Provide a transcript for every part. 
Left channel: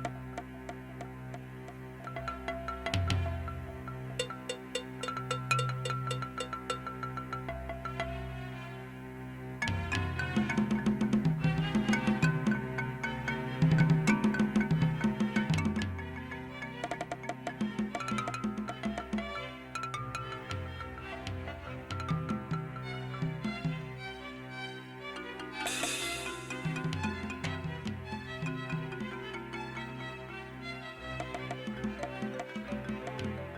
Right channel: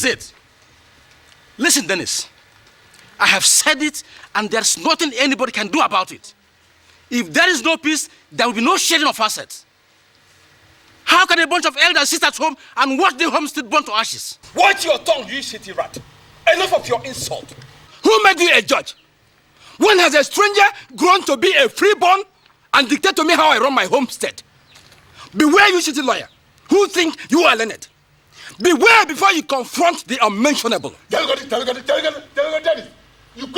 is it. Listen, Dennis. I have said it, and there's nothing anybody can do about it. If there is no peace, there will be no sharing of assets. How can a bunch of elders sit at home and watch the homestead burn to ashes? Watch your tongue, you shitty rat. Enough of your insult. Who made you a judge? When has a stranger grown to be a freeborn and dictate to me how I run my homestead? Beware, you shitty lawyer, who think you are learned. Beware before you confront the unmentionable. You go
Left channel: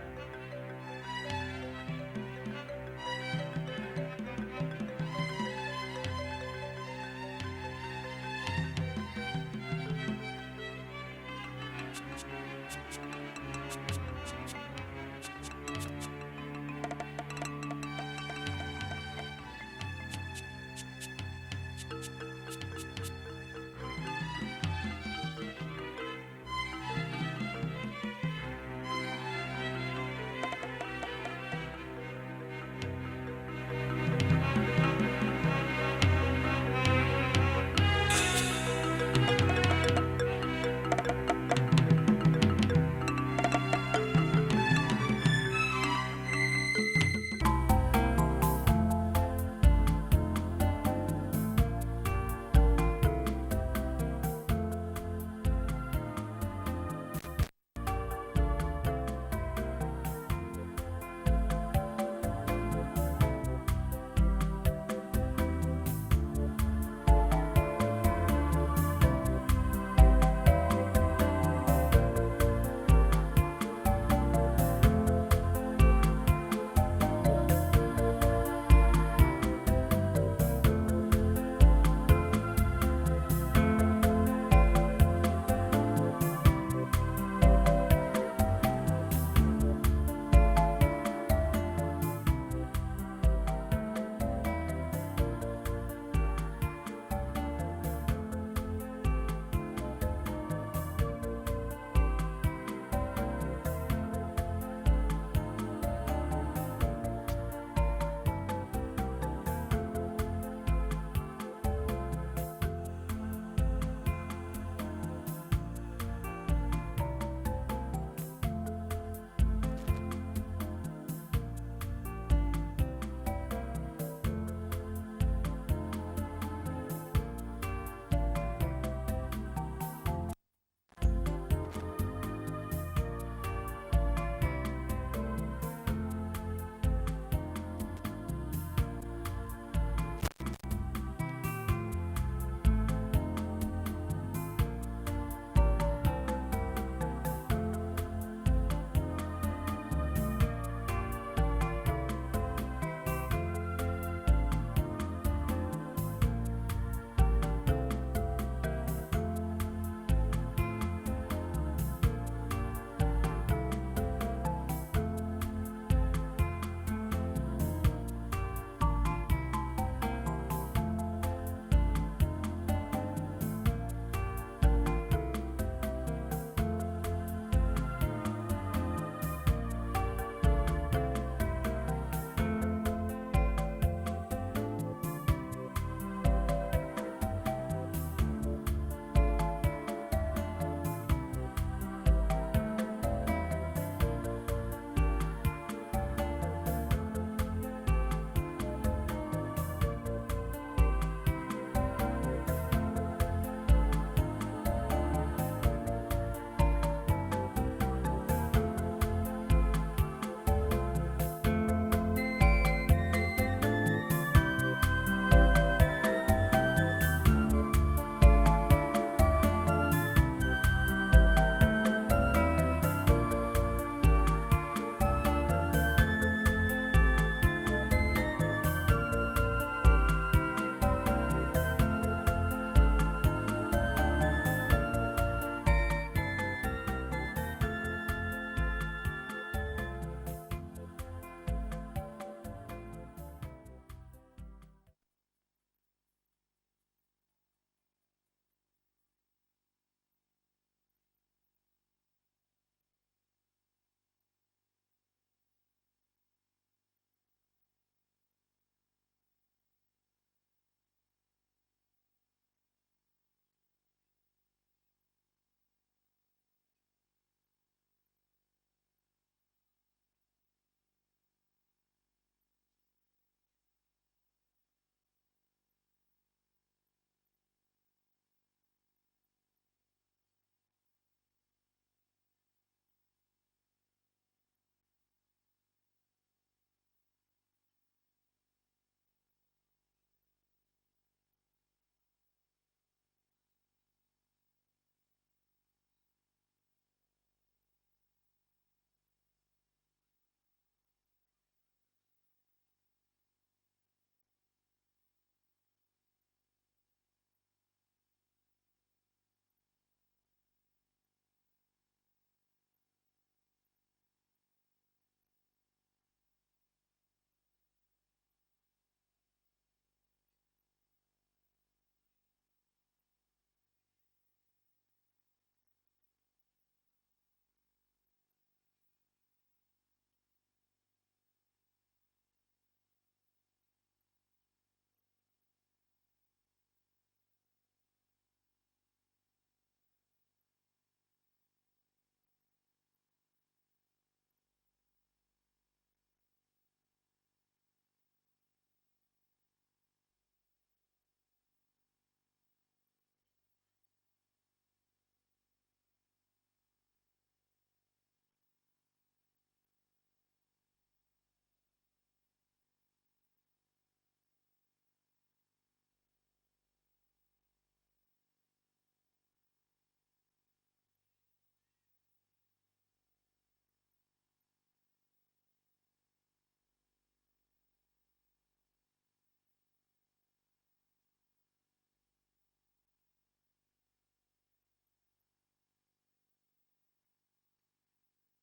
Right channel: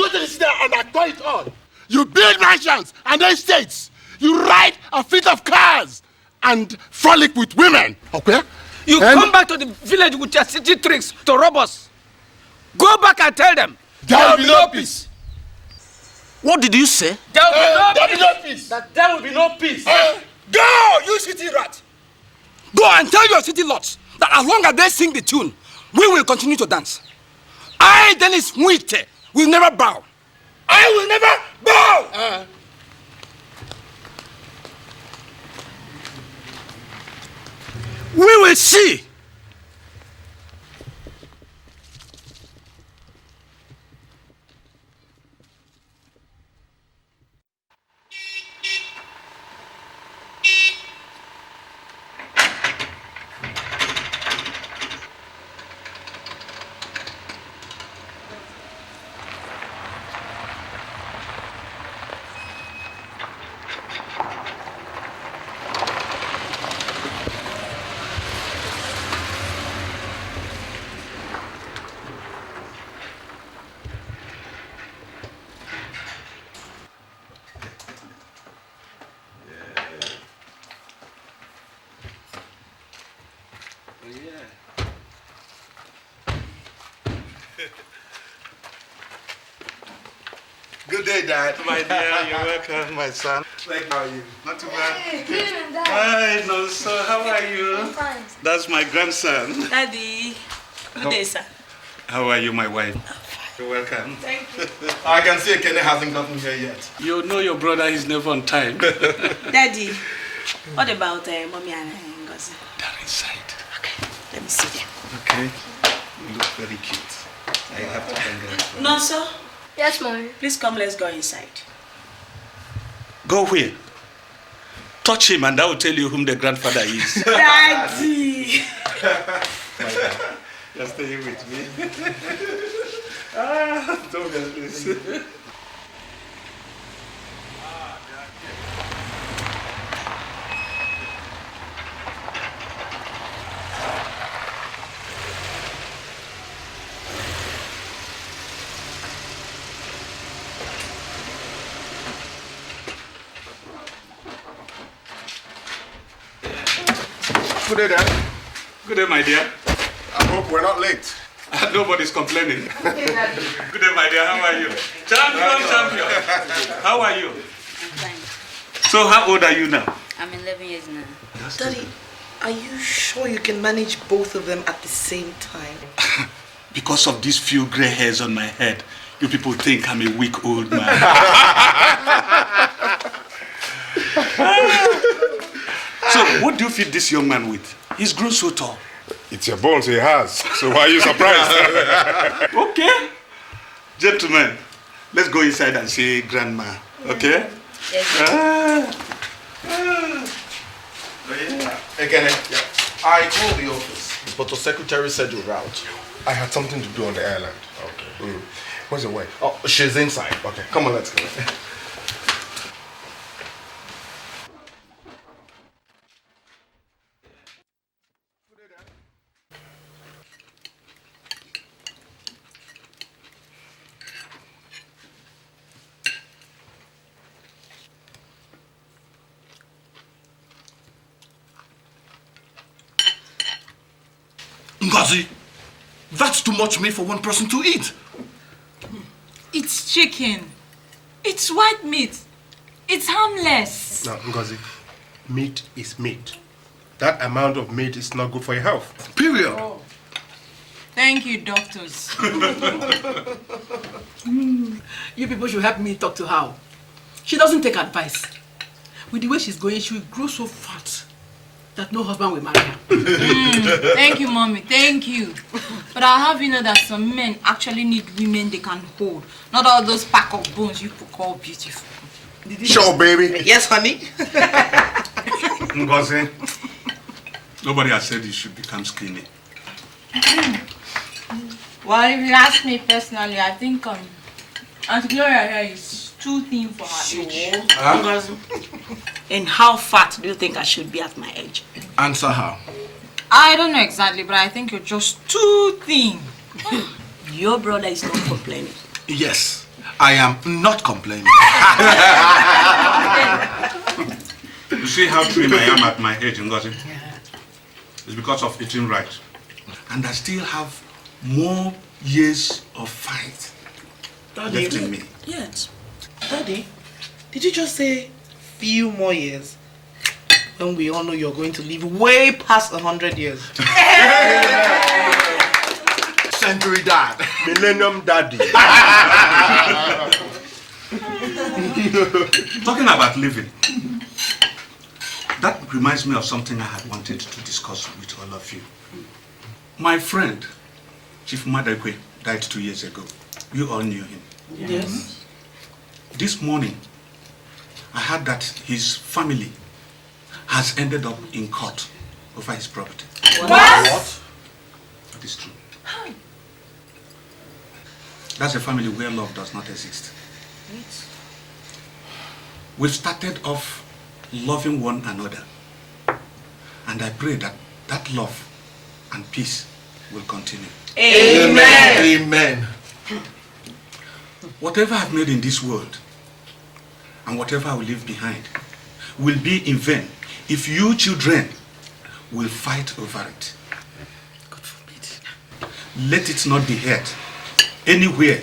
to the city and acquire it all. You build mansions and estates. You ride a fleet of cars and frolic with women. Okay? You come back to the village with your city tricks to rob us. Go back and tell them. There will be no peace. What did you say? There will be no peace. That there will be no peace. Go, you city rat. Go and tell your city lots that as long as they sing the tune, we will continue to dance. I, Dennis Mwite, will never bow. I will never bow. We will see. Good day, Dad. My dear, you're welcome, my son. How are you? Not too bad. Good, Dad. Hi, no, so how are you? I'm fine. That's my grandson. Daddy. Good day, sir. How are you, my wife? I'm fine. You're welcome. Thank you. I can see Ekene hasn't gotten here yet. You know your brother is never on time. Daddy, what about Mommy and Ngozi? They're inside. Okay, let me see them. Okay. You look very cute. I have to thank them. No, sir. Yes, Mommy. Please come, let's go inside. Go where? Touch him and I will tell you whom the grandfather is. Daddy! You're staying with me. Don't get this. Good day, Dad. Good day, my dear. I hope we're not late. Nobody's complaining. Good day, my dear. How are you? Champion. How are you? Fine. So, how old are you now? I'm 11 years now. Daddy, are you sure you can manage both of them at the same time? Because of these few gray hairs on my head, you people think I'm a weak old man. So, what do you feed this young man with? He's grown so tall. It's your bones he has. So why are you surprised? Okay. Gentlemen, let's go inside and see Grandma. Okay? Yes. Again, I called the office, but the secretary said you're out. I had something to do on the island. Okay. Where's the wife? Oh, she's inside. Okay, come on, let's go. Ngozi, that's too much meat for one person to eat. It's chicken. It's white meat. It's harmless. No, Ngozi, meat is meat. That amount of meat is not good for your health. Period. Oh. Thank you, doctors. You people should help me talk to her. She doesn't take advice. With the way she's going, she will grow so fat. that no husband will marry her. Thank you, mommy. Thank you. But I have you know that some men actually need women they can hold, not all those pack of bones you call beautiful. Sure, baby. Yes, honey. Ngozi, nobody has said you should become skinny. Well, if you ask me personally, I think Aunt Gloria here is too thin for her age. And how fat do you think I should be at my age? Answer her. I don't know exactly, but I think you're just too thin. Your brother is not complaining. Yes, I am not complaining. You see how thin I am at my age, Ngozi? It's because of eating right. And I still have more years of fight left in me. Yes. Daddy, did you just say few more years? When we all know you're going to live way past 100 years. Century dad. Millennium daddy. Talking about living, that reminds me of something I had wanted to discuss with all of you. My friend, Chief Madekwe, died 2 years ago. You all knew him. Yes. This morning, I heard that his family has ended up in court over his property. What? That is true. That's a family where love does not exist. We've started off loving one another. And I pray that that love and peace will continue. Amen. Amen. Whatever I've made in this world and whatever I will leave behind will be in vain if you children will fight over it. God forbid. Let it not be heard anywhere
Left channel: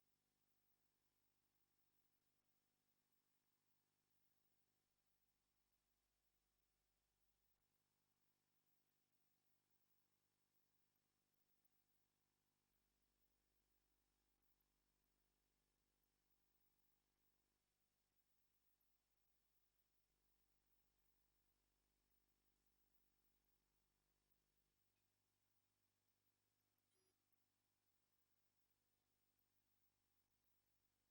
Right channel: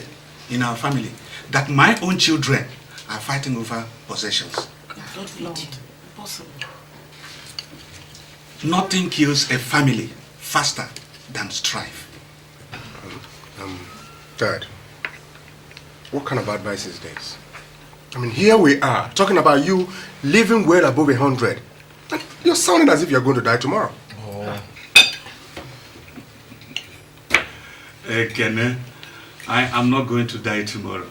in our family that my own children are fighting over possessions. Not possible. Nothing kills a family faster than strife. Dad, what kind of advice is this? I mean, here we are, talking about you living well above 100. You're sounding as if you're going to die tomorrow. Ekene, I am not going to die tomorrow.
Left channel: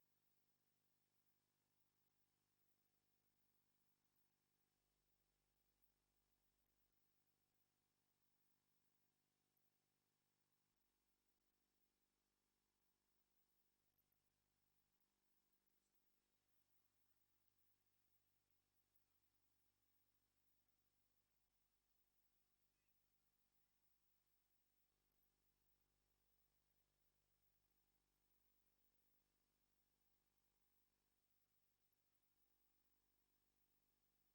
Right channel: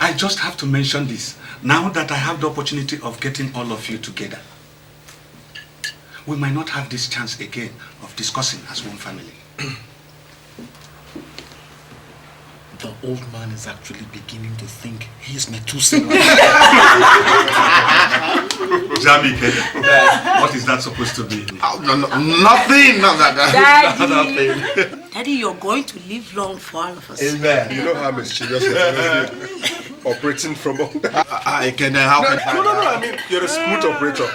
I just have to mention this, now that I have the opportunity of getting all of you together. We might not have this chance again of discussing as one family. The old man is actually beginning to think he's Methuselah. Jamike, what is that supposed to be? Oh, no, nothing. No, Daddy, Daddy, you're going to live long for all of us. Amen. You know how mischievous you are. Operating from all that. I can help. No, I mean, you're a smooth operator.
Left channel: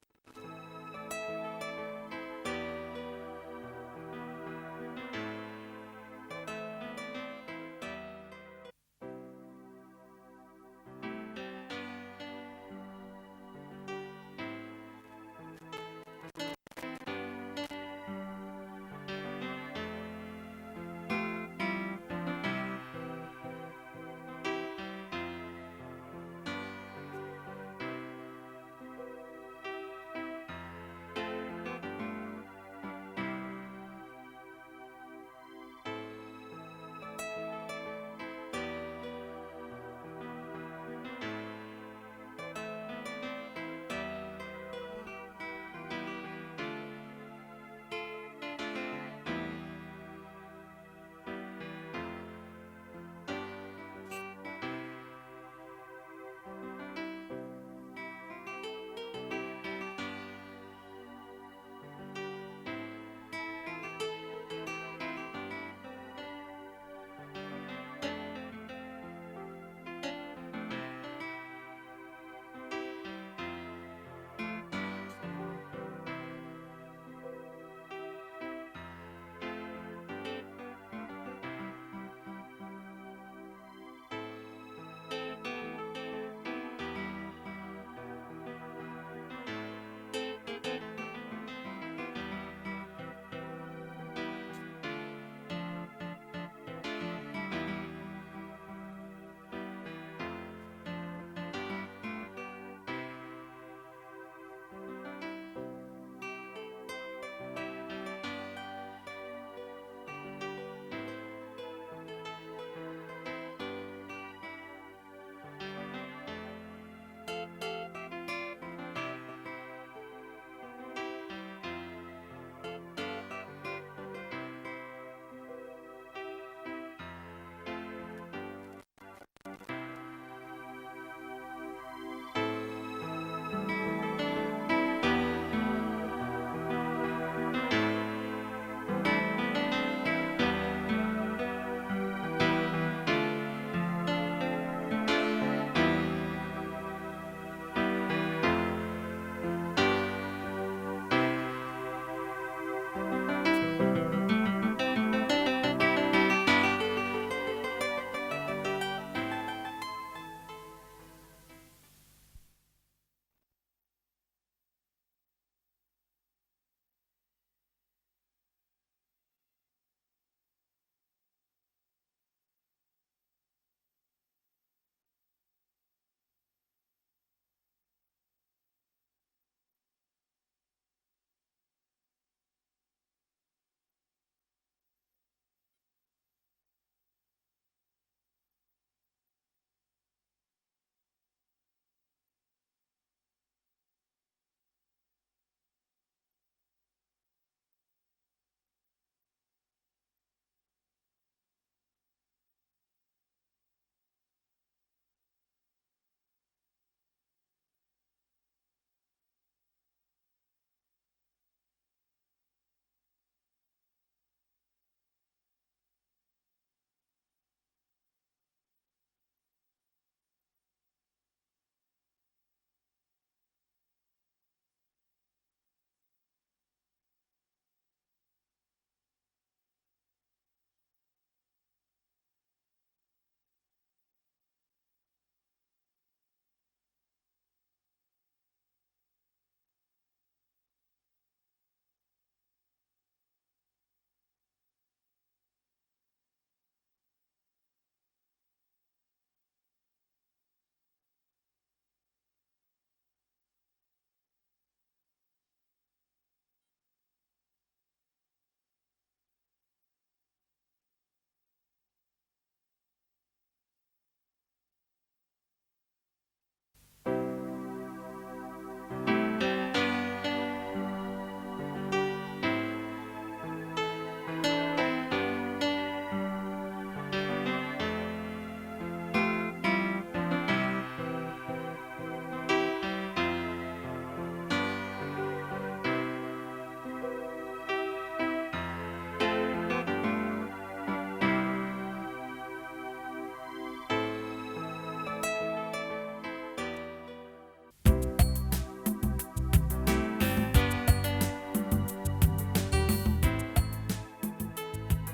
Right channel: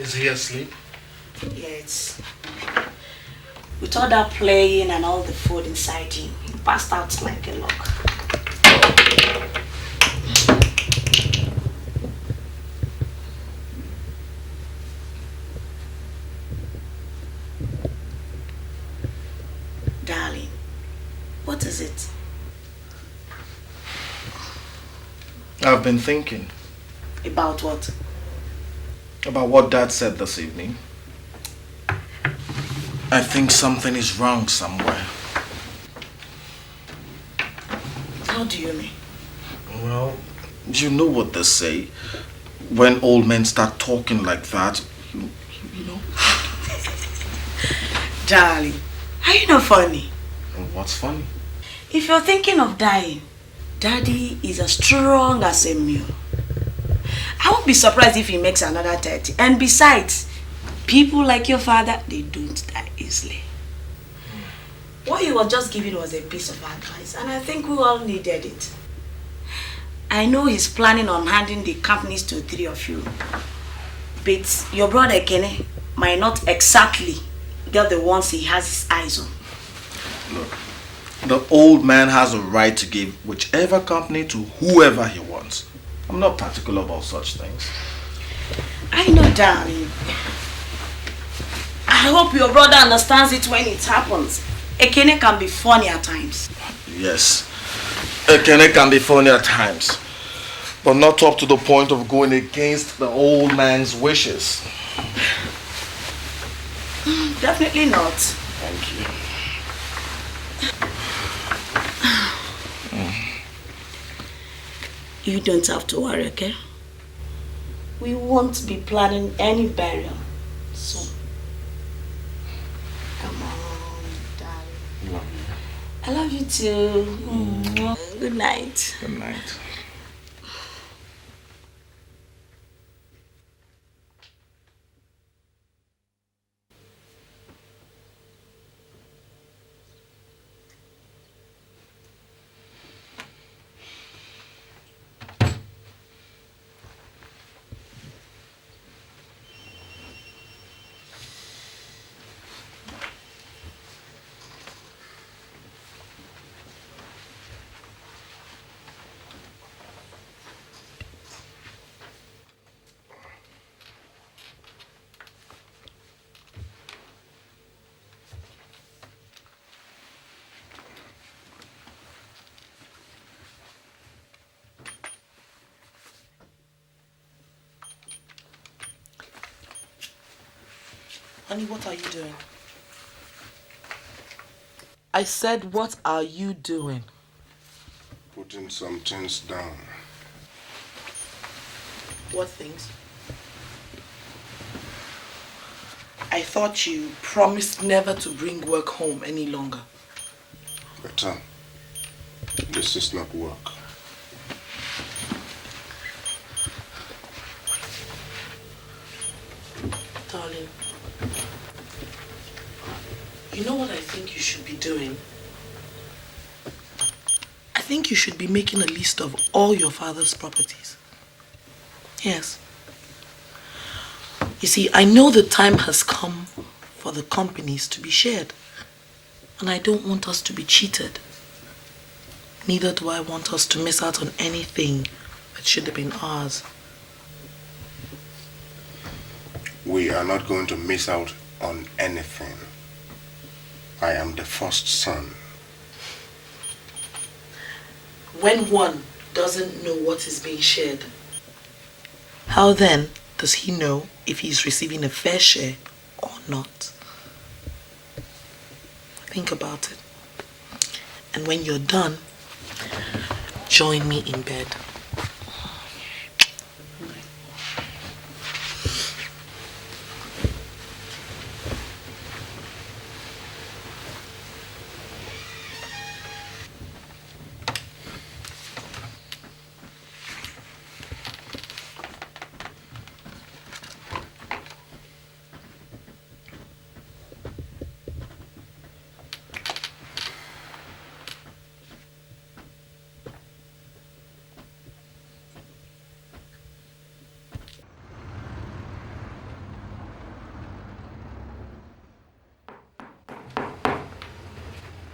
Is he asleep? Yes. With all that playing and all the food inside him, he passed out like a log. Darling, what is it? I've been thinking. About what? About what Dad said this evening. I think something is wrong somewhere. How do you mean? Well, you know what they say. When old men start talking like that, you know. Darling, are you not funny? And what's funny? If you're thinking of dying, Daddy is as strong as a mule. I won't be surprised if he makes another 30. And besides, people like your father, they don't die easily. What he was just giving was a piece of advice, and I think we all needed it. I know he's planning on handing the companies to 3 of you. But your brother Ekene might not exactly get the ones he has his eyes on. Look, the old man has a right to give whichever company to whoever he wants. I'm not particular about such things. I know, darling. I hope your brother understands it when it happens. Ekene can be funny at times. Yes, Ekene can be funny at times, but not up to the point of going against the old man's wishes. Definitely not. Thank you. You don't have to worry, okay? We won't be planning any burial soon. Come on, darling. I love you too. Good night. Good night. Honey, what are you doing? I said, what are you doing? Putting some things down. What things? I thought you promised never to bring work home any longer. Better. This is not work. Darling, you know what I think you should be doing? I think you should be making a list of all your father's properties. Yes. You see, I know the time has come for the companies to be shared. And I don't want us to be cheated. Neither do I want us to miss out on anything that should have been ours. We are not going to miss out on anything. I am the first son. When one doesn't know what is being shared, how then does he know if he's receiving a fair share or not? Think about it. And when you're done, join me in bed.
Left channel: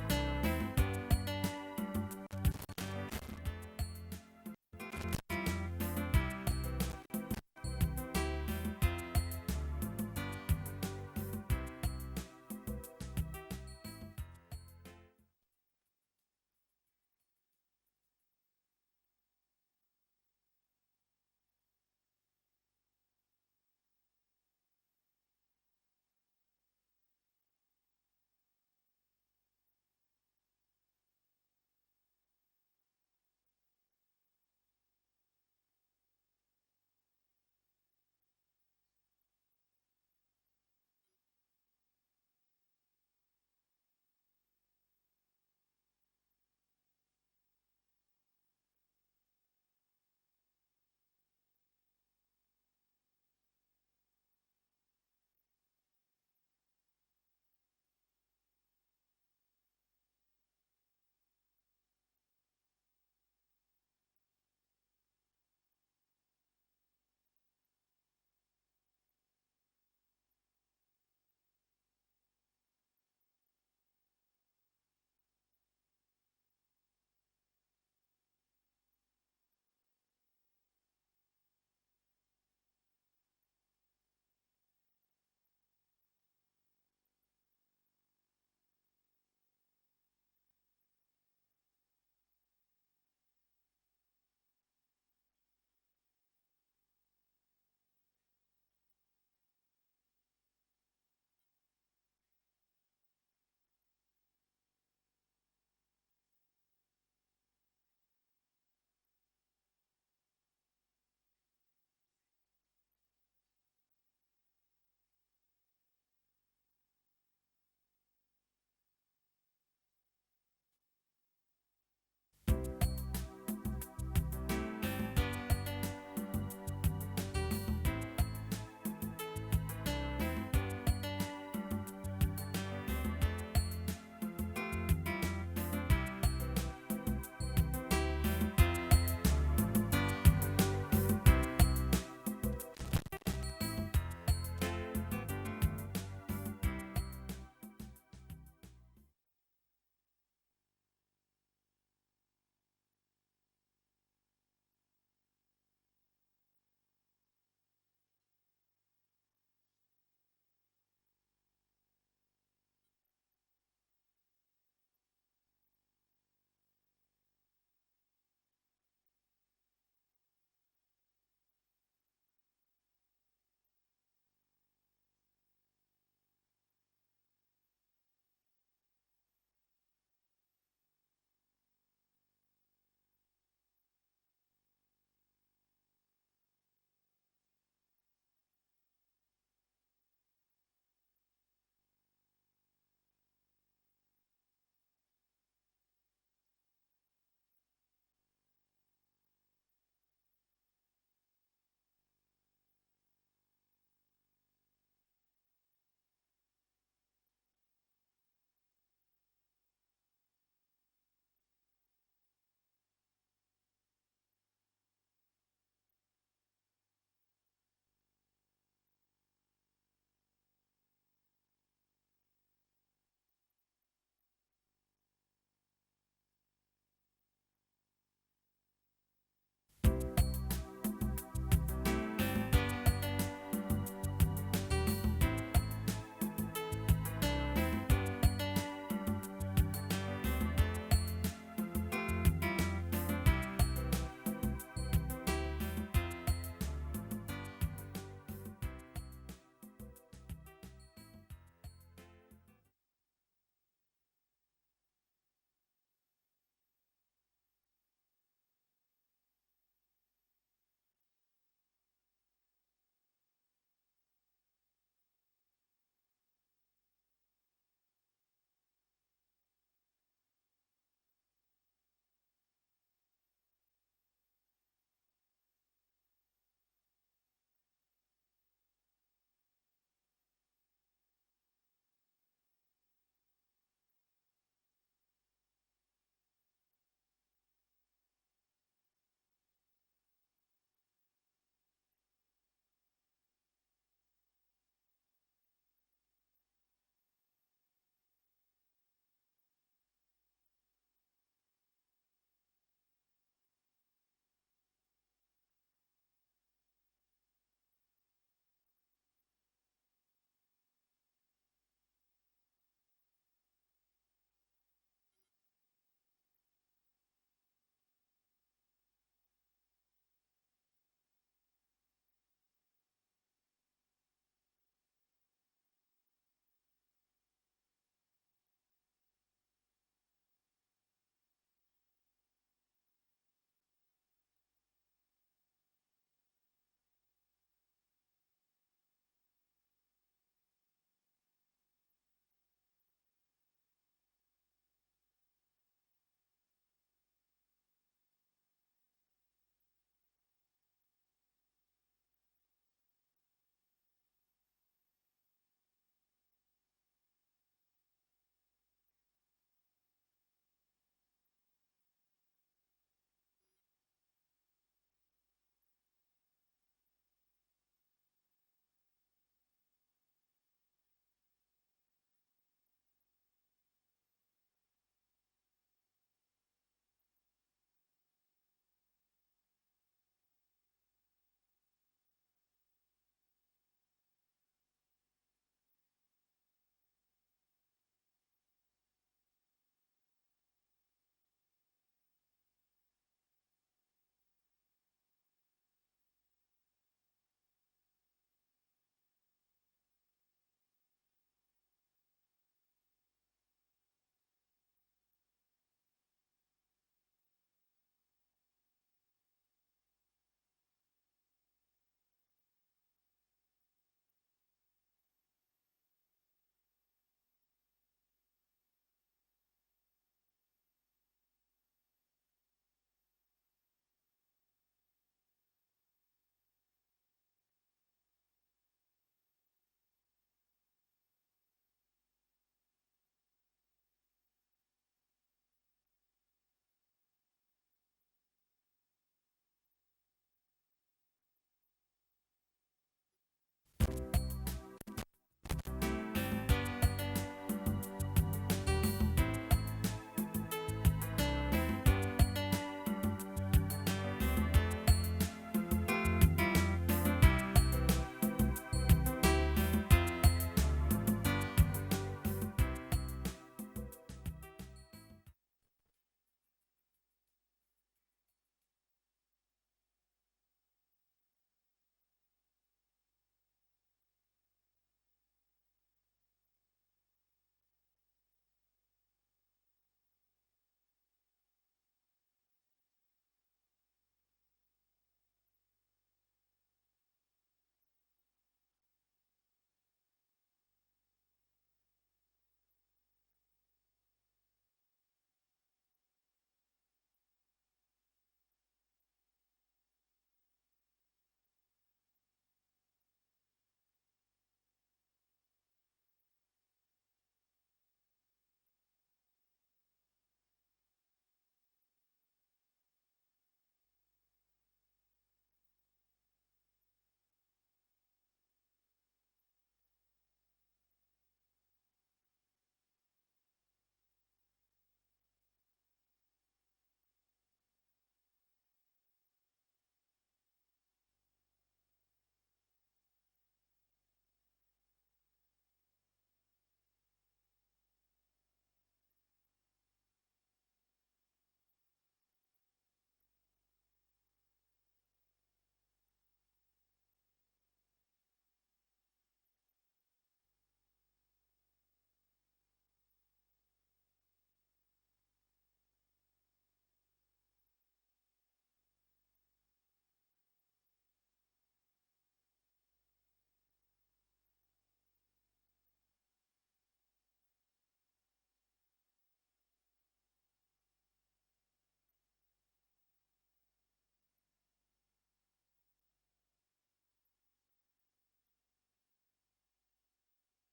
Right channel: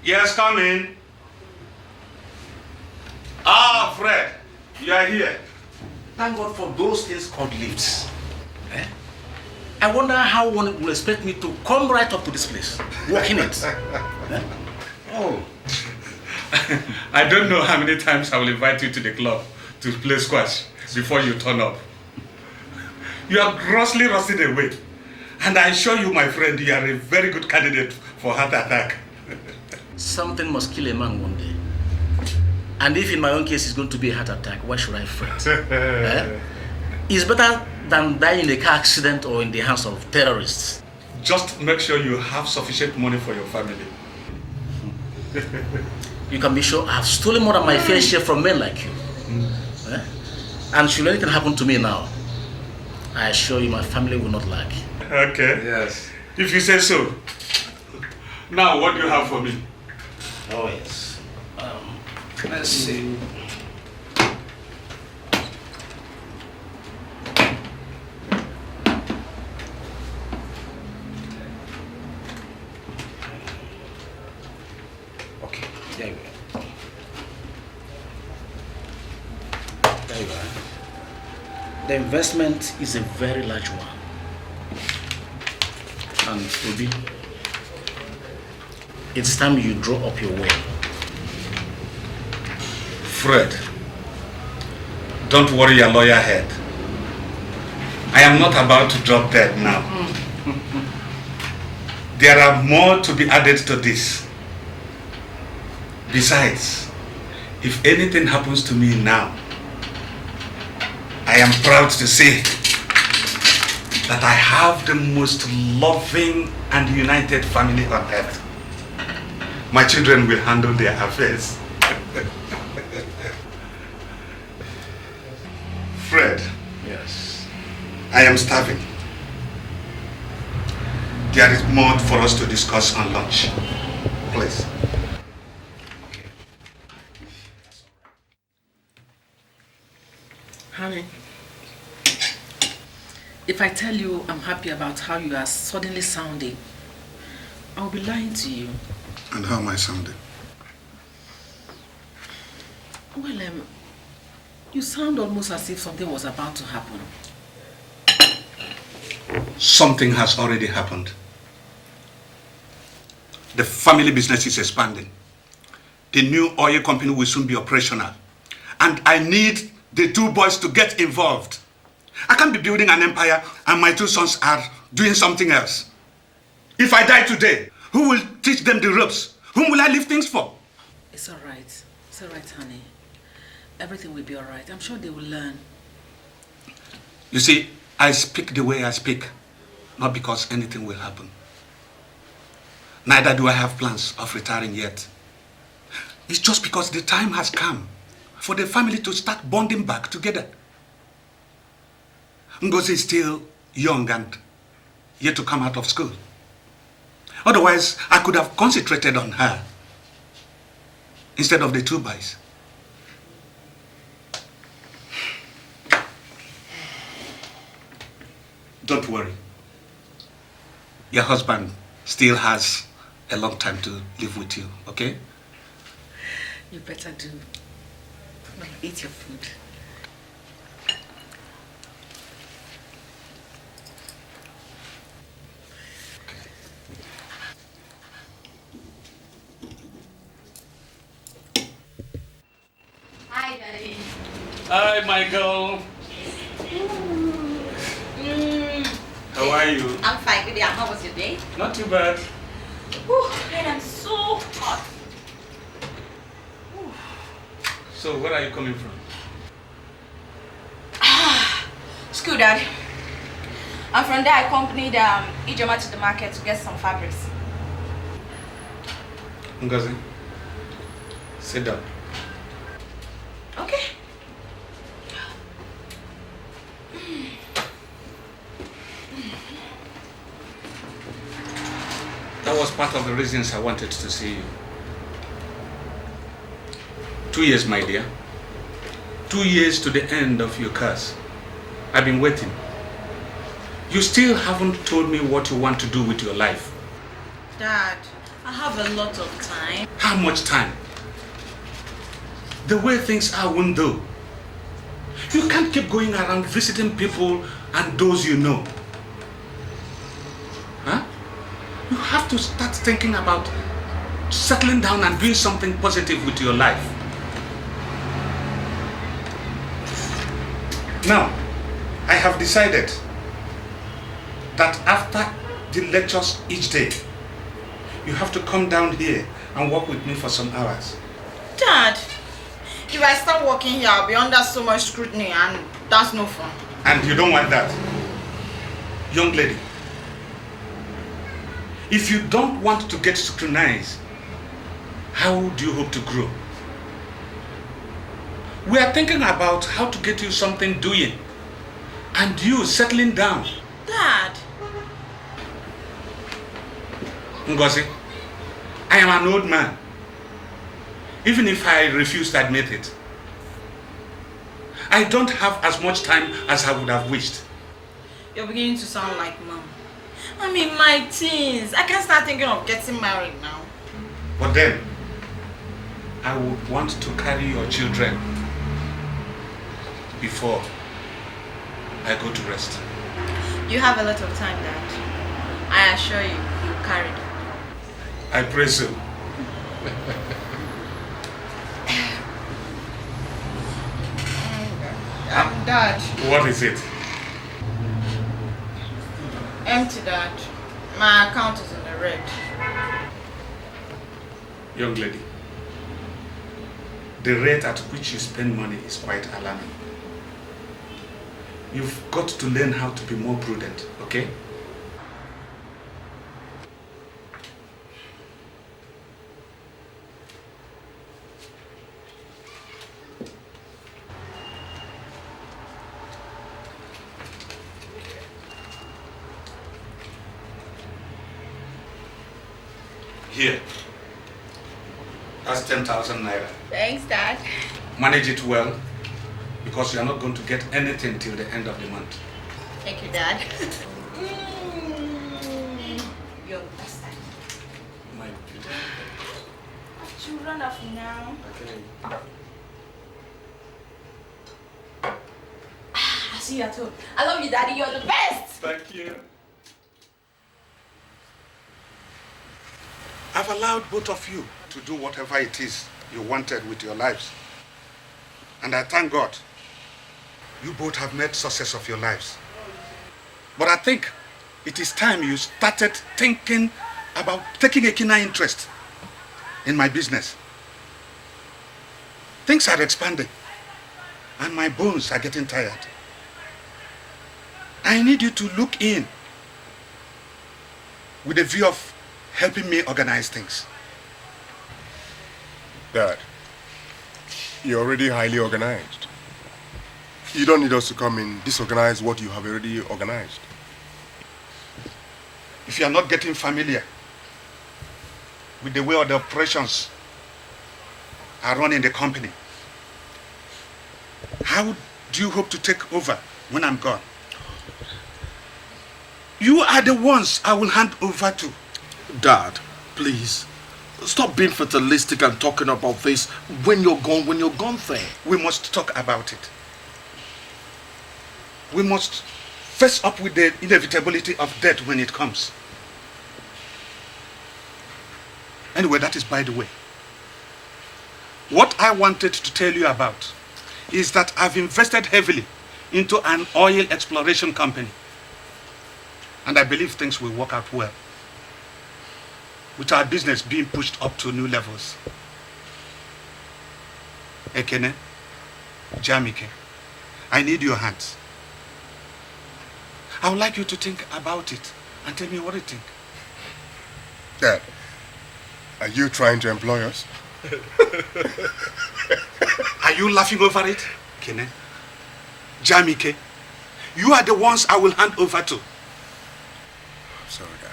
Yes, come in. Ah, Fred, you are here. Thank God for those things called lifts. Eh? I wonder how one will expect me to come right up to this place, walk in it. Eh? Oh. I don't know how many times I will invite you to the club to play squash before you turn up. You are grossly rusted away. And I assure you, my friend, you are a very good candidate for heart attack. Something must kill a man one day. And if in my own case it's going to be a heart attack, why should I fret? Eh? It's better than die in a car accident or in the hands of terrorists. Just make sure you have sufficient money for your family. You can be sure I have stolen more than my fair share from men like you. Eh? And should anything happen to me now, I assure you my family will not lack. Okay. Yes. If you say so. Now, what do you have for me? Oh, yes. Let's see. Okay, there you go. There you are. The investment is a very large one. And Obi, it's time you draw up your will. Fred, don't worry your lawyer head. I am not about to drop dead now. There are more to be added to this. Besides, if anything happens to me now, I am proud to say that I have the most loving and united family on earth. My children will handle their affairs. Fred. Yes. I am starving. There is more for us to discuss on lunch. Please. Honey, if I tell you I'm happy about how you are suddenly sounding, I'll be lying to you. And how am I sounding? Well, you sound almost as if something was about to happen. Something has already happened. The family business is expanding. The new oil company will soon be operational. And I need the two boys to get involved. I can't be building an empire and my two sons are doing something else. If I die today, who will teach them the ropes? Whom will I leave things for? It's all right. It's all right, honey. Everything will be all right. I'm sure they will learn. You see, I speak the way I speak, not because anything will happen. Neither do I have plans of retiring yet. It's just because the time has come for the family to start bonding back together. Ngozi is still young and yet to come out of school. Otherwise, I could have concentrated on her instead of the two boys. Don't worry. Your husband still has a long time to live with you, okay? You better do. Now, eat your food. Hi, Daddy. Hi, Michael. How are you? I'm fine, good day. How was your day? Not too bad. Whew, and I'm so hot. So, where are you coming from? School, Dad. I'm from there. I accompanied Ijoma to the market to get some fabrics. Ngozi, sit down. Okay. That was part of the reasons I wanted to see you. 2 years, my dear. 2 years to the end of your curse. I've been waiting. You still haven't told me what you want to do with your life. Dad, I have a lot of time. How much time? The way things are won't do. You can't keep going around visiting people and those you know. Huh? You have to start thinking about settling down and doing something positive with your life. Now, I have decided that after the lectures each day, you have to come down here and work with me for some hours. Dad, if I start working here, I'll be under so much scrutiny and that's no fun. And you don't want that. Young lady, if you don't want to get scrutinized, how do you hope to grow? We are thinking about how to get you something doing and you settling down. Dad. Ngozi, I am an old man, even if I refuse to admit it. I don't have as much time as I would have wished. You're beginning to sound like Mom. I'm in my teens. I can't start thinking of getting married now. But then, I would want to carry your children before I go to rest. You have a lot of time, Dad. I assure you, you'll carry them. I pray so. Dad. What is it? Empty, Dad. My account is in the red. Young lady, the rate at which you spend money is quite alarming. You've got to learn how to be more prudent, okay? Here. That's 10,000 naira. Thanks, Dad. Manage it well, because you are not going to get anything till the end of the month. Thank you, Dad. You're the best, Dad. You run off now. I see that too. I love you, Daddy. You're the best. Thank you. I've allowed both of you to do whatever it is you wanted with your lives. And I thank God you both have made success of your lives. But I think it is time you started thinking about taking a keener interest in my business. Things are expanding and my bones are getting tired. I need you to look in with a view of helping me organize things. Dad, you're already highly organized. You don't need us to come and disorganize what you have already organized. If you are not getting familiar with the way the operations are run in the company, how do you hope to take over when I'm gone? You are the ones I will hand over to. Dad, please, stop being fatalistic and talking about this when you're gone there. We must talk about it. We must face up with the inevitability of death when it comes. Anyway, that is by the way. What I wanted to tell you about is that I've invested heavily into an oil exploration company. And I believe things will work out well, with our business being pushed up to new levels. Ekene, Jamike, I need your hands. I would like you to think about it and tell me what you think. Dad, are you trying to employ us? Are you laughing over it? Ekene, Jamike, you are the ones I will hand over to. Sorry, Dad.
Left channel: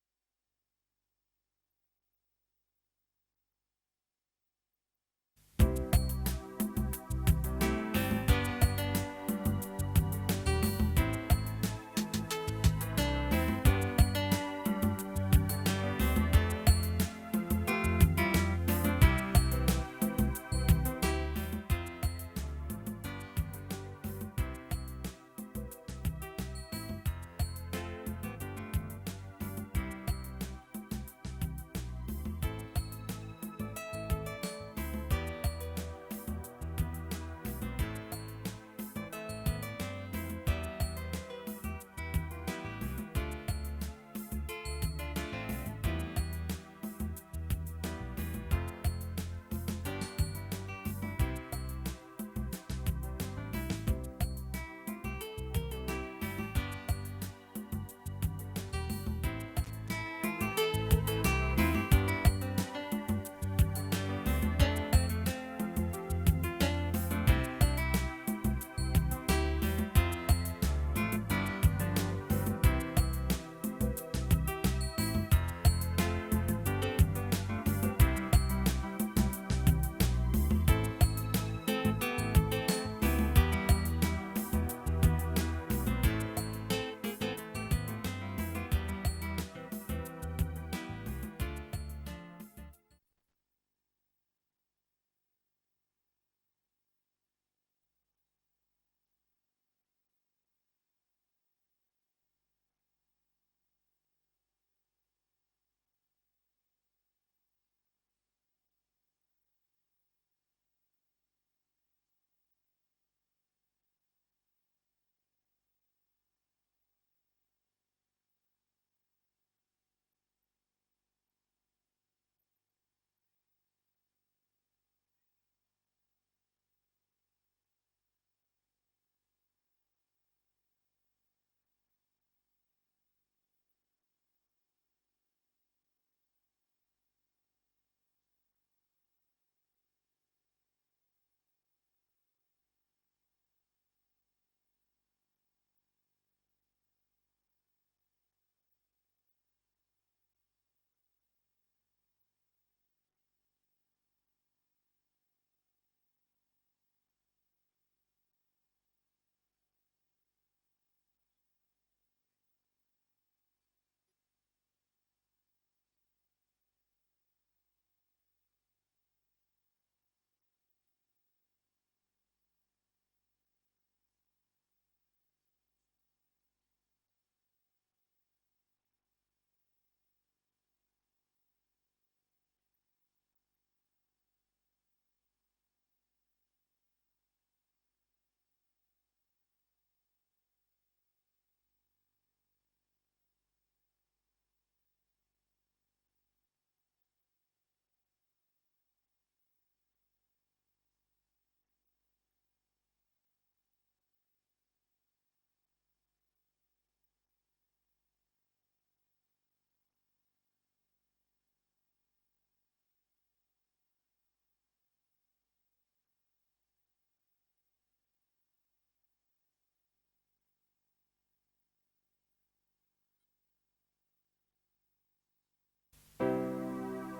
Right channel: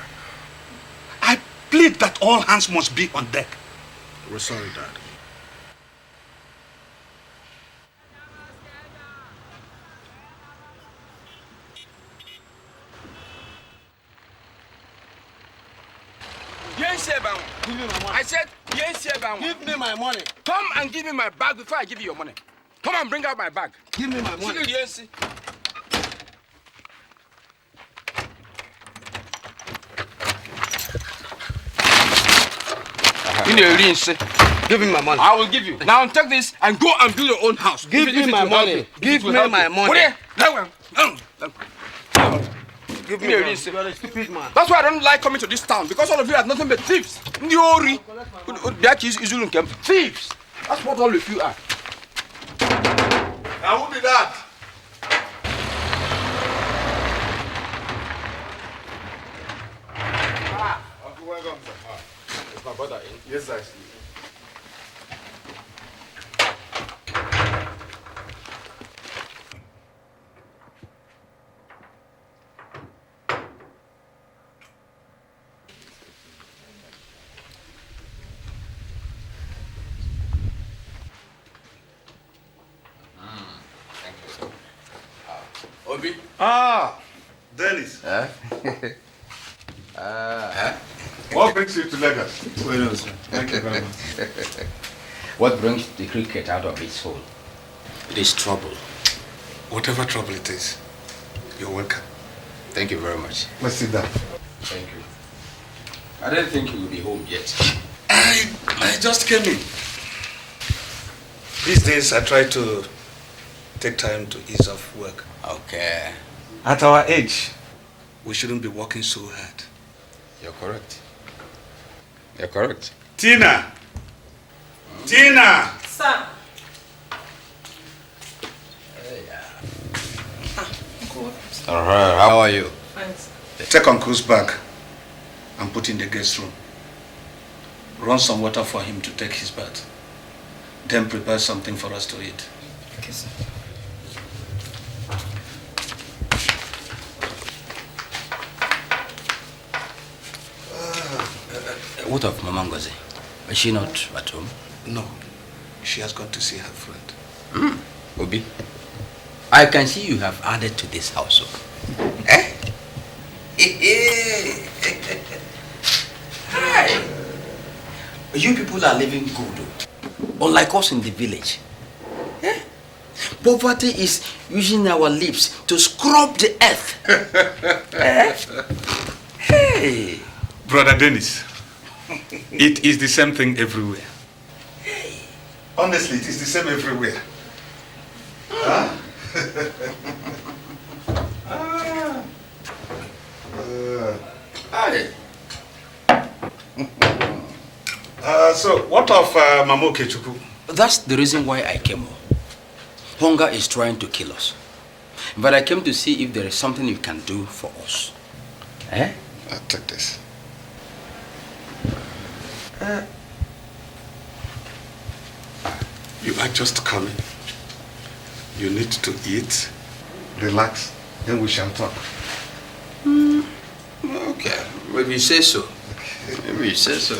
I plead that all hands must be on deck. We're sorry, Dad. I said, yes, sir. Give me my money. Come and give me my bag before I give you your money. Come and bring out my bag. Give me my money. Yes. Give me my money. I will give you. Now take this and go and build your own house. Give me my money. Give me my money. Give me a stupid man. That's why I don't like coming to this town, because all of you are nothing but thieves. Thieves. That's what all of you are. Now who did that? Yes, sir. Obi. Ah, Dennis. What brings you to Lagos? Well, sir. Thank you very much. What brings the cricket out of its hole? It is trouble. Whatever trouble it is, you're welcome. Thank you very much. Let's sit down. Thank you. I didn't think you would be home yet. I just came in. These days I try to take time to ease off work. Okay. At our age, we shouldn't be working so hard. You're correct. You're correct. Tina! Tina! Sir. How are you? Thanks. Take Uncle's bag and put in the guest room. Run some water for him to take his bath. Then prepare something for us to eat. Okay, sir. What of Mama Ngozi? Is she not at home? No, she has gone to see her friend. Obi, I can see you have added to this household. Eh? Hi. You people are living good, unlike us in the village. Eh? Poverty is using our lips to scrub the earth. Eh? Hey. Brother Dennis, it is the same thing everywhere. Honestly, it is the same everywhere. Huh? So, what of Mama Okechukwu? That's the reason why I came home. Hunger is trying to kill us. But I came to see if there is something you can do for us. Eh? I'll take this. You are just coming. You need to eat. Relax. Then we shall talk. Okay, maybe you say so. Maybe you say so.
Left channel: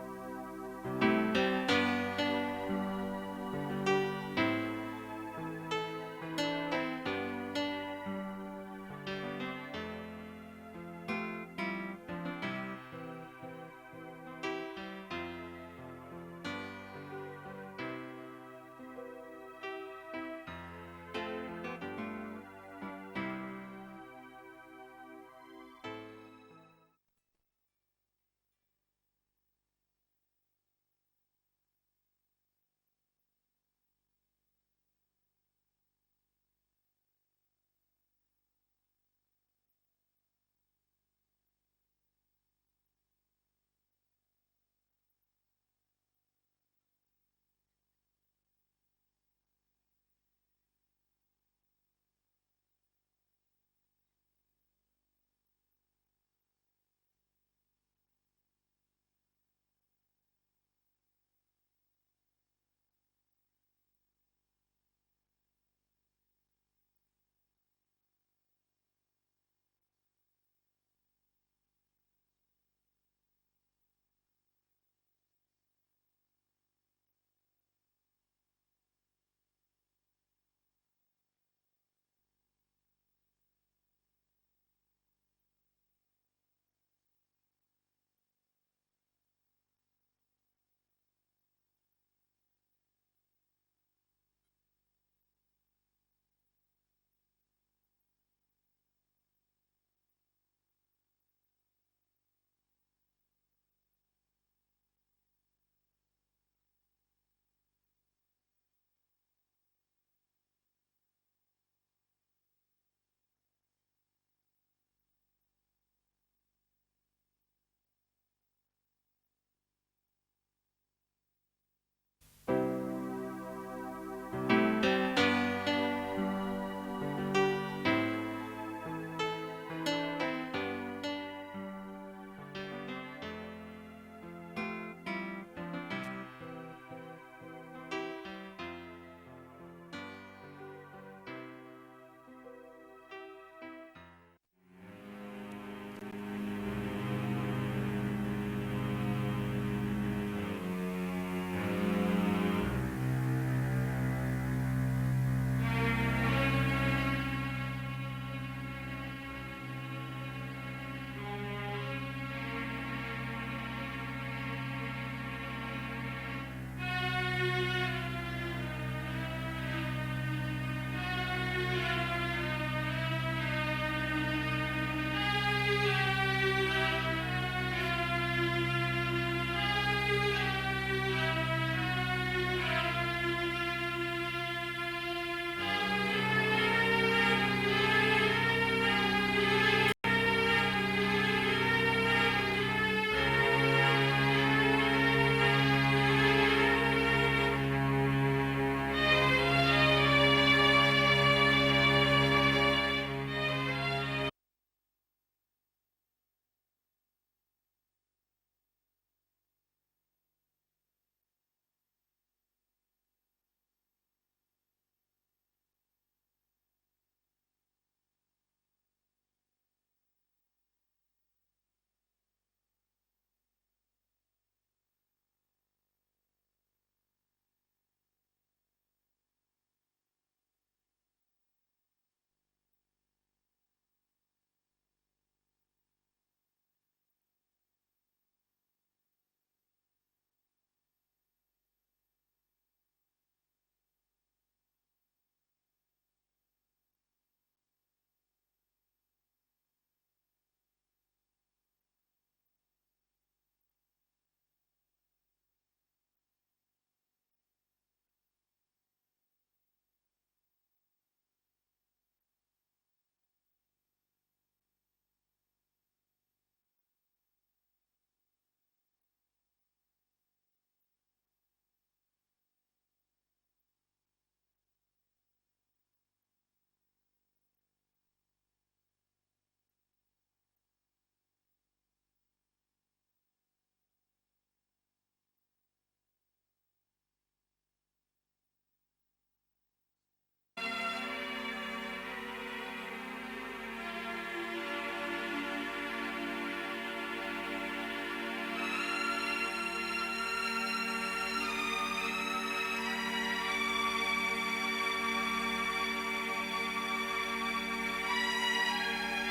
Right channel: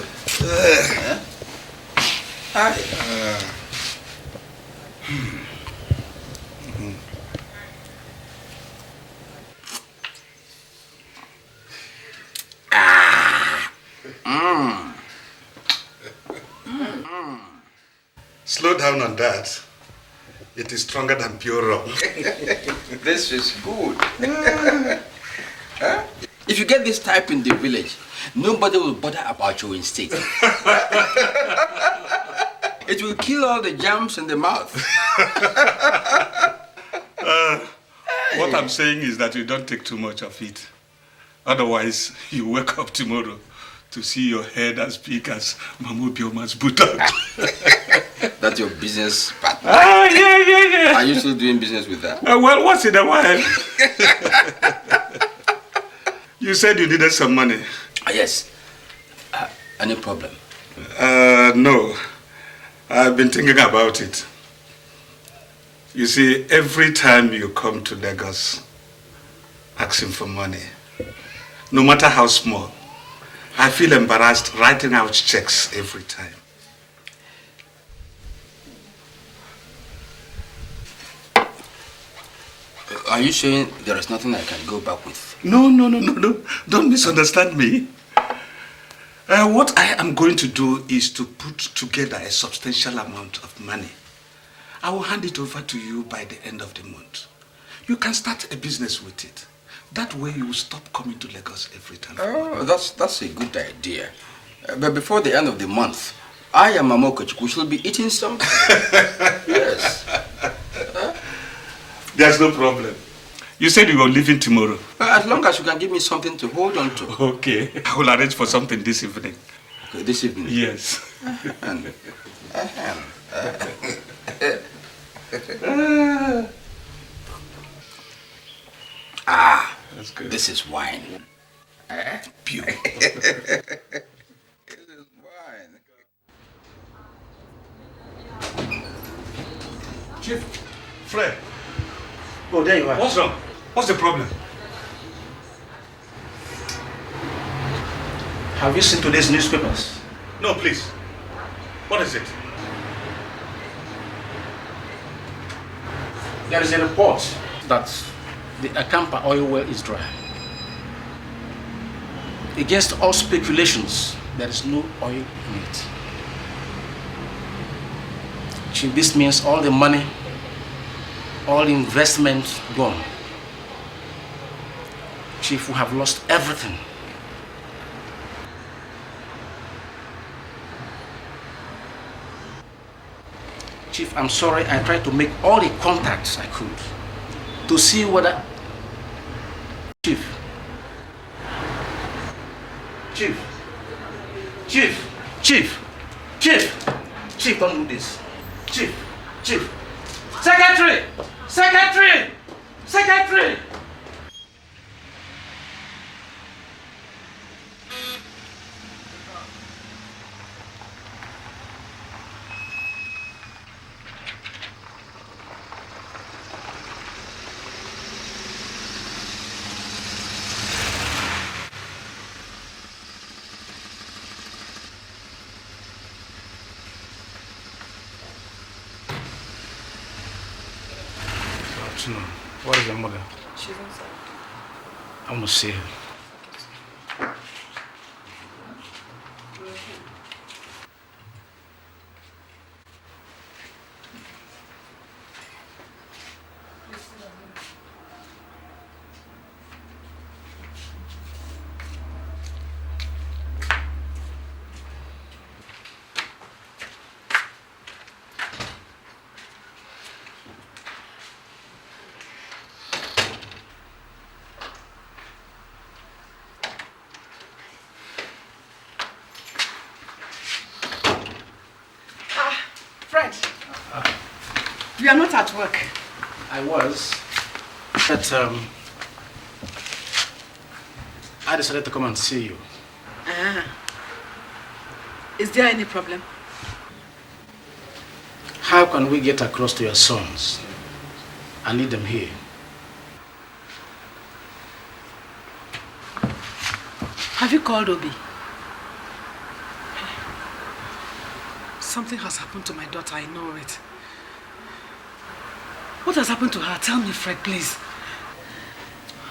Slow down on that. It is stronger than pure rum. This is good. Huh? If you get this type in the village, nobody will bother about your instinct. It will kill all the germs in the mouth. What I'm saying is that you don't take too much of it. Otherwise, you wake up tomorrow to see your head as big as Mamu Bioma's buttock. That's your business partner. Yeah. Are you still doing business with that? Well, once in a while. You said you needed some money. Yes. Any problem? No. I've been thinking about it. You see, every time you come to Lagos asking for money, no matter how small, I feel embarrassed writing out checks every time. Are you saying there is nothing I can go back with? No. Don't misunderstand me. What I am going to do is to put together a substantial amount of money. I will hand it over to you by the end of the month. You can start a business with it. That way you will stop coming to Lagos every time. Oh, that's a good idea. But before the end of the month, I and Mama Okechukwu shall be eating something. Yes. There's no problem. You said you were leaving tomorrow. As long as you can give me something to hold on to. Okay. I will arrange for something this evening. Okay, this evening? Yes. Ah, this is wine. Pure. Chief, Fred. Oh, there you are. What's wrong? What's the problem? Have you seen today's newspapers? No, please. What is it? There is a report that the Akampa oil well is dry. Against all speculations, there is no oil in it. Chief, this means all the money, all the investment gone. Chief, we have lost everything. Chief, I'm sorry, I tried to make all the contacts I could to see whether... Chief. Chief. Chief. Chief. Chief. Chief, don't do this. Chief. Chief. Secretary! Secretary! Secretary! What is your mother? She's inside. I want to see her. You are not at work. I was, but I decided to come and see you. Ah. Is there any problem? How can we get across to your sons? I need them here. Have you called Obi? Something has happened to my daughter, I know it. What has happened to her? Tell me, Fred, please.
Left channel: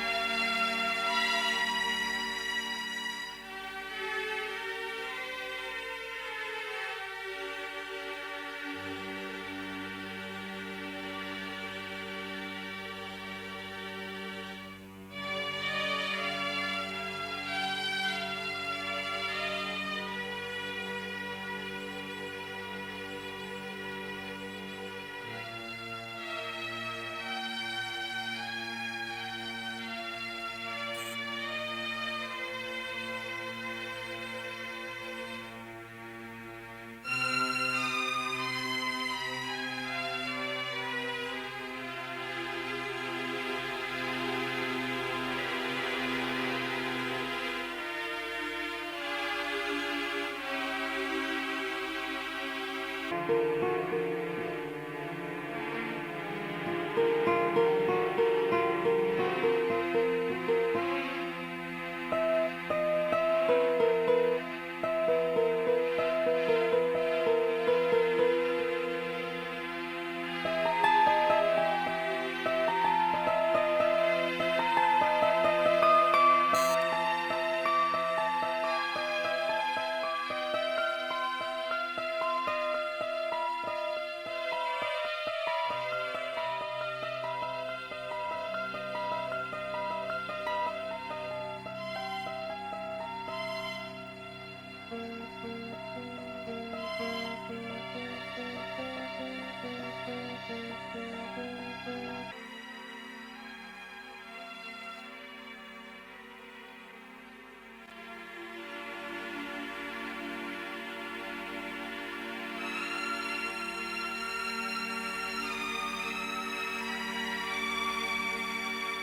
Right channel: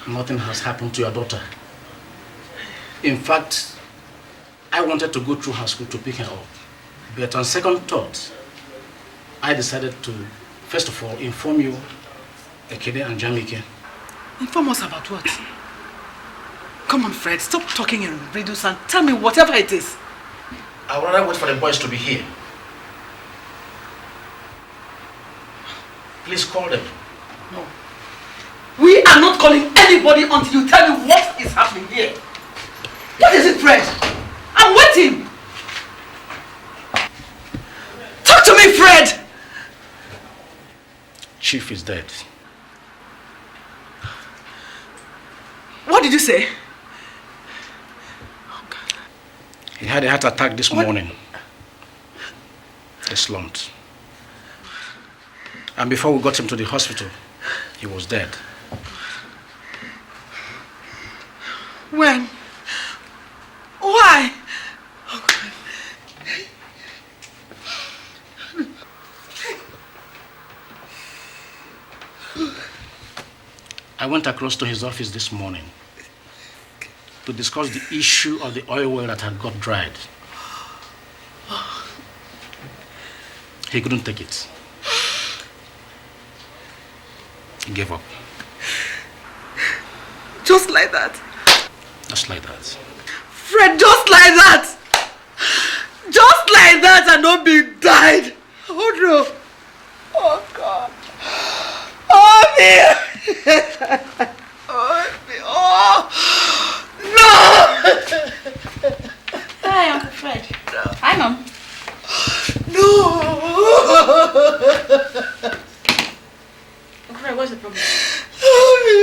Nothing has happened to your daughter. In fact, I wanted to go through her school to pick her up. But on second thought, I decided to, first of all, inform you, Ekene and Jamike. Inform us about what? Come on, Fred, stop talking in riddles and tell me whatever it is. I'd rather wait for the boys to be here. Please call them. No. We are not calling anybody until you tell me what is happening here. What is it, Fred? I'm waiting. Talk to me, Fred! Chief is dead. What did you say? He had a heart attack this morning. He slumped. And before we got him to the hospital, he was dead. When? Why? I went across to his office this morning to to discuss the issue of the oil well that had got dried. He couldn't take it. He gave up. Just like that? Just like that. Fred, just like that! Just like that and not be died! Oh no! Oh God! Oh me! Oh me! Oh! No! Hi, Uncle Fred. No. Hi, Mom. No! Uncle Fred, what's the problem? Oh me!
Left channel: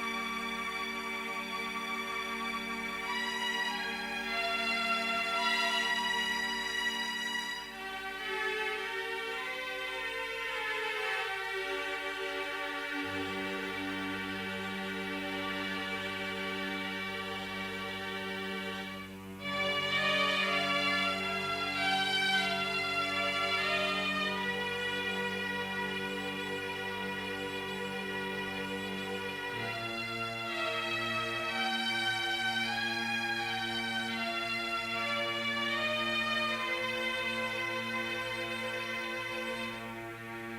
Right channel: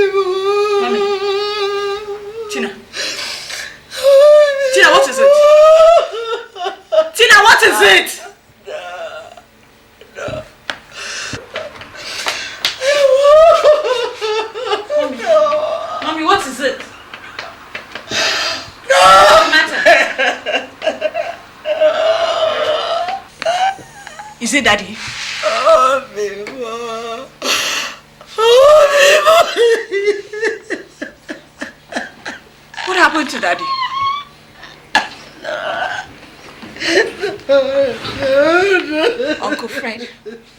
Mommy. Tina. Tina, what is it? Tina, what is it? Mommy, what is it? What's the matter? Is it Daddy? What happened to Daddy? Uncle Fred,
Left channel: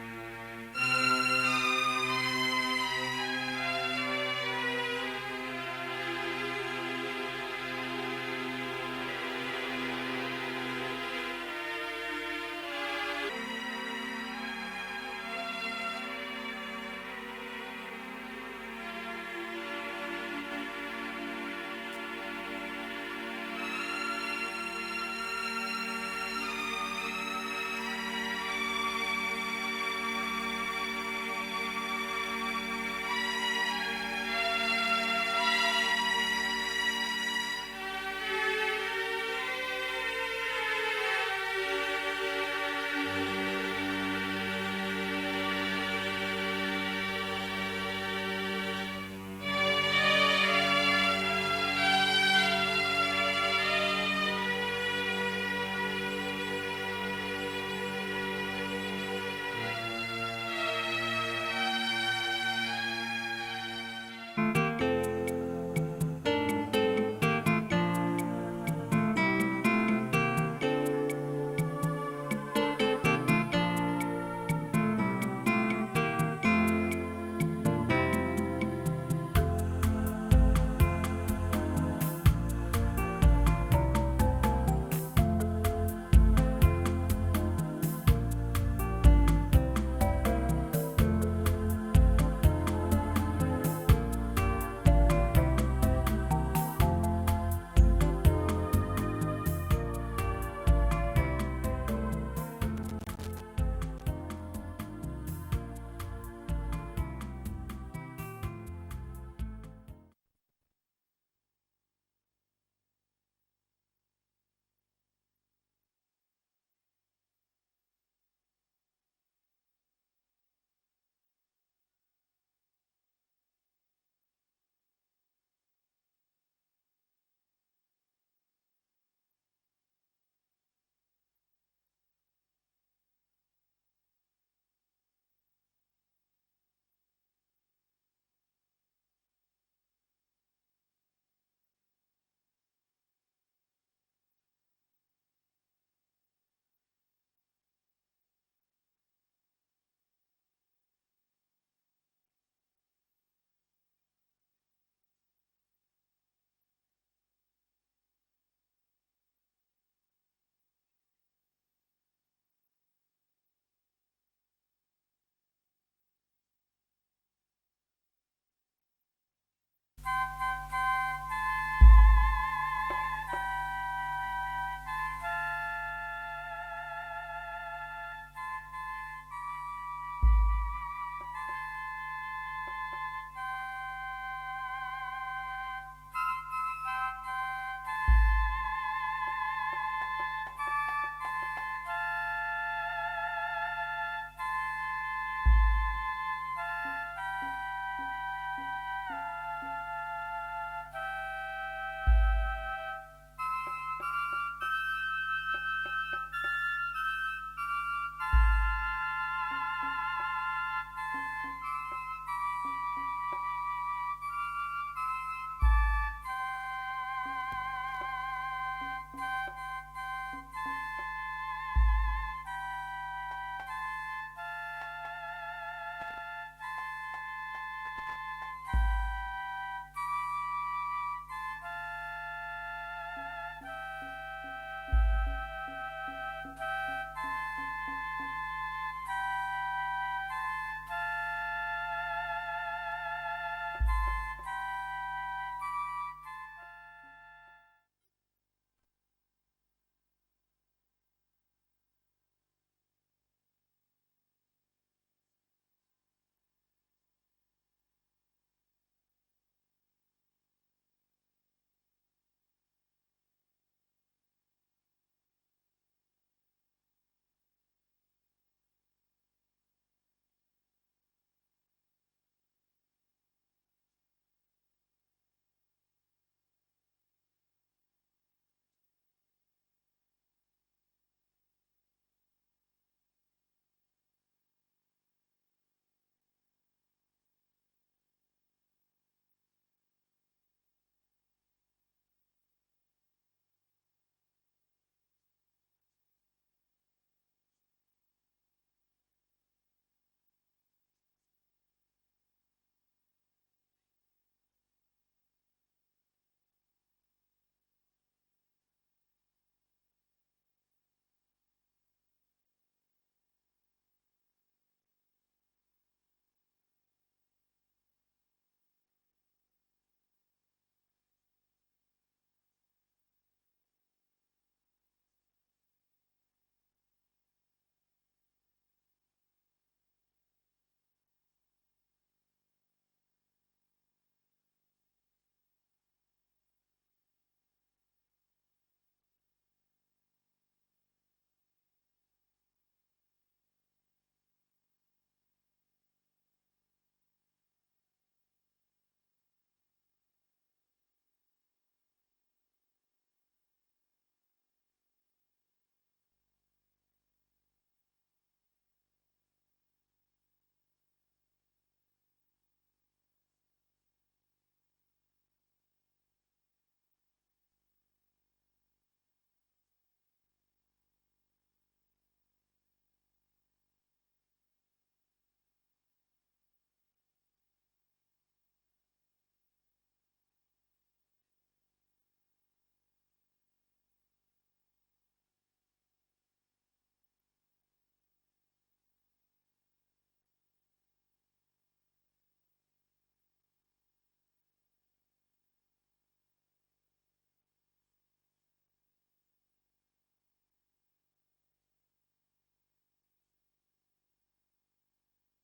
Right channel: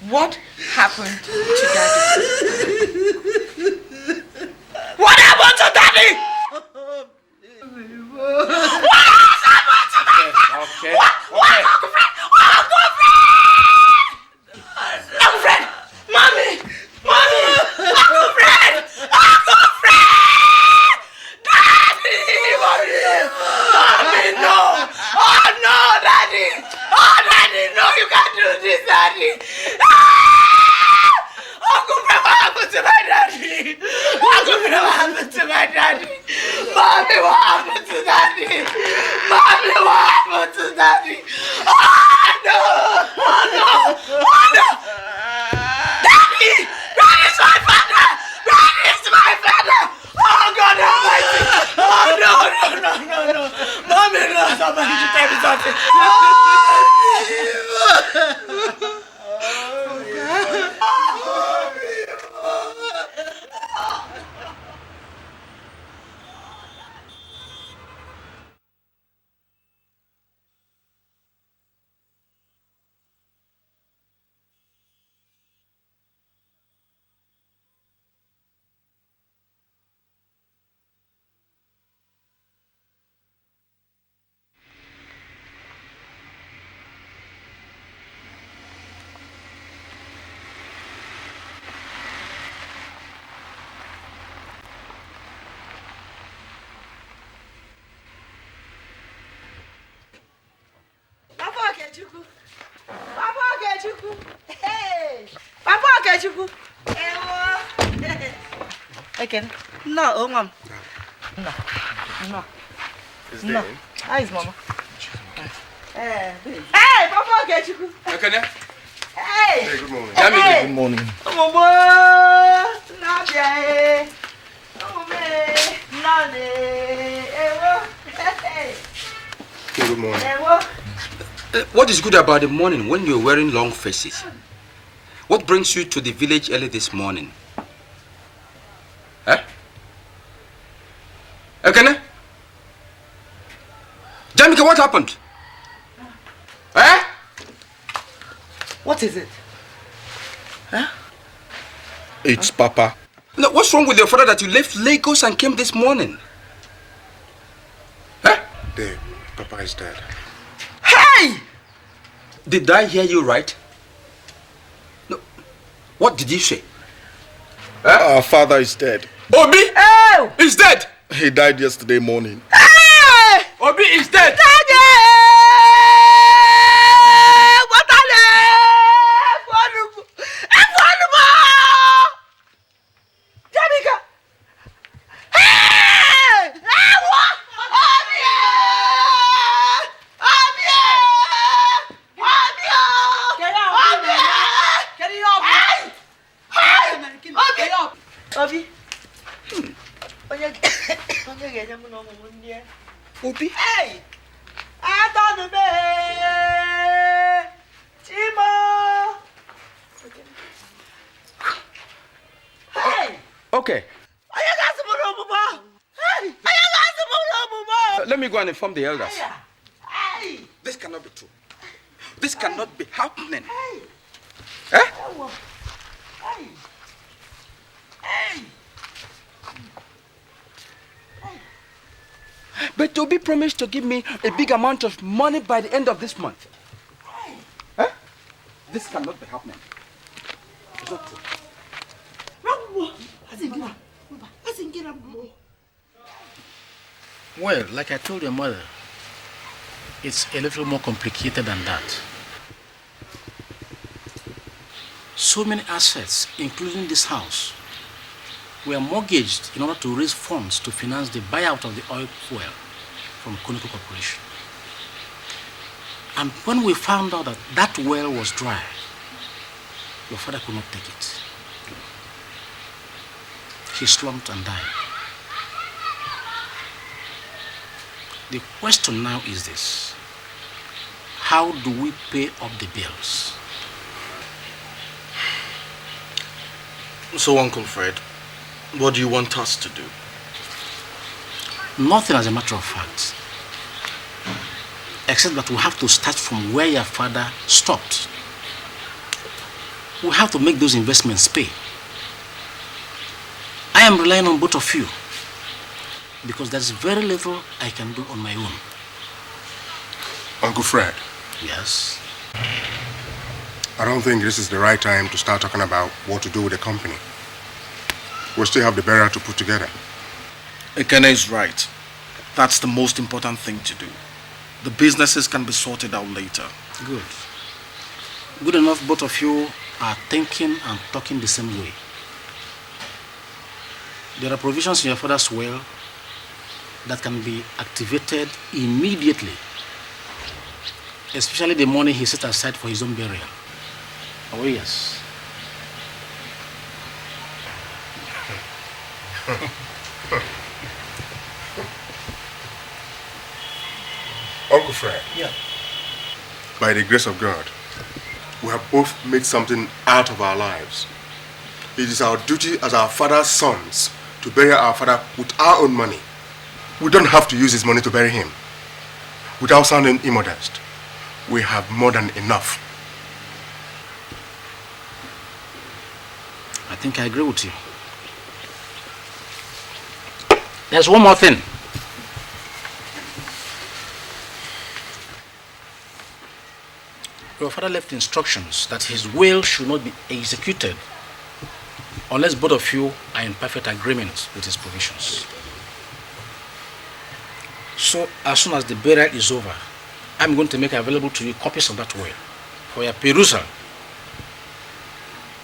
what happened to Daddy? What happened to Daddy? What has happened to my father? Okay. What, Uncle Fred? Uncle Fred! Uncle Fred! Mommy! Mommy! Uncle Fred! Uncle Fred! Daddy! Mommy, no! Oh no, Daddy! Oh, Daddy, no, you can't do this, Daddy! Uncle Fred, what happened to my daddy? Uncle Fred, what happened to my daddy? Mommy, what happened to Daddy? Mommy, what happened to Daddy? Oh no! Oh no! Oh no! Daddy! Daddy's my father! Daddy's my father! Oh God Almighty! Oh no! Mommy, no! Somebody should tell me something! Ekene. No, oh mom. No. No. How is Mama? Hey, Papa Okechukwu. Ekene. Hey, good morning. Jamike, good morning. Good morning. What is good about the morning when you're wearing long faces? What brings you to the village early this morning? Eh? Ekene? Jamike, what happened? Eh? What is it? Huh? It's Papa. No, what's wrong with your father that you left Lagos and came this morning? Eh? Dave, Papa is dead. Hey! Did I hear you right? No. What did you say? Our father is dead. Obi Oh! is dead. He died yesterday morning. Hey! Obi is dead. Daddy! What are they? Jamike! Hey! What? Obi. Obi? Hey! I thought the Chima! Hey! Okay. I got some more. Hey! I got some more. Let me go and inform the elders. This cannot be true. This cannot be happening. Eh? But Toby promised to give me a big amount of money by the end of this month. Eh? This cannot be happening. It's not true. Well, like I told your mother, it's a little more complicated than that. So many assets, including this house, were mortgaged in order to raise funds to finance the buyout of the oil well from Conoco Corporation. And when we found out that that well was dry, your father could not take it. He slumped and died. The question now is this: how do we pay up the bills? So, Uncle Fred, what do you want us to do? Nothing, as a matter of fact. Except that we have to start from where your father stopped. We have to make those investments pay. I am relying on both of you because there's very little I can do on my own. Uncle Fred. Yes? I don't think this is the right time to start talking about what to do with the company. We still have the burial to put together. Ekene is right. That's the most important thing to do. The businesses can be sorted out later. Good. Good enough both of you are thinking and talking the same way. There are provisions in your father's will that can be activated immediately, especially the money he set aside for his own burial. Oh, yes. Uncle Fred. Yeah. By the grace of God, we have both made something out of our lives. It is our duty as our father's sons to bury our father with our own money. We don't have to use his money to bury him. Without sounding immodest, we have more than enough. I think I agree with you. There's one more thing. Your father left instructions that his will should not be executed unless both of you are in perfect agreement with his provisions. So, as soon as the burial is over, I'm going to make available to you copies of that will for your perusal.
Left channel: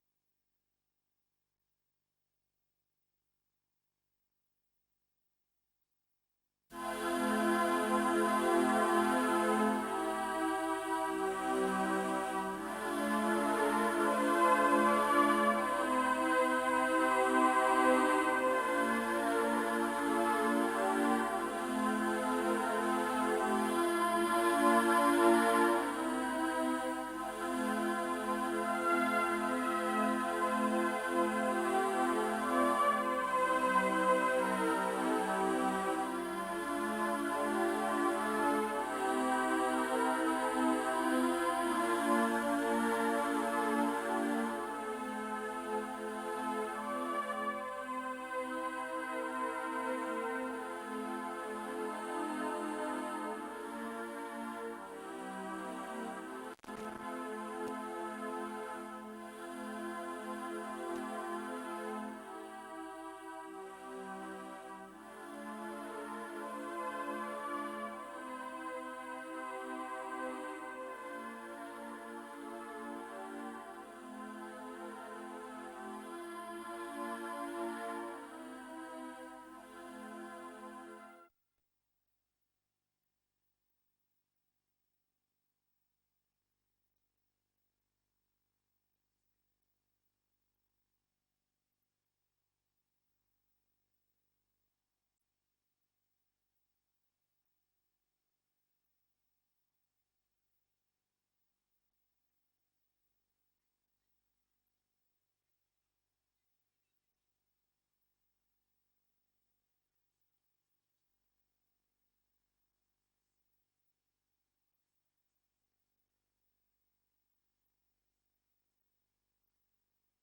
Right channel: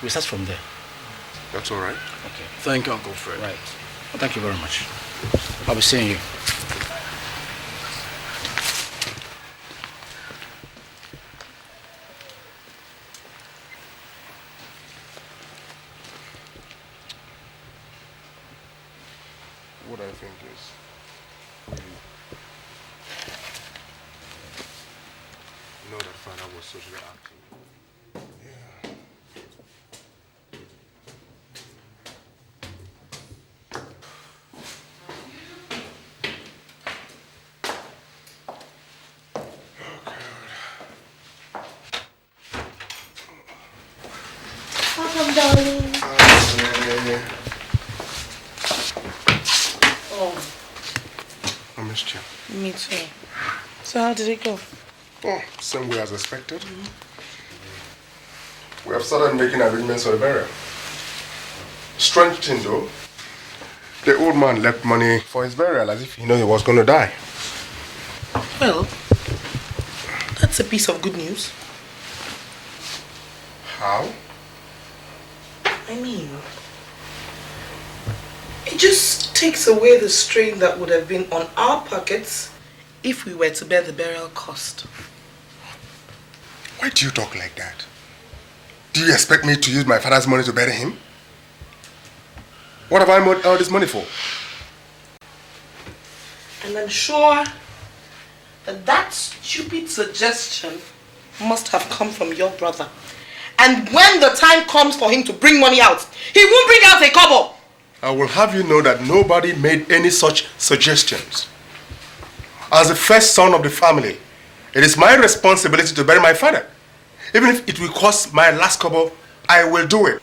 We start from there. That's all right. Okay. Thank you, Uncle Fred. Right. Well, thank you very much. I'll be seeing you. Did it go? Oh, same way as expected. We have started making arrangements for the burial. Strange thing though, the old man left money for his burial as if he knew he was going to die. Well, that's a piece of good news. How? I mean, it just takes away the strain that would have been on our pockets if we were to bear the burial cost. Why do you talk like that? Do you expect me to use my father's money to bury him? What have I made all this money for? And I'm sure that that stupid suggestion must have come from your brother. And when the time comes for him to bring money out, he won't bring out a kobo. I will have you know that nobody made any such suggestions. As the first son of the family, it is my responsibility to bury my father. Even if it will cost my last kobo, I will do it.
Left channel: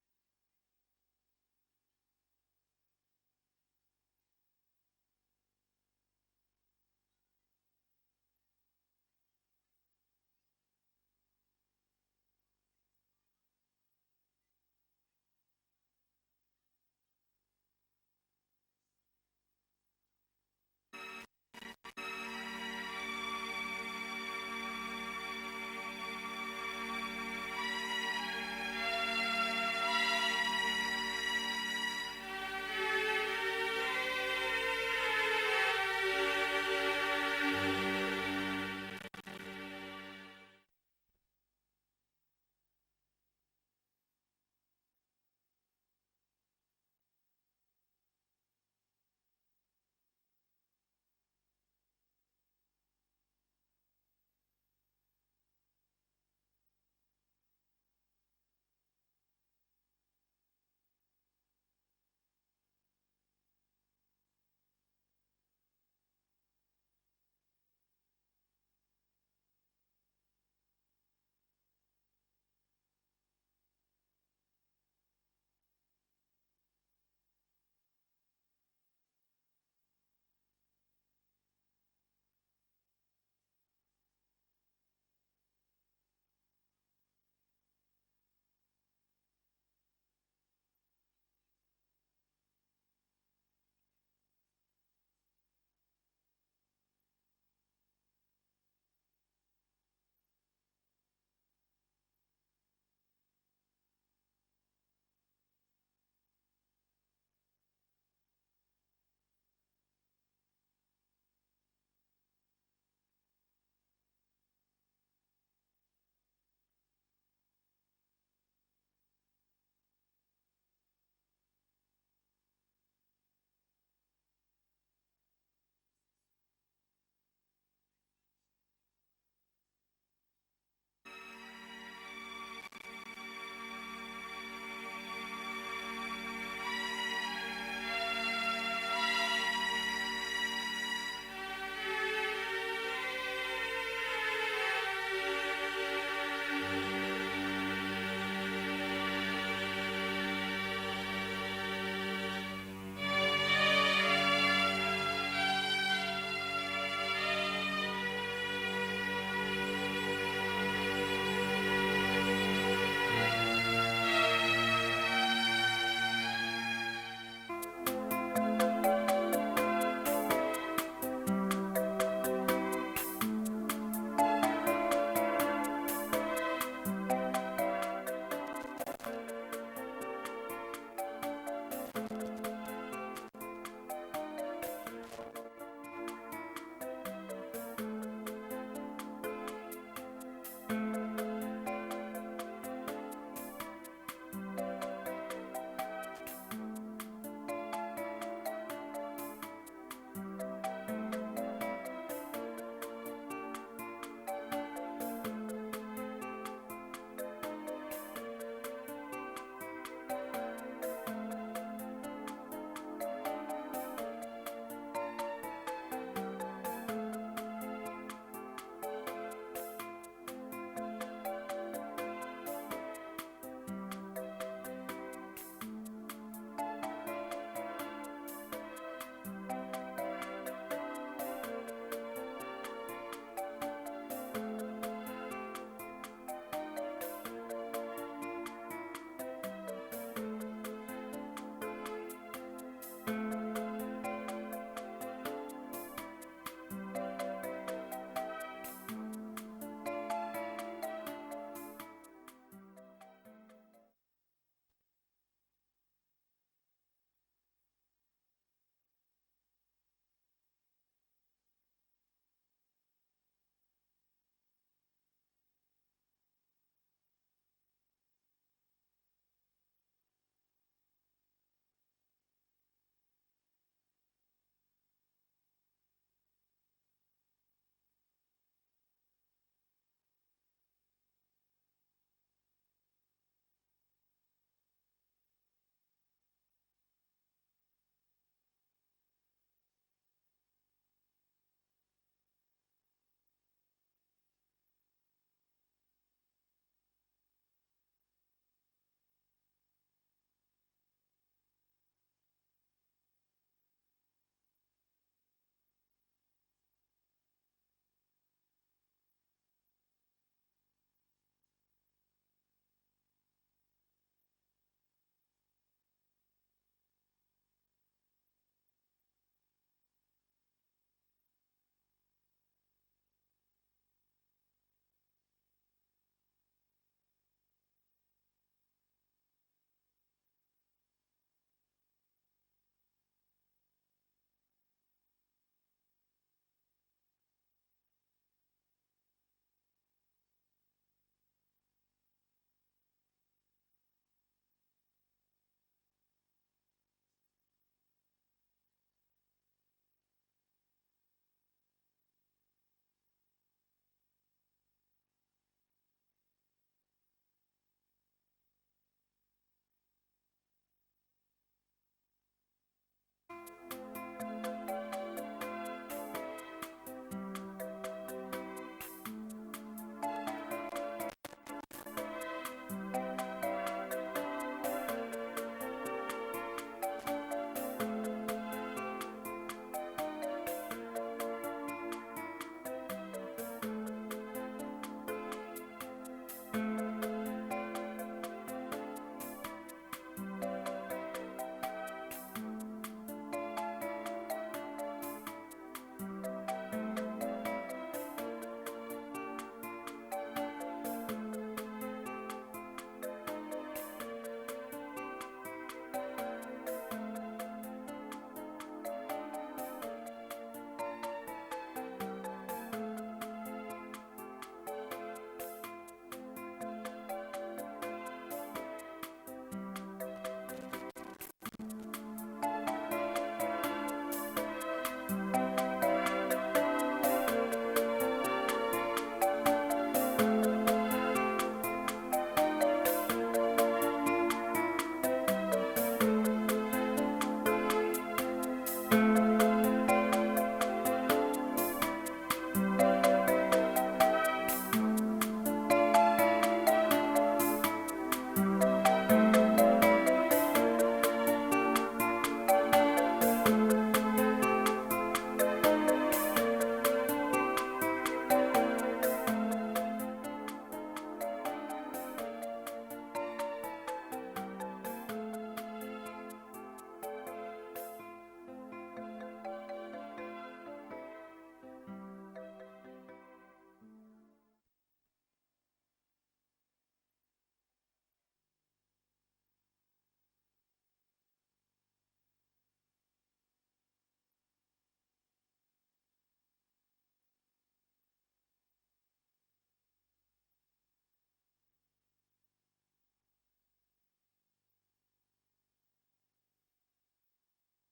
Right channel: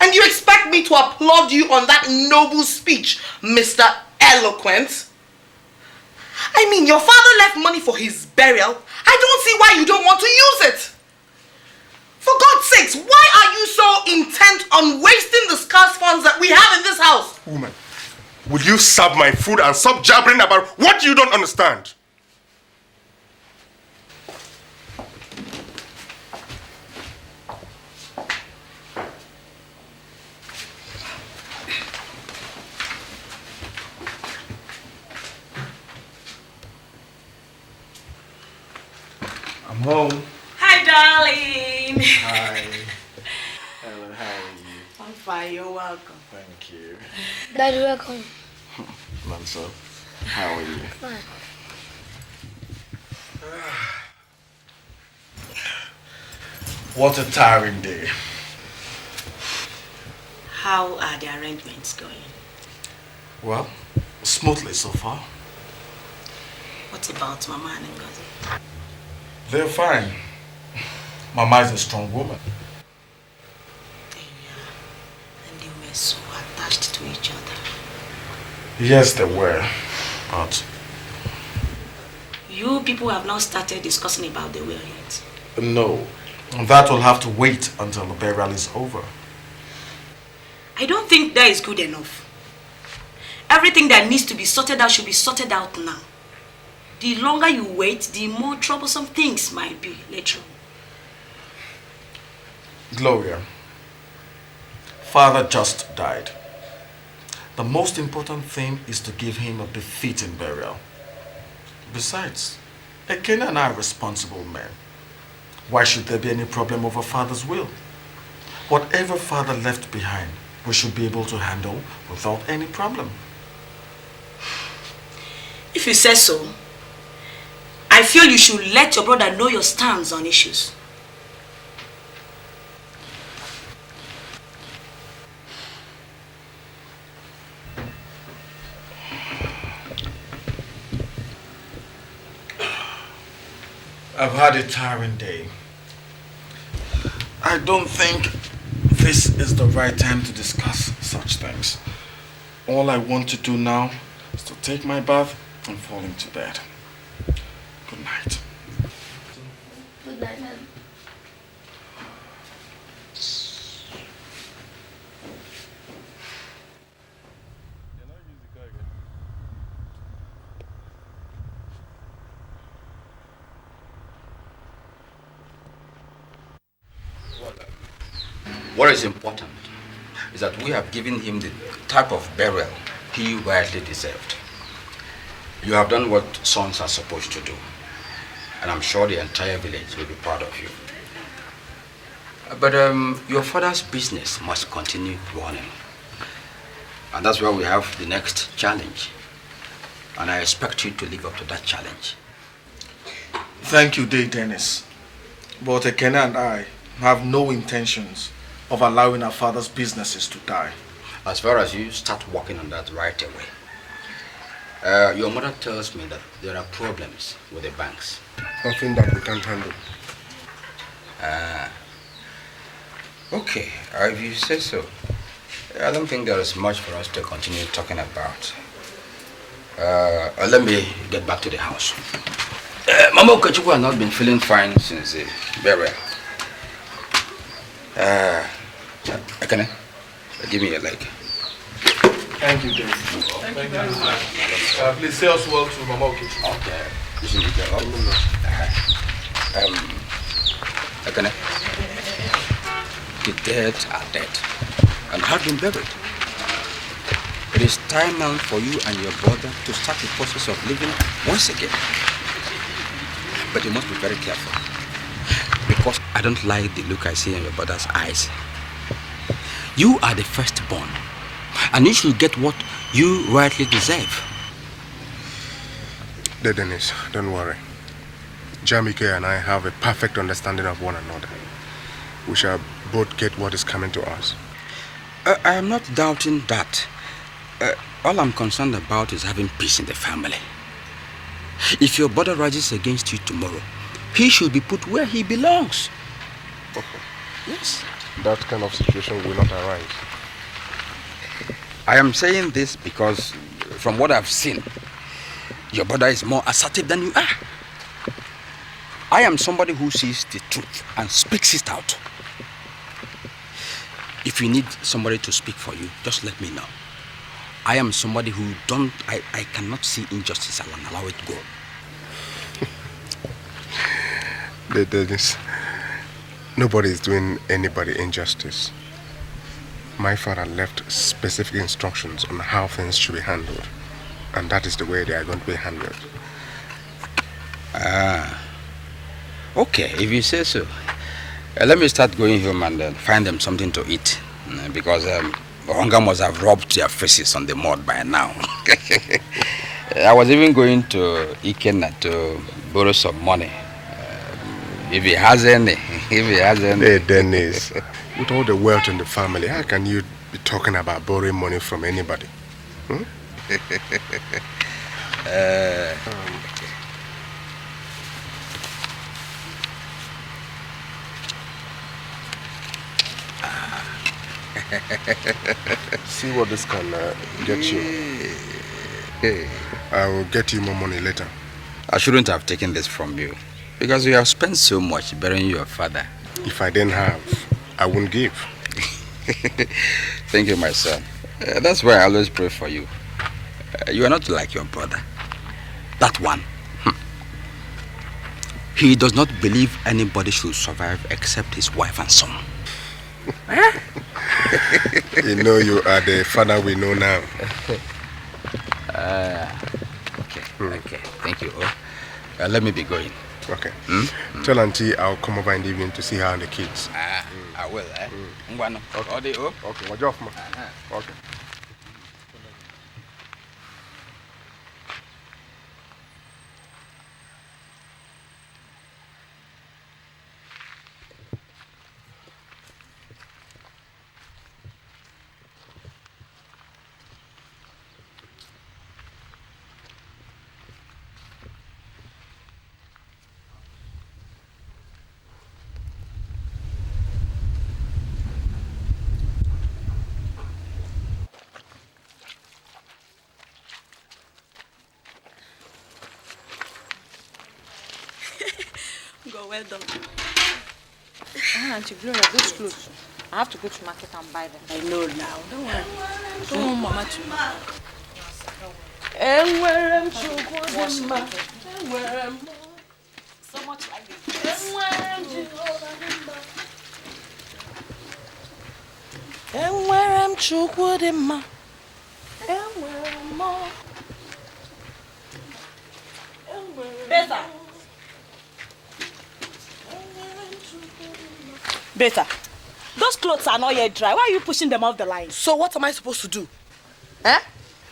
And you expect me to applaud you on that noble speech, Mr. Eloquent? I mean, your father left money for his burial. I don't see why you don't want to use it. For God's sakes, why are you so intent on wasting the scarce funds that we have in this house? Woman, will you serve my food and stop jabbering about what you don't understand? I'm home. Hi, darling. Hi. Hello, how are you? I'm fine, you're welcome. Thank you. Daddy, welcome. Manso, how are you? Fine. What a tiring day. How are the arrangements going? Well, smoothly so far. What about Mama and Ngozi? They're fine. Mama is a strong woman. And they were so attached to each other. Yes, they were. But You people have not started discussing about the will yet. no, that will have to wait until the burial is over. I don't think that is good enough. Everything that needs to be sorted out should be sorted out now. The longer you wait, the more troublesome things might be later on. Gloria, Father just died. The most important thing is to give him a befitting burial. Besides, Ekene and I are responsible men. Why should there be any problem over Father's will? Whatever Father left behind, we should be able to handle without any problem. If you say so, I feel you should let your brother know your stance on issues. I've had a tiring day. I don't think this is the right time to discuss such things. All I want to do now is to take my bath and fall into bed. Good night. What is important is that we have given him the type of burial he rightly deserved. You have done what sons are supposed to do, and I'm sure the entire village will be proud of you. But your father's business must continue running, and that's where we have the next challenge, and I expect you to live up to that challenge. Thank you, Day Dennis. But Ekene and I have no intentions of allowing our father's businesses to die. As far as you start working on that right away. Your mother tells me that there are problems with the banks. Nothing that we can't handle. Okay, if you say so. I don't think there is much for us to continue talking about. Let me get back to the house. Mama Okechukwu has not been feeling fine since the burial. Ekene, give me your leg. Thank you, Dave. Thank you. Please say us well to Mama Okechukwu. Okay. You should be there. Ekene, the dead are dead and have been buried. It is time now for you and your brother to start the process of living once again. But you must be very careful, because I don't like the look I see in your brother's eyes. You are the firstborn, and you should get what you rightly deserve. Dennis, don't worry. Jamike and I have a perfect understanding of one another. We shall both get what is coming to us. I am not doubting that. All I'm concerned about is having peace in the family. If your brother rises against you tomorrow, he should be put where he belongs. Okay. Yes. That kind of situation will not arise. I am saying this because from what I've seen, your brother is more assertive than you are. I am somebody who sees the truth and speaks it out. If you need somebody to speak for you, just let me know. I am somebody who I cannot see injustice and allow it go. Dennis, nobody is doing anybody injustice. My father left specific instructions on how things should be handled. And that is the way they are going to be handled. Okay, if you say so. Let me start going home and find them something to eat. Because hunger must have rubbed their faces on the mud by now. I was even going to Ekene to borrow some money. If he has any. Hey, Dennis, with all the wealth in the family, how can you be talking about borrowing money from anybody? Hmm? See what this can get you. I will get you more money later. I shouldn't have taken this from you because you have spent so much burying your father. If I didn't have, I wouldn't give. Thank you, my son. That's why I always pray for you. You are not like your brother. That one. He does not believe anybody should survive except his wife and son. You know you are the father we know now. Okay. Thank you. Let me be going. Okay. Tell Auntie I'll come over in the evening to see her and the kids. I will. Okay. Okay. Watch off, man. Okay. I have to go to market and buy them. I know now. Don't worry. Don't want Mama to know. So much like this. Better. Those clothes are not yet dry. Why are you pushing them off the line? So what am I supposed to do? Eh?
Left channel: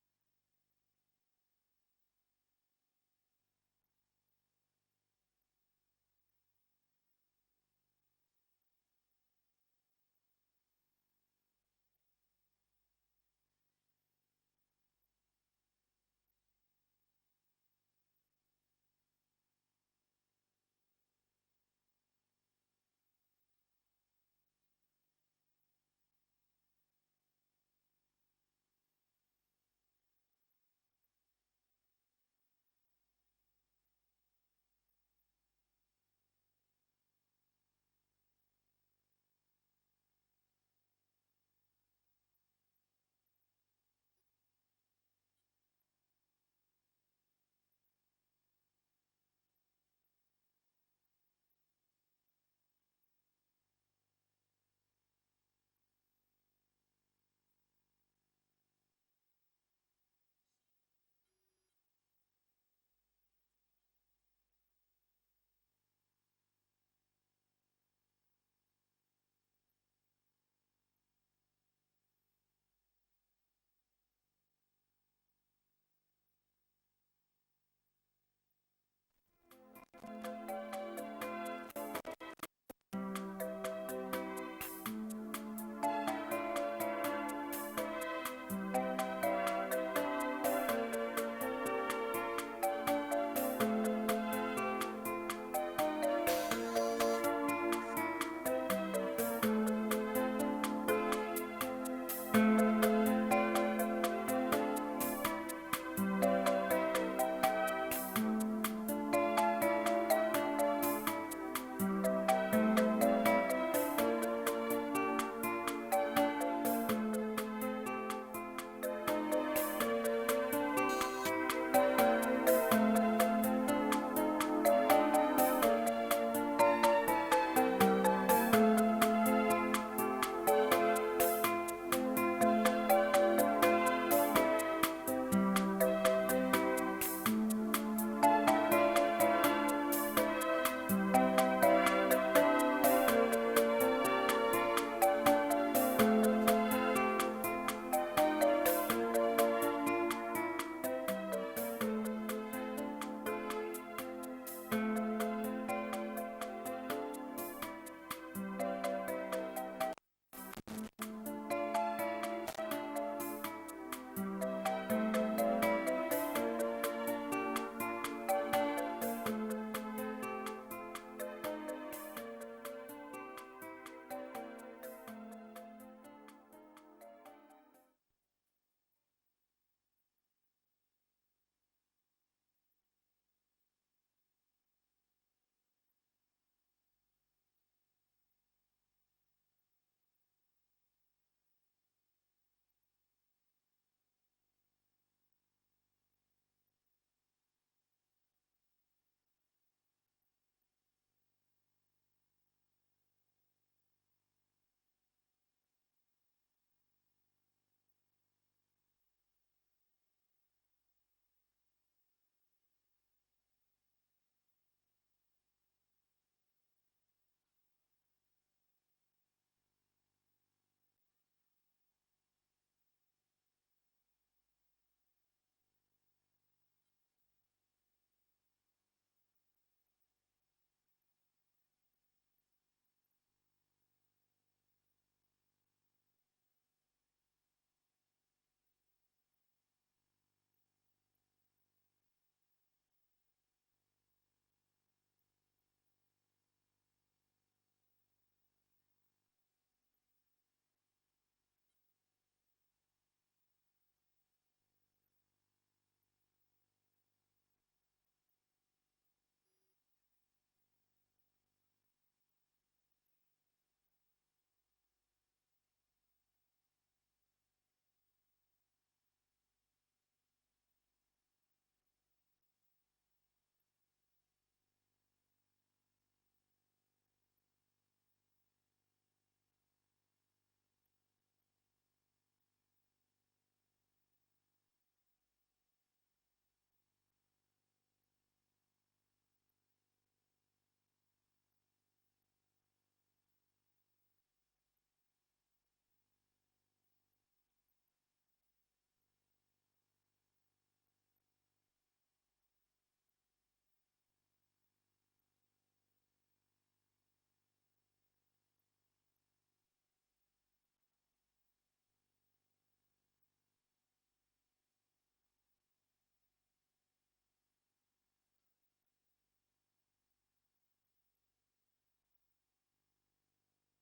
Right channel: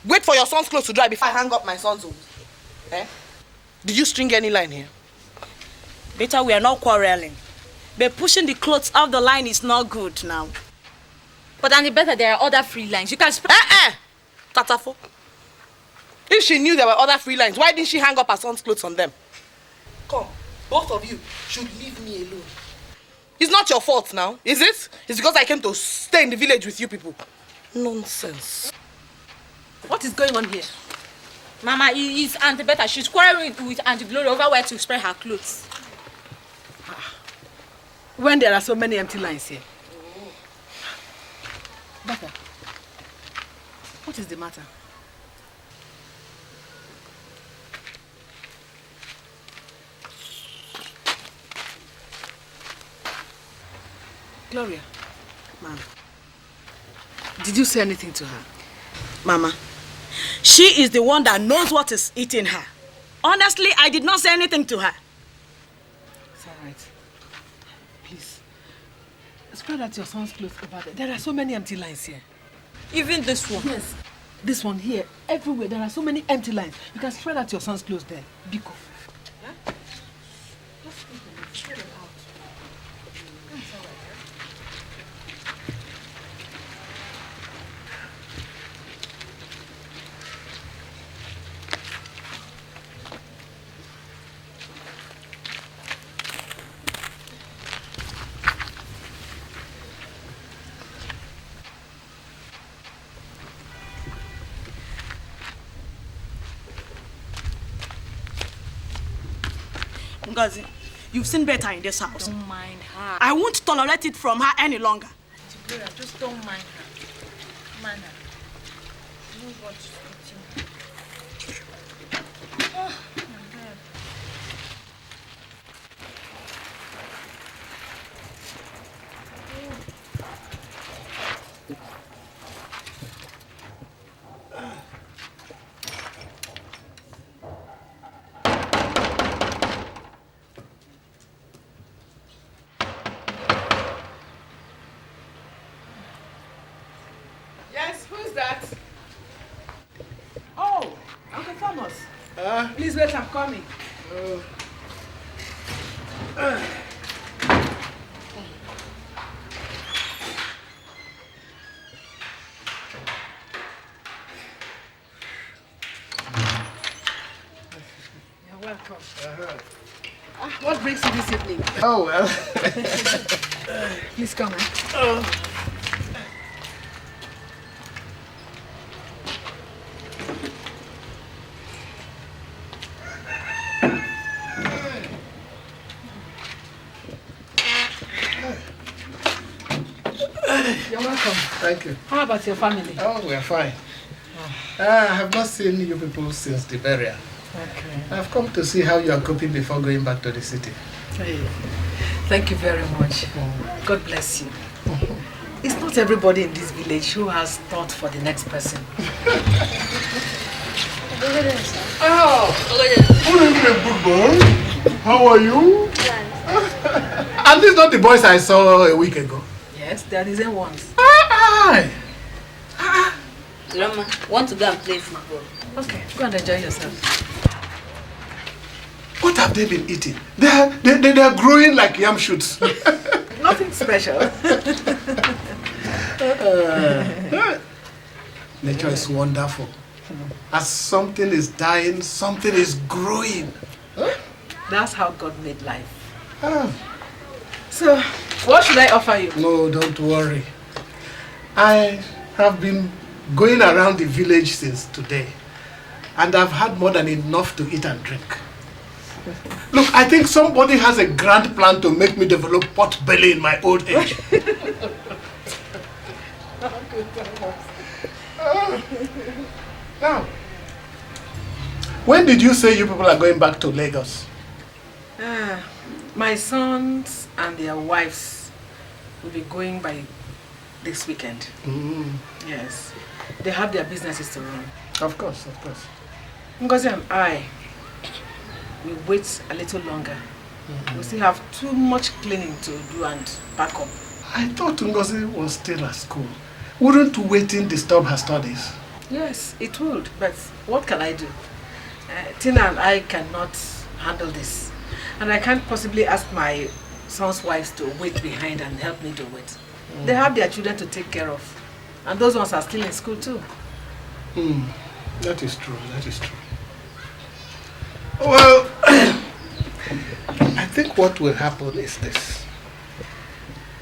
Wait for your son's clothes to dry before I hang up my son's own. Eh? Did you string any line here? Better, we are not quarreling. But pushing the clothes off the line is not good now. But Annie, better there are other free lines. You can Tatafo. If she knew there were other free lines, why didn't she hang up her son's clothes on them? Come, both of you should leave me alone. It's not your fault now, is it? It's because I came to stay in the village with you people. Nonsense. What is going on here? Mama, it's Auntie Beta. She's quarreling with Auntie Glory over where to spread her clothes. When there are so many empty lines here. Beta, what is the matter? Gloria, Ma'am, did you say anything to her? Mama, she is the one that knows what is eating her. Honestly, I did not say anything to her. It's all right. Please, spread out your son's clothes over there. There are so many empty lines here. Even this one? Yes, this one here. Everywhere, there are so many empty lines. You can spread out your son's clothes there. Biko. Yeah? Ngozi, you've seen better in this house. Don't mind her. I won't tolerate it from her any longer. Just don't mind her. Please wait, I'm coming. What brings you this evening? Oh, well. Please come. You're welcome. Thank you. How about your family? Oh, we're fine. I have not seen you people since the burial. Okay. I've come to see how you are coping before going back to the city. Hey, thank you very much. God bless you. It's not everybody in this village who has thought for the next person. Oh, good boy. How are you? Are these not the boys I saw a week ago? Yes, they are the same ones. Grandma, want to go and play football? Okay, go and enjoy yourself. What have they been eating? They are growing like yam shoots. Nothing special. Nature is wonderful. As something is dying, something is growing. That's how God made life. So, what should I offer you? No, don't worry. I have been going around the village since today, and I've had more than enough to eat and drink. Look, I think somebody has a grand plan to make me develop pot belly in my old age. Now, when did you say you people are going back to Lagos? My sons and their wives will be going by this weekend. Yes. They have their businesses to run. Of course, of course. Ngozi and I will wait a little longer. We still have too much cleaning to do and pack up. I thought Ngozi was still at school. Wouldn't waiting disturb her studies? Yes, it would, but what can I do? Tina and I cannot handle this. And I can't possibly ask my son's wives to wait behind and help me do it. They have their children to take care of. And those ones are still in school too. That is true, that is true. Well, I think what will happen is this.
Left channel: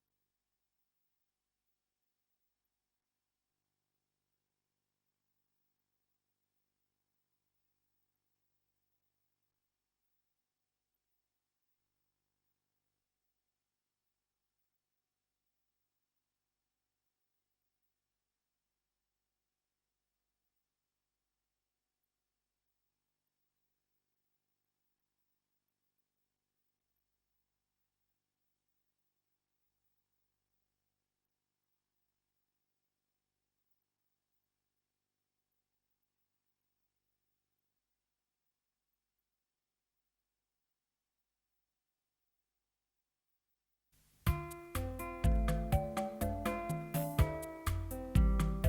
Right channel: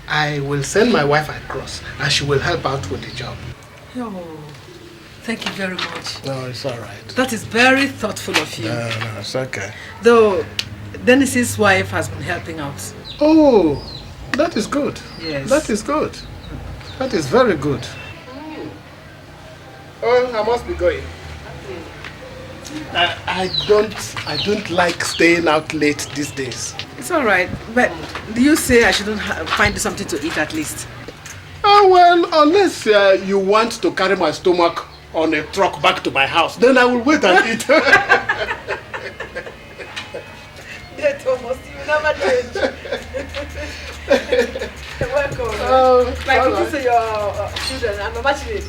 I will send my wife across and she will help out with the job. Oh, thank you very much. No, it's all right. That is very thoughtful of you. No, it's okay. Though, Dennis's wife has been helping out. Oh, that is good. Yes. That is good. That is very good. Oh, I must be going. I don't like staying out late these days. It's all right, but do you say I shouldn't find something to eat at least? Oh, well, unless you want to carry my stomach on a truck back to my house, then I will wait and eat. Yeah, Thomas, you never change. Welcome. My cookies to your children. I'm a matchmate.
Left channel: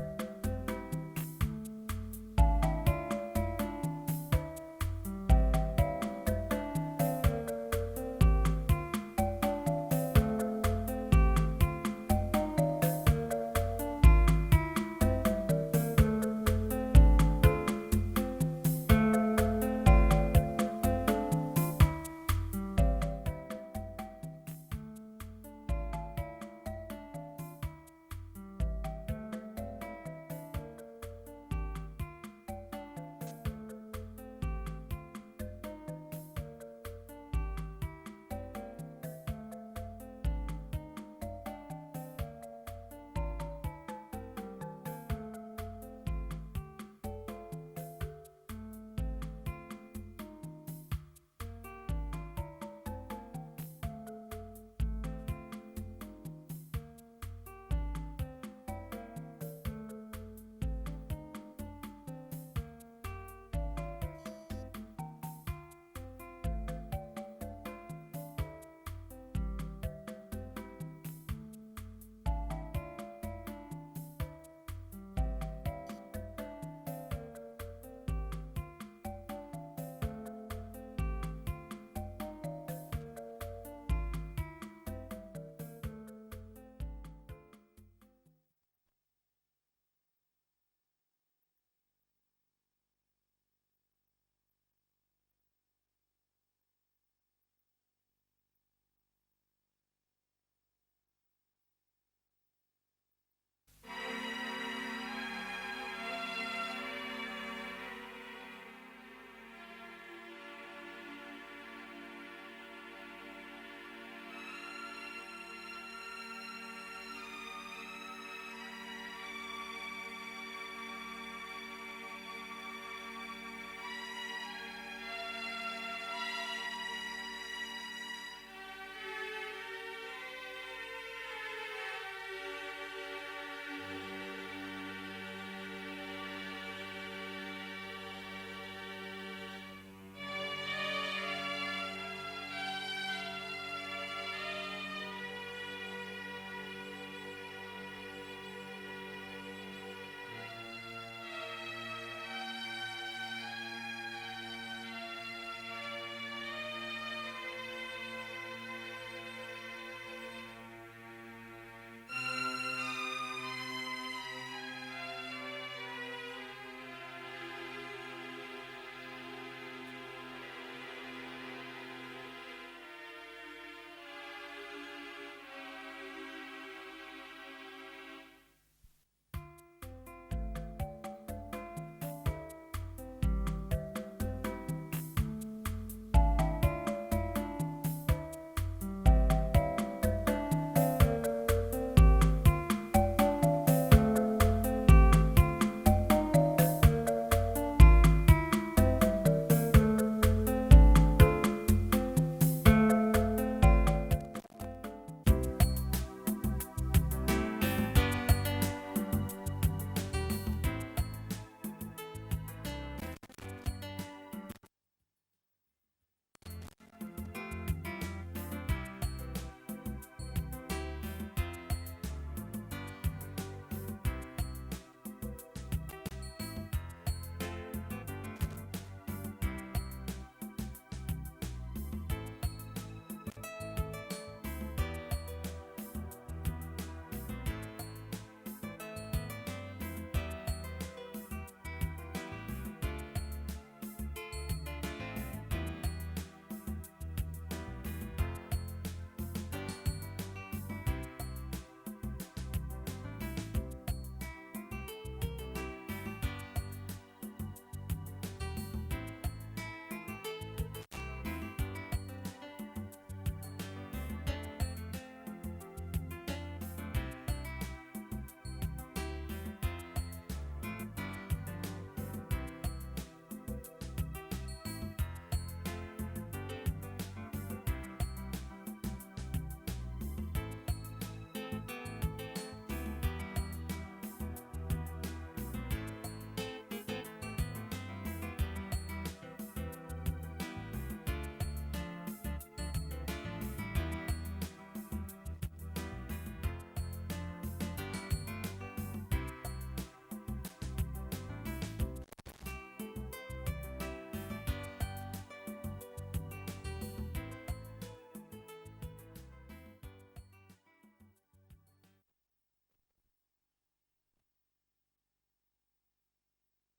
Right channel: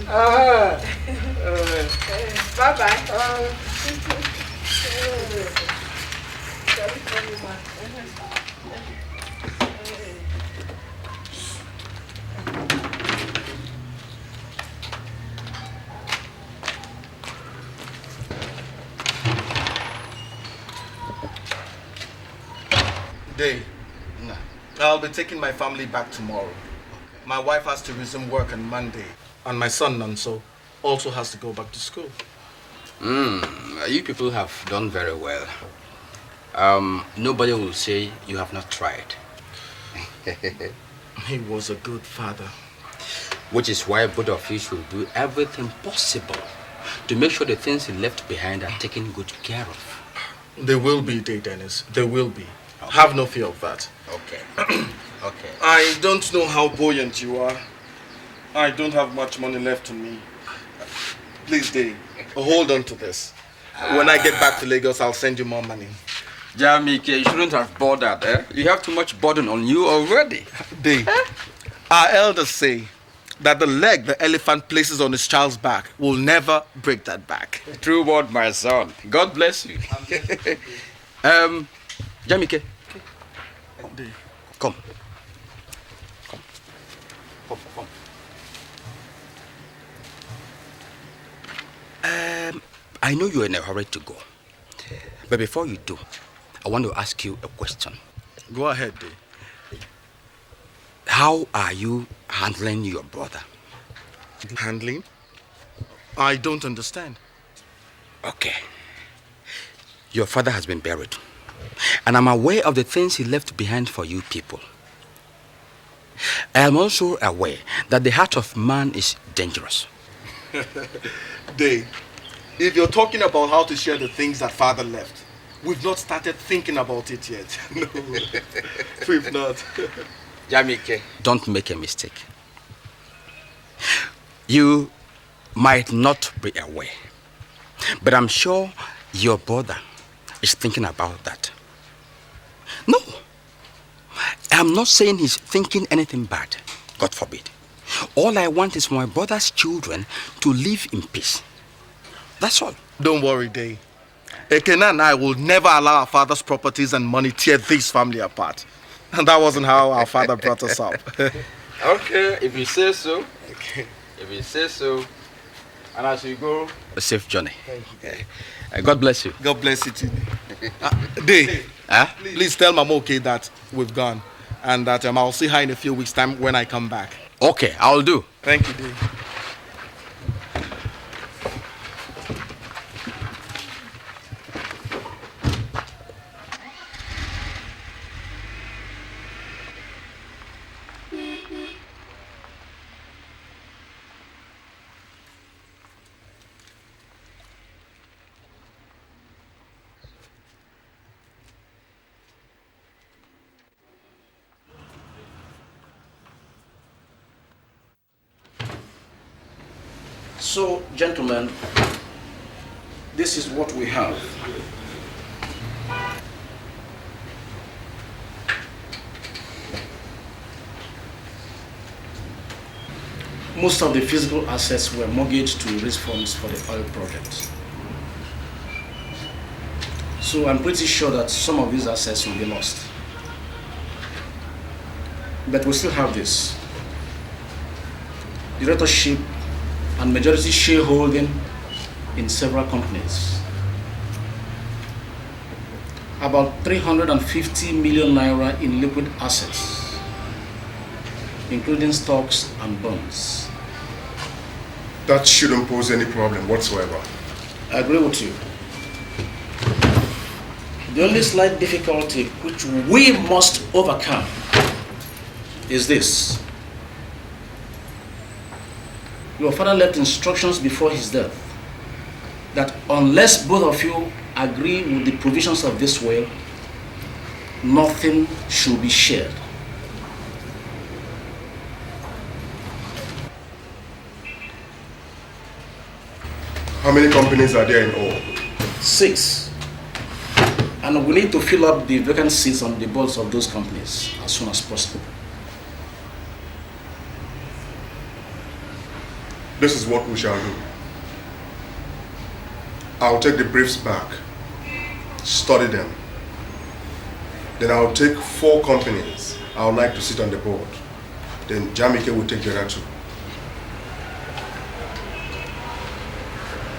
Bye-bye. Day. I'll be taking my family back tomorrow. My wife has to resume work on Monday, and my son, Nanso, also has to go back to school. You people have done very well. Nobody will say you have not tried. He was a good father. Which is why both of you should do everything possible to make sure the things he left behind are taken good care of. There will be, Dennis. There will be. Okay. Have no fear of that. Okay. Okay. I don't know how buoyant you are. I don't have much money left on me. Please, Dave, hold on to this. When I get back to Lagos, I'll send you more money. Jamike, you shouldn't have bothered, eh? You have too much burden on you already. Dave, our elders say that the leg the elephant places on his child's back will never break that back. True word, my son. God bless you. Jamike. Come. I know you're in a hurry to go. But before you do, I want to ask you a question. Go ahead, Dave. How are you handling your brother? Handling? I don't understand. Okay. Your father has been buried. And I'm aware of the things he left behind for you people. I am also aware that the heart of man is dangerous. Dave, if you're talking about how to share the things that father left, we've not started thinking about it yet. No, we've not. Jamike, don't make a mistake. You might not be aware, but I'm sure your brother is thinking about that. No, I'm not saying he's thinking anything bad. God forbid. All I want is for my brother's children to live in peace. That's all. Don't worry, Dave. Ekene and I will never allow our father's properties and money tear this family apart. And that wasn't how our father brought us up. Okay, if you say so. Okay. If you say so. And as you go, a safe journey. God bless you. God bless you too. Dave, please tell Mama okay that we've gone. And that I'll see her in a few weeks' time when I come back. Okay, I'll do. Thank you, Dave. So, gentlemen, this is what we have. Most of the physical assets were mortgaged to raise funds for the oil project. So I'm pretty sure that some of these assets will be lost. But we still have this. Directorship and majority shareholding in several companies. About 350 million naira in liquid assets, including stocks and bonds. That shouldn't pose any problem whatsoever. I agree with you. The only slight difficulty which we must overcome is this. Your father left instructions before his death that unless both of you agree with the provisions of this will, nothing should be shared. How many companies are there in all? 6. And we need to fill up the vacant seats on the boards of those companies as soon as possible. This is what we shall do. I'll take the briefs back, study them. Then I'll take 4 companies I would like to sit on the board. Then Jamike will take the other 2.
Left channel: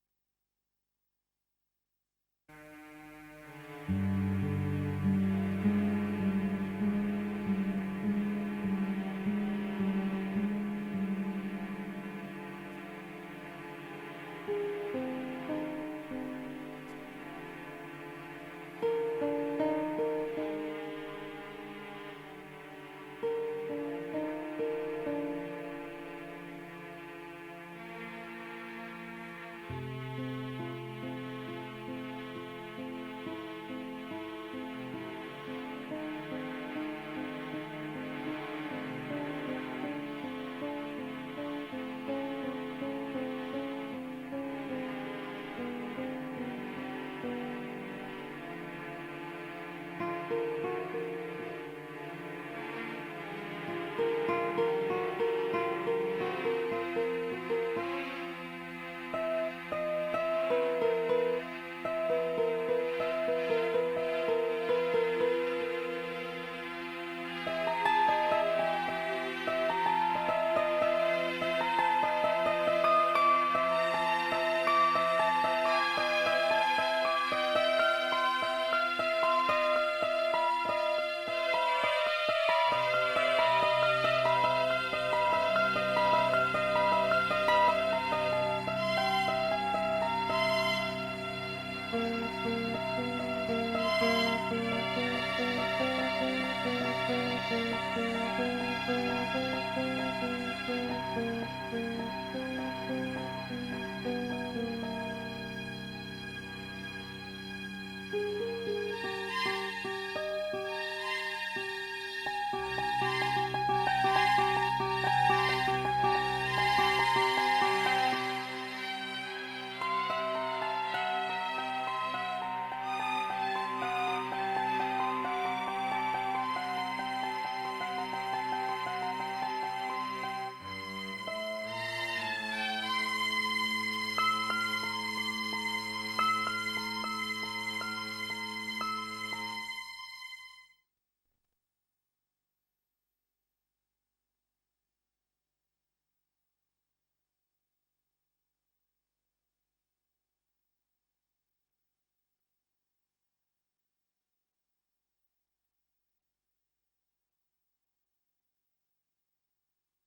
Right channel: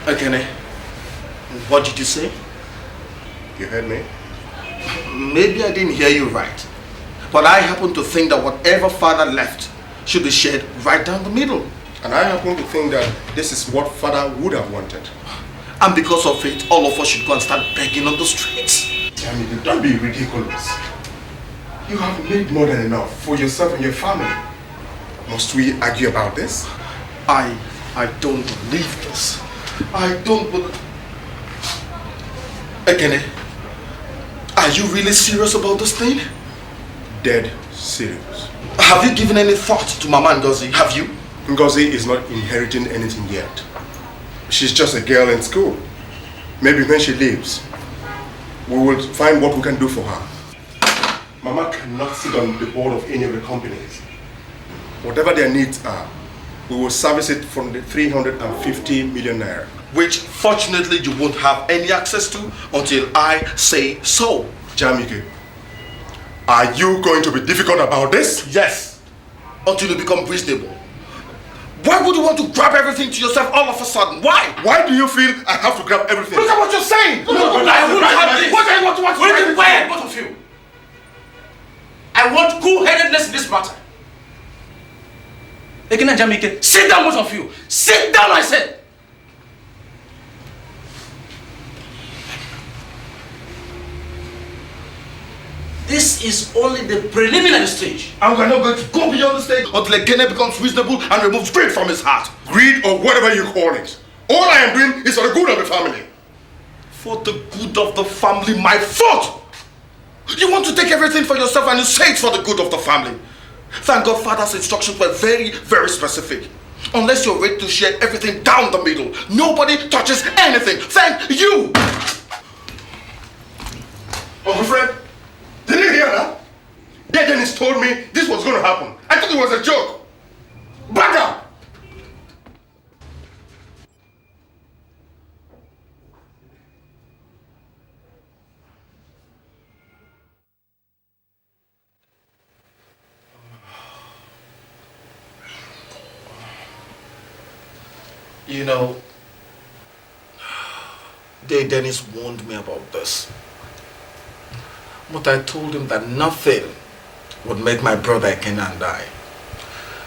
Ekene, what did you say? You heard me? Maybe I didn't hear you right. But I happen to think that whatever father left should be shared right down the middle. And I happen to think that this is what father would have wanted. And because of it, all of us should go and start begging on the streets. Jamike, don't be ridiculous. You have made more than enough for yourself and your family. Must we argue about this? I don't believe this. I don't believe... Ekene, are you really serious about this thing? Dead serious. Have you given any thought to Mama Ngozi? Have you? Ngozi is not inheriting anything yet. She's just a girl in school. Maybe when she leaves, we will find what we can do for her. Mama cannot sit on the board of any of the companies. Whatever their needs are, we will service it from the 350 million naira. Which fortunately you won't have any access to until I say so. Jamike, are you going to be difficult about this? Yes, until you become reasonable. Why would you want to grab everything to yourself all of a sudden? Why? Why do you feel I have to grab everything? Look at what you're saying! No, I won't have this! What do you want to watch? Will you be quiet, both of you? I want cool-headedness in this matter. Ekene and Jamike, sit down, both of you! Sit down, I said! This is only the preliminary stage. And we're not going to go beyond the stage until Ekene becomes reasonable and removes greed from his heart. Greed or whatever you call it. All I am doing is for the good of the family. For the good of the family, my fault! You want to take everything for yourself and you say it's for the good of the family. Thank God Father's instructions were very, very specific. Unless you're ready to share everything down the middle, nobody touches anything. Thank you! Uncle Fred, didn't you hear that? Yeah, Dennis told me this was going to happen. I thought it was a joke. Back up! You know, Dennis warned me about this. But I told him that nothing would make my brother Ekene and I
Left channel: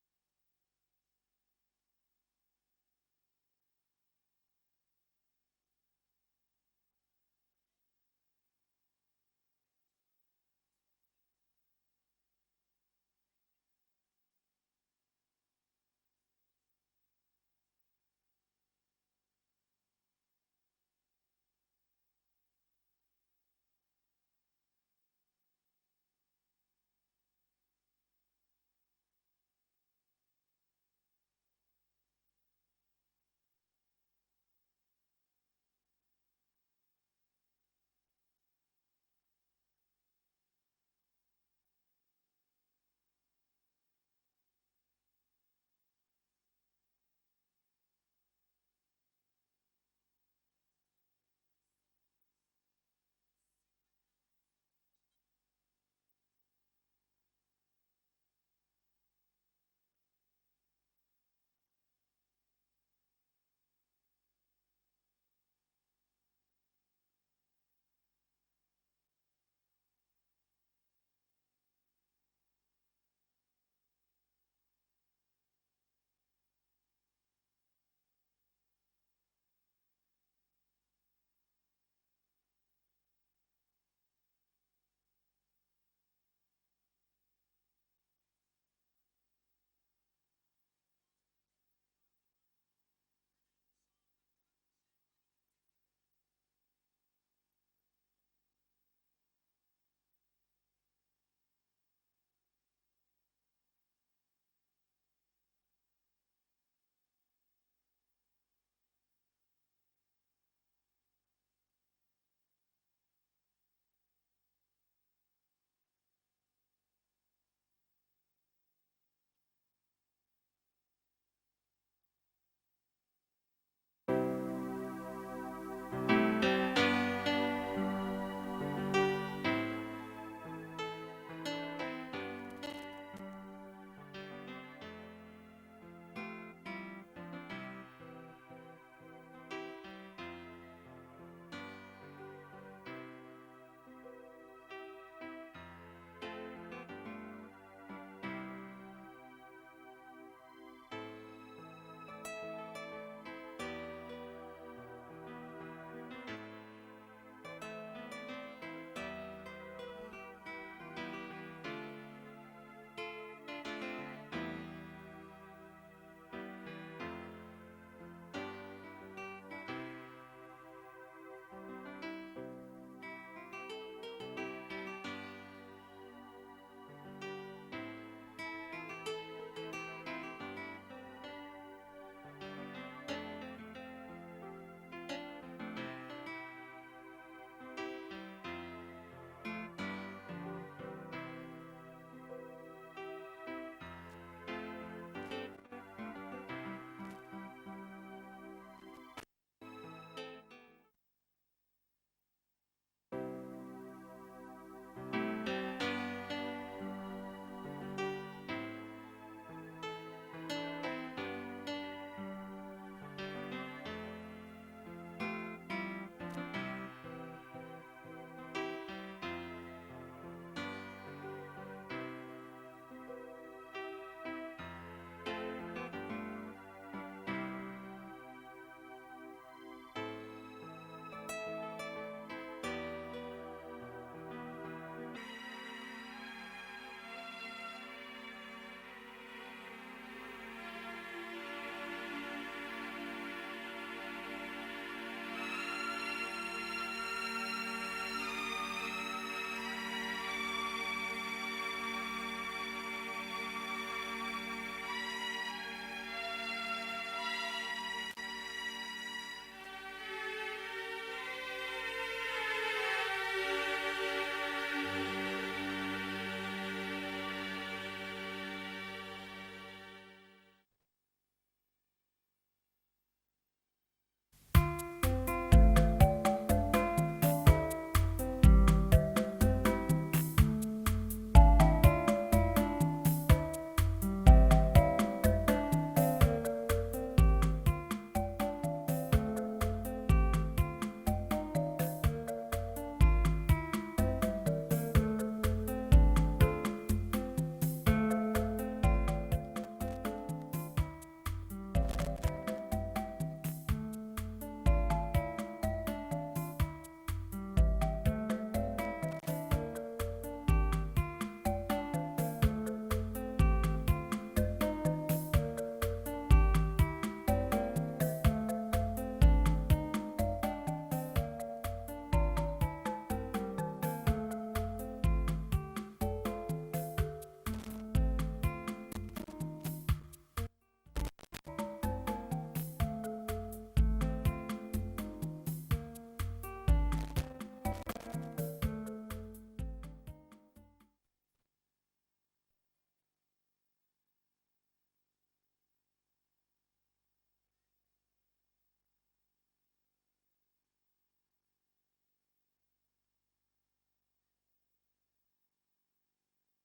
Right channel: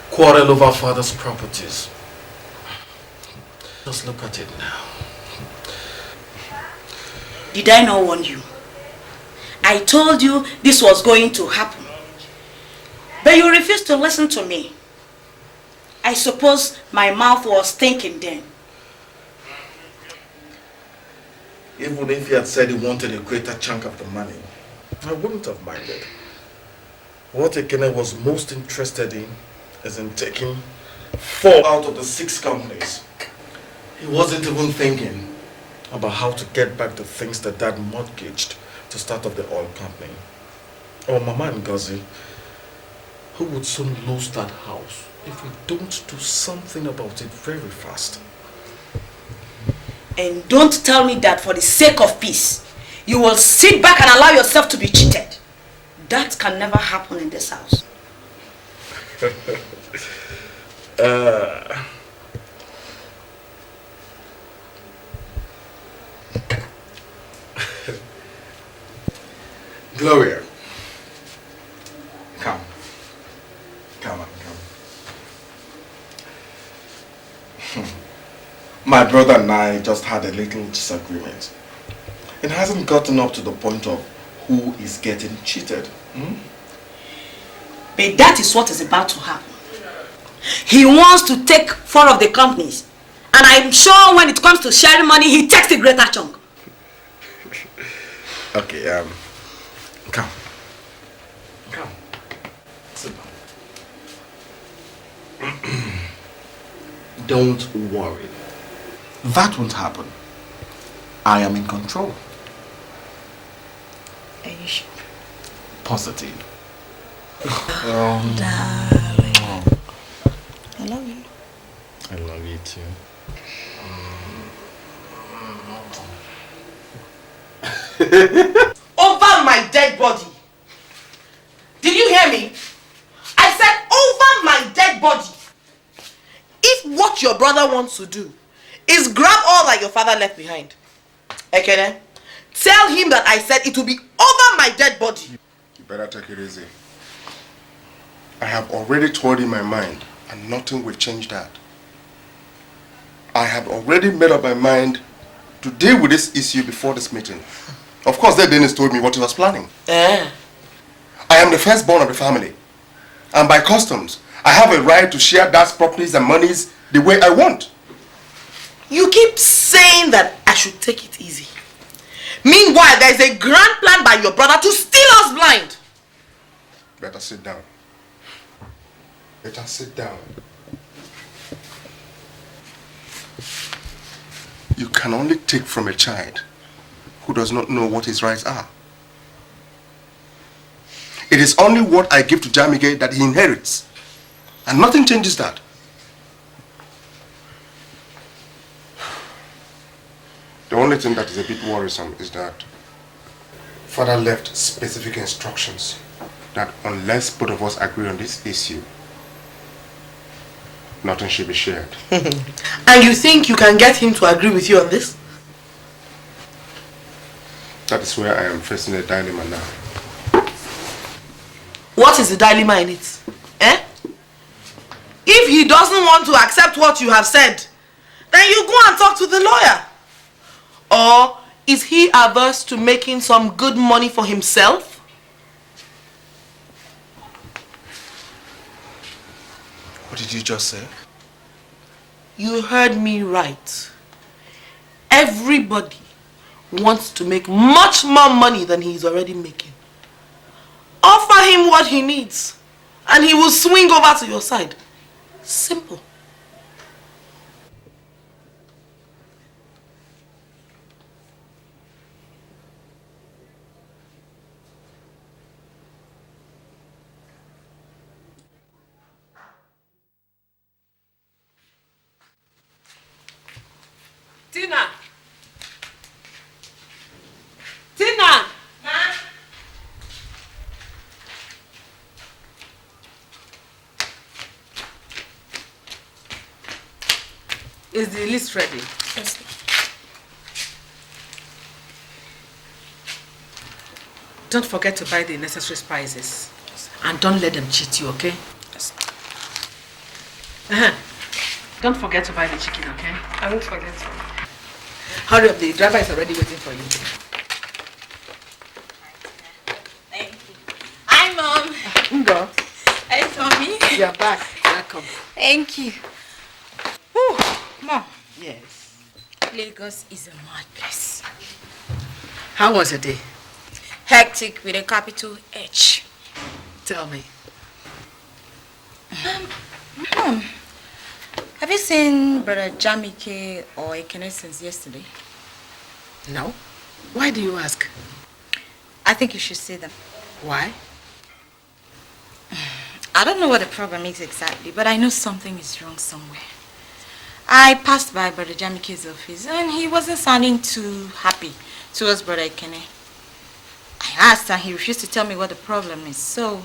quarrel over father's properties. Just look at it now. Did I not warn you? I told you this was going to happen. But you refused to listen to me. I suppose my mouth was thinking then. Even if he had said he wanted a greater chunk of the money, I wouldn't have minded. What Ekene was most interested in is in taking 4 out of the 6 companies. He wasn't even thinking about how to get back the things that Dad mortgaged to start up the oil company. Or Mama Ngozi, who would soon lose that house if we don't do something about it very fast. And don't tell me that for the sake of peace, you will sit back and allow yourself to be cheated. That can never happen in this house. Gloria, come. Come on, come. My brother and I just had a little disagreement. It hasn't gotten up to the point of who is getting cheated. But that is what is about to happen. He wants to take 4 of the companies. And I'm sure when it comes to sharing money, he takes the greater chunk. Okay, come. Come. Sit down. Don't worry. That won't happen. I am in control. Are you sure? Positive. Darling. I love you. I love you too. Over my dead body. Did you hear me? I said over my dead body. If what your brother wants to do is grab all that your father left behind, Ekene, tell him that I said it will be over my dead body. You better take it easy. I have already told him my mind, and nothing will change that. I have already made up my mind to deal with this issue before this meeting. Of course, Dennis told me what he was planning. Eh? I am the firstborn of the family. And by customs, I have a right to share Dad's properties and monies the way I want. You keep saying that I should take it easy. Meanwhile, there is a grand plan by your brother to steal us blind. Better sit down. Better sit down. You can only take from a child who does not know what his rights are. It is only what I give to Jamike that he inherits. And nothing changes that. The only thing that is a bit worrisome is that Father left specific instructions that unless both of us agree on this issue, nothing should be shared. And you think you can get him to agree with you on this? That is where I am facing a dilemma now. What is the dilemma in it? Eh? If he doesn't want to accept what you have said, then you go and talk to the lawyer. Or is he averse to making some good money for himself? What did you just say? You heard me right. Everybody wants to make much more money than he's already making. Offer him what he needs, and he will swing over to your side. Simple. Tina! Tina! Is the list ready? Yes. Don't forget to buy the necessary spices. Yes. And don't let them cheat you, okay? Yes. Don't forget to buy the chicken, okay? I won't forget. Hurry up, the driver is already waiting for you. Hi, Mom. Ngo. Hi, Tommy. You're back. Welcome. Thank you. Whew. Mom. Yes. Lagos is a mad place. How was your day? Hectic with a capital H. Tell me. Mom, have you seen Brother Jamike or Ekene since yesterday? No. Why do you ask? I think you should see them. Why? I don't know what the problem is exactly, but I know something is wrong somewhere. I passed by Brother Jamike's office and he wasn't sounding too happy towards Brother Ekene. I asked and he refused to tell me what the problem is, so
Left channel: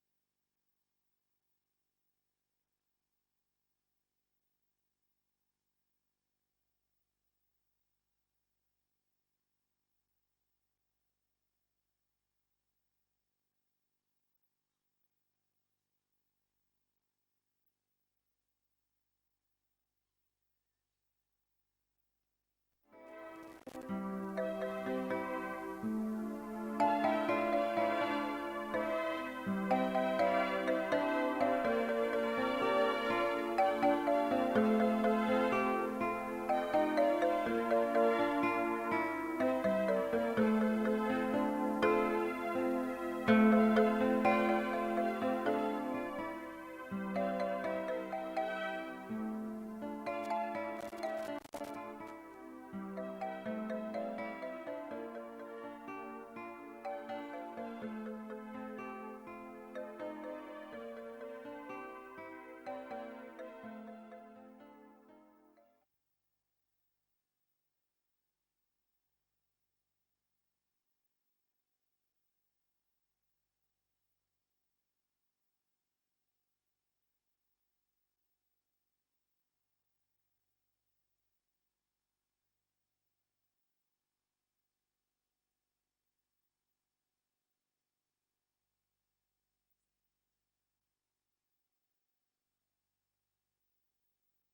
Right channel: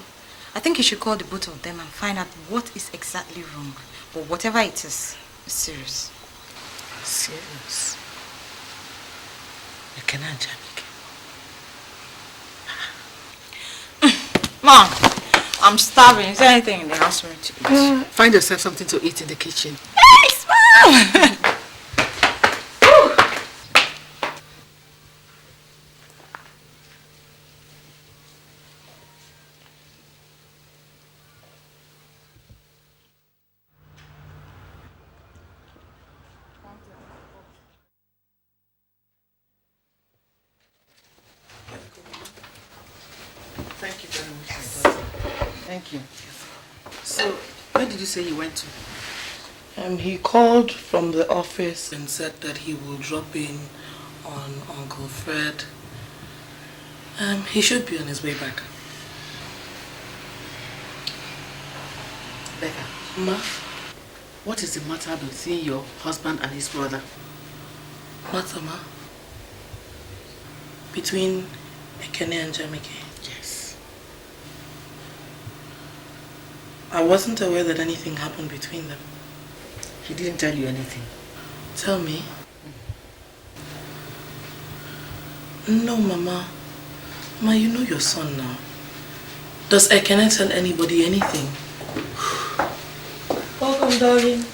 I think you should call the both of them and find out what is exactly wrong. But whatever it is, it's serious. Serious? Ekene and Jamike. Mom, I'm starving. Is there anything in the house for me to eat? Find yourself something to eat in the kitchen. Thanks, Mom! You went to? He called from the office and said that he will drop in on Uncle Fred. He should be on his way back. Becca. Ma? What is the matter between your husband and his brother? Matter, Ma? Between Ekene and Jamike? Yes. I wasn't aware that anything happened between them. He didn't tell you anything? Tell me. No, Mama. Ma, you know your son now. Does Ekene tell anybody anything? Welcome, darling.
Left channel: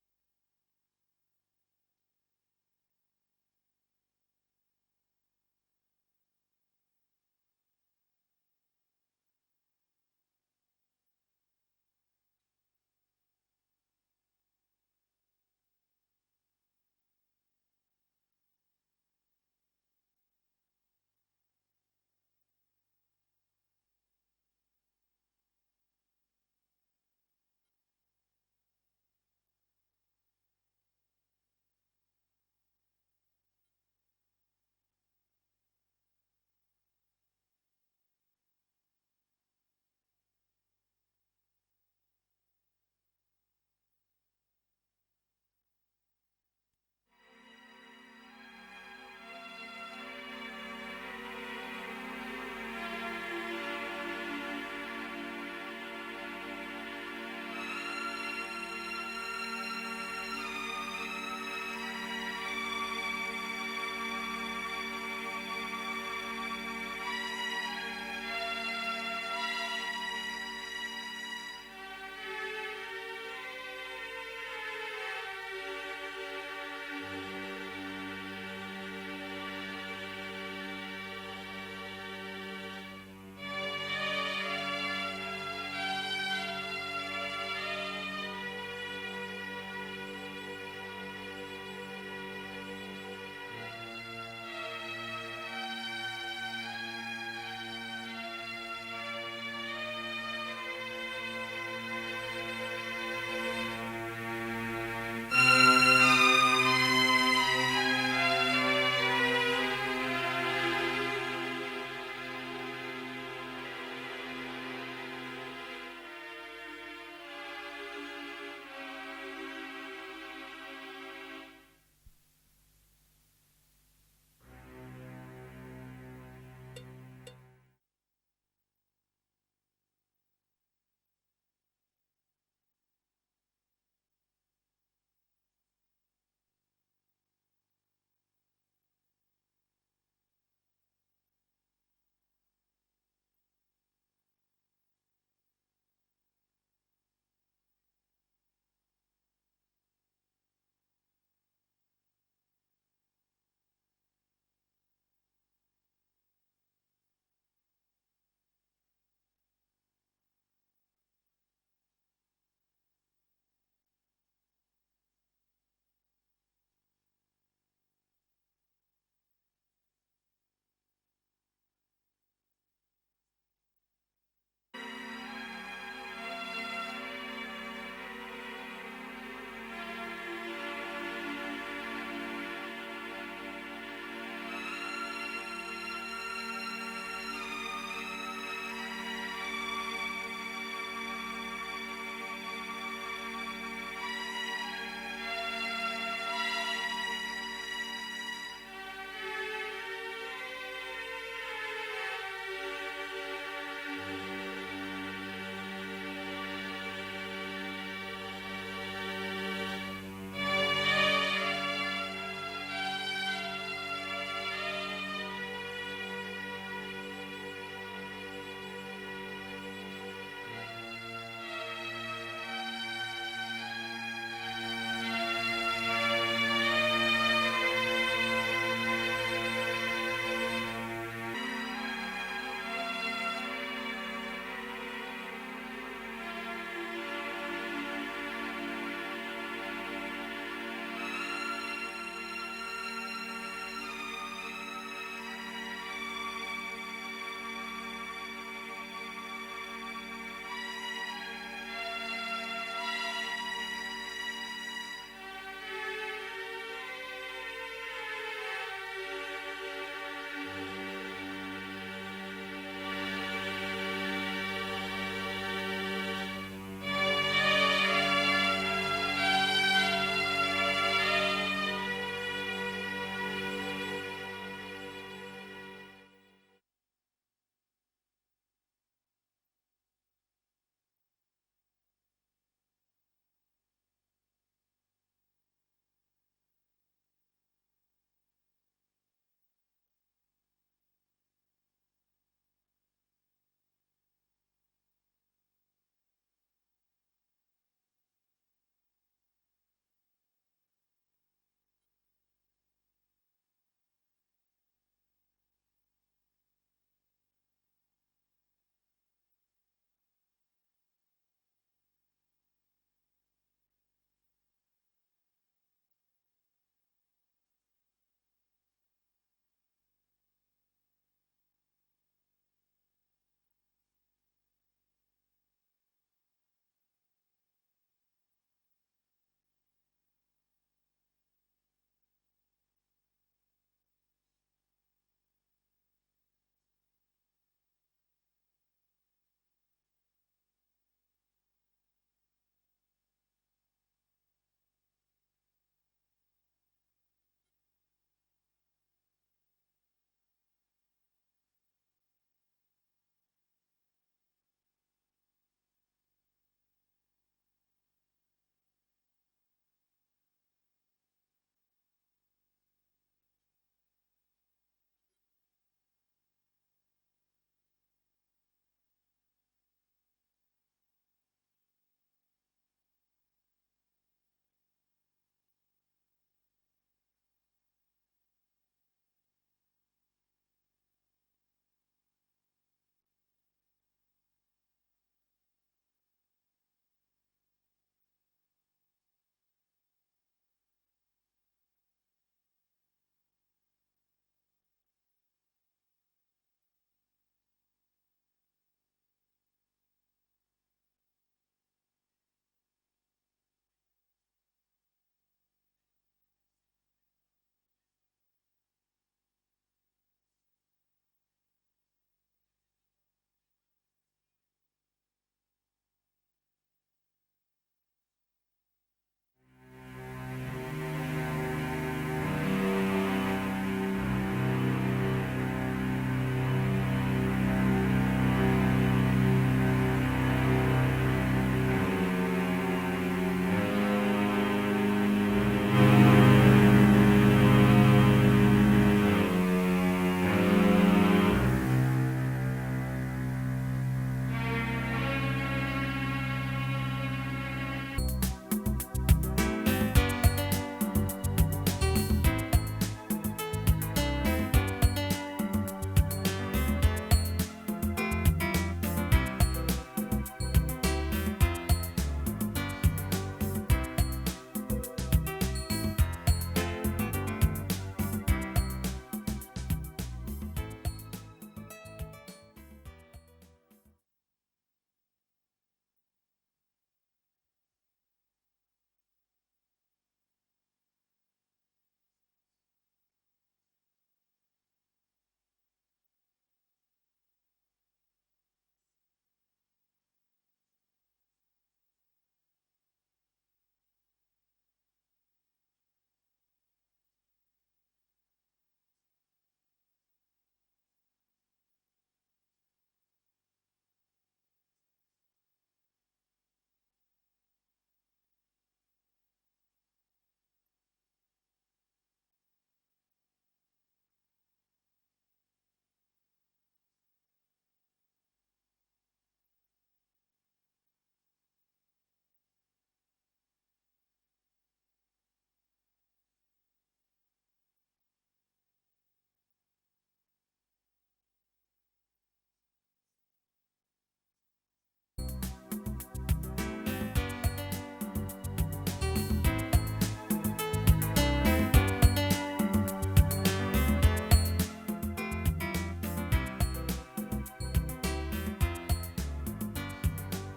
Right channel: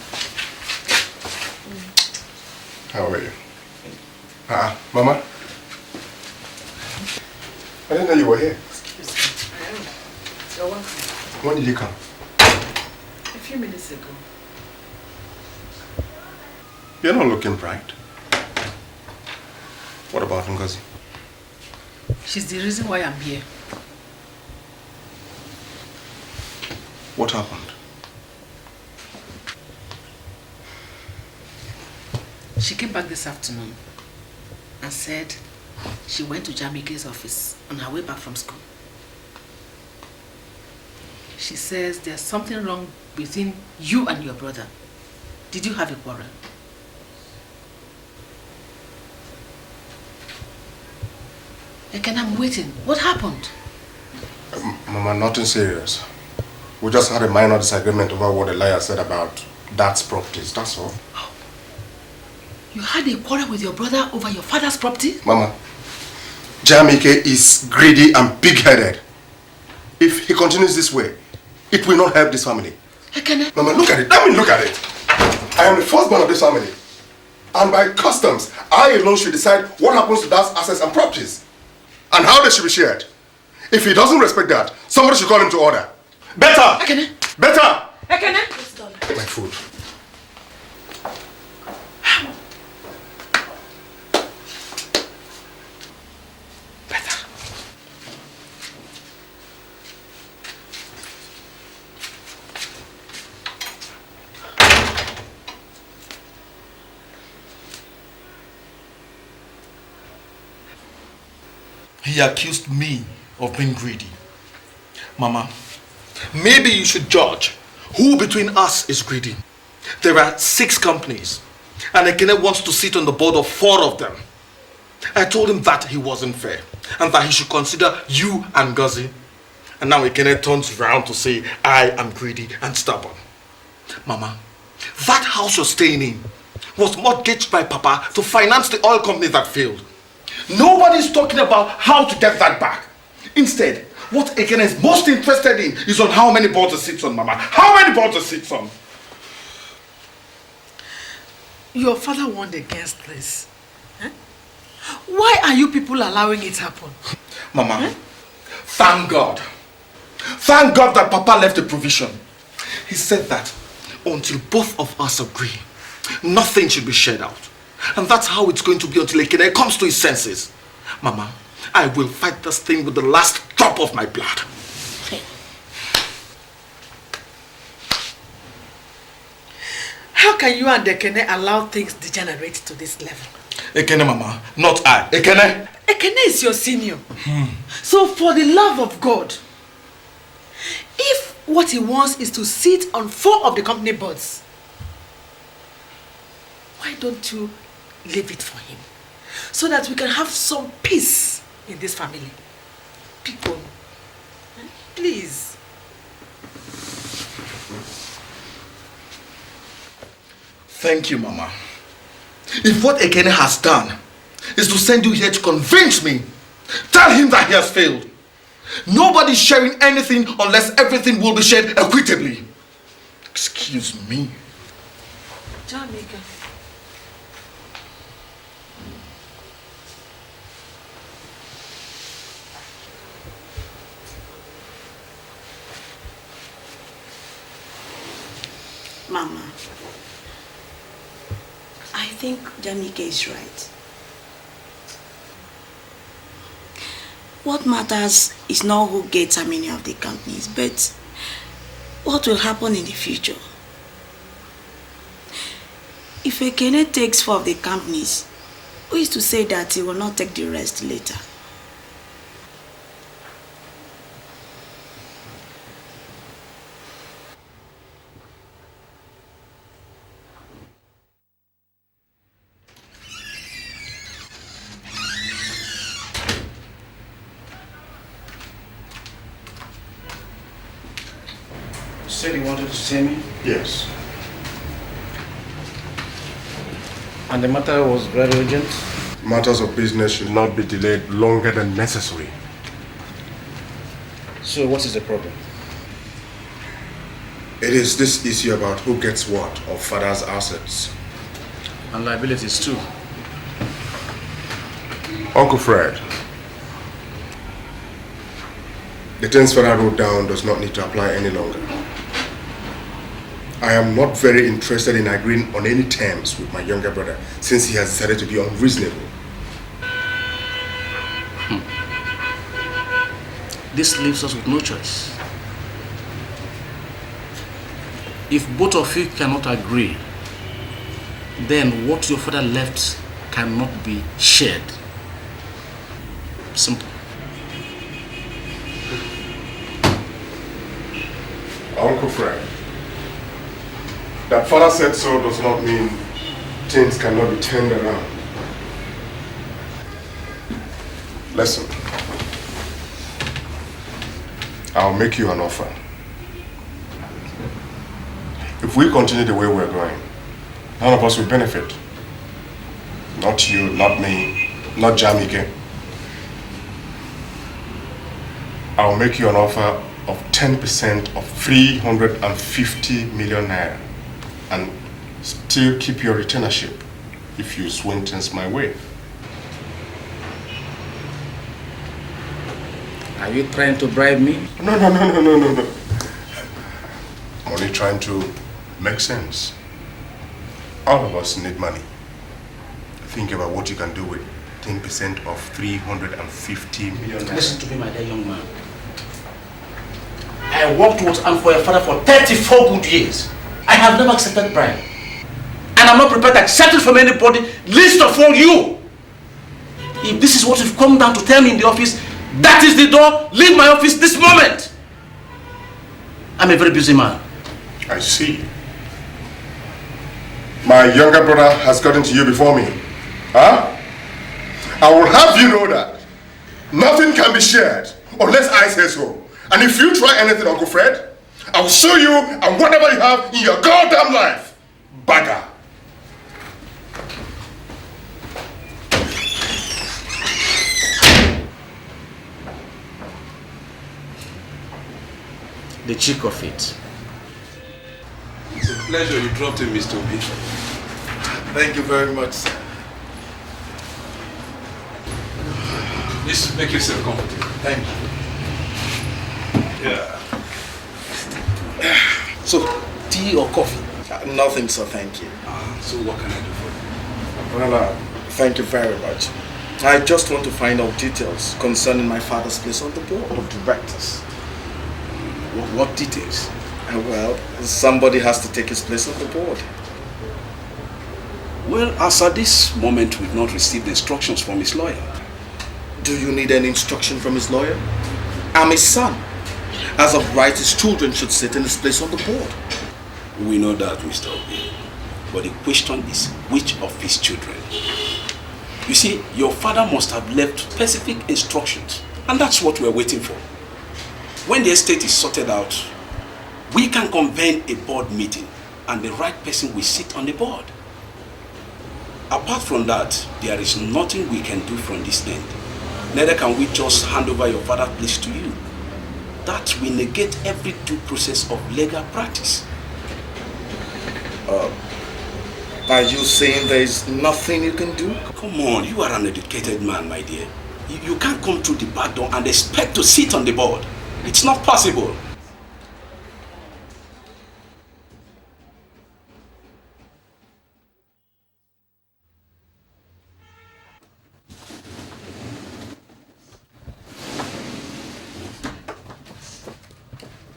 How are you? Mama? I didn't know you were here. Excuse me. I am. You're welcome. When did you come? A few minutes ago. You're not looking bright. What about Ngozi? She's the reason why I'm here. What happened? She came back this afternoon and said she went to Jamike's office on her way back from school. She says there's something wrong between you and your brother. Did you have a quarrel? Ekene, I'm waiting. What happened? Mama, nothing serious. We just had a minor disagreement over what the liar said about dad's properties, that's all. You had a quarrel with your brother over your father's property? Mama, Jamike is greedy and big-headed. If he continues this way, it will not help this family. Ekene. Mama, look at it. Let me look at it. I am the firstborn of this family. And by customs, I alone should decide what happens to dad's assets and properties. And how they should be shared. If he doesn't respect that, somebody should call him to order. Better! Ekene! Better! Ekene! Get my food. Better. He accused me of being greedy. Mama, maybe you should judge who between us is greedy. There are 6 companies, and Ekene wants to sit on the board of 4 of them. I told him that he wasn't fair, and that he should consider you and Ngozi. And now Ekene turns around to say I am greedy and stubborn. Mama, that house you're staying in was mortgaged by Papa to finance the oil company that failed. Nobody's talking about how to get that back. Instead, what Ekene is most interested in is on how many boards it sits on, Mama. How many boards it sits on? Your father warned against this. Huh? Why are you people allowing it happen? Mama, thank God. Thank God that Papa left a provision. He said that until both of us agree, nothing should be shared out. And that's how it's going to be until Ekene comes to his senses. Mama, I will fight this thing with the last drop of my blood. How can you and Ekene allow things degenerate to this level? Ekene, Mama, not I. Ekene. Ekene is your senior. So for the love of God, if what he wants is to sit on 4 of the company boards, why don't you leave it for him? So that we can have some peace in this family. People, please. Thank you, Mama. If what Ekene has done is to send you here to convince me, tell him that he has failed. Nobody's sharing anything unless everything will be shared equitably. Excuse me. Mama, I think Jamike is right. What matters is not who gets how many of the companies, but what will happen in the future. If Ekene takes 4 of the companies, who is to say that he will not take the rest later? You said you wanted to see me? Yes. And the matter was very urgent? Matters of business should not be delayed longer than necessary. So what is the problem? It is this issue about who gets what of father's assets. And liabilities too. Uncle Fred, The terms Father wrote down does not need to apply any longer. I am not very interested in agreeing on any terms with my younger brother since he has decided to be unreasonable. This leaves us with no choice. If both of you cannot agree, then what your father left cannot be shared. Simple. Uncle Fred, that father said so does not mean things cannot be turned around. Listen, I'll make you an offer. If we continue the way we're going, none of us will benefit. Not you, not me, not Jamike. I'll make you an offer of 10% of 350 million naira and still keep your retainership if you swing things my way. Are you trying to bribe me? No. I'm only trying to make sense. All of us need money. Think about what you can do with 10% of 350 million naira. Listen to me, my dear young man. I worked with and for your father for 34 good years. I have never accepted bribe. And I'm not prepared to accept it from anybody, least of all you. If this is what you've come down to tell me in the office, that is the door. Leave my office this moment. I'm a very busy man. I see. My younger brother has gotten to you before me. Huh? I will have you know that nothing can be shared unless I say so. And if you try anything, Uncle Fred, I will show you and whatever you have in your goddamn life. Bagger. The cheek of it. It's a pleasure you dropped in, Mr. Obi. Thank you very much, sir. Just make yourself comfortable. Thank you. Yeah. So, tea or coffee? Nothing, sir, thank you. So what can I do for you? Well, thank you very much. I just want to find out details concerning my father's place on the board of directors. What details? Well, somebody has to take his place on the board. Well, as at this moment, we've not received instructions from his lawyer. Do you need any instruction from his lawyer? I'm his son. As of right, his children should sit in his place on the board. We know that, Mr. Obi. But the question is, which of his children? You see, your father must have left specific instructions, and that's what we're waiting for. When the estate is sorted out, we can convene a board meeting, and the right person will sit on the board. Apart from that, there is nothing we can do from this end. Neither can we just hand over your father's place to you. That will negate every due process of legal practice. Are you saying there is nothing you can do? Come on, you are an educated man, my dear. You can't come through the back door and expect to sit on the board. It's not possible.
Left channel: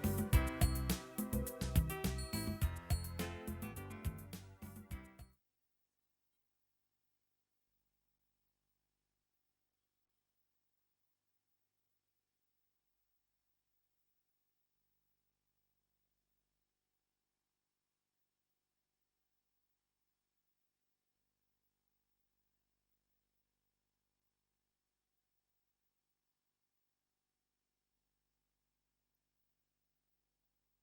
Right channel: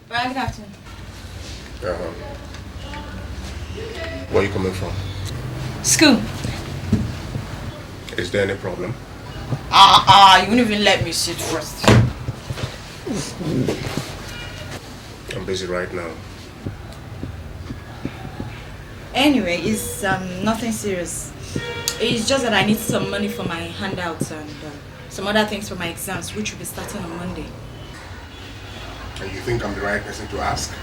Well, good afternoon. Where are you coming from? School. Is there any problem? You wouldn't even let me sit first. I'm busy right now. Anyway, it's nothing serious. It's just that I need some money for my handouts and some other things for my exams, which will be starting on Monday. And you think I'm the right person to ask?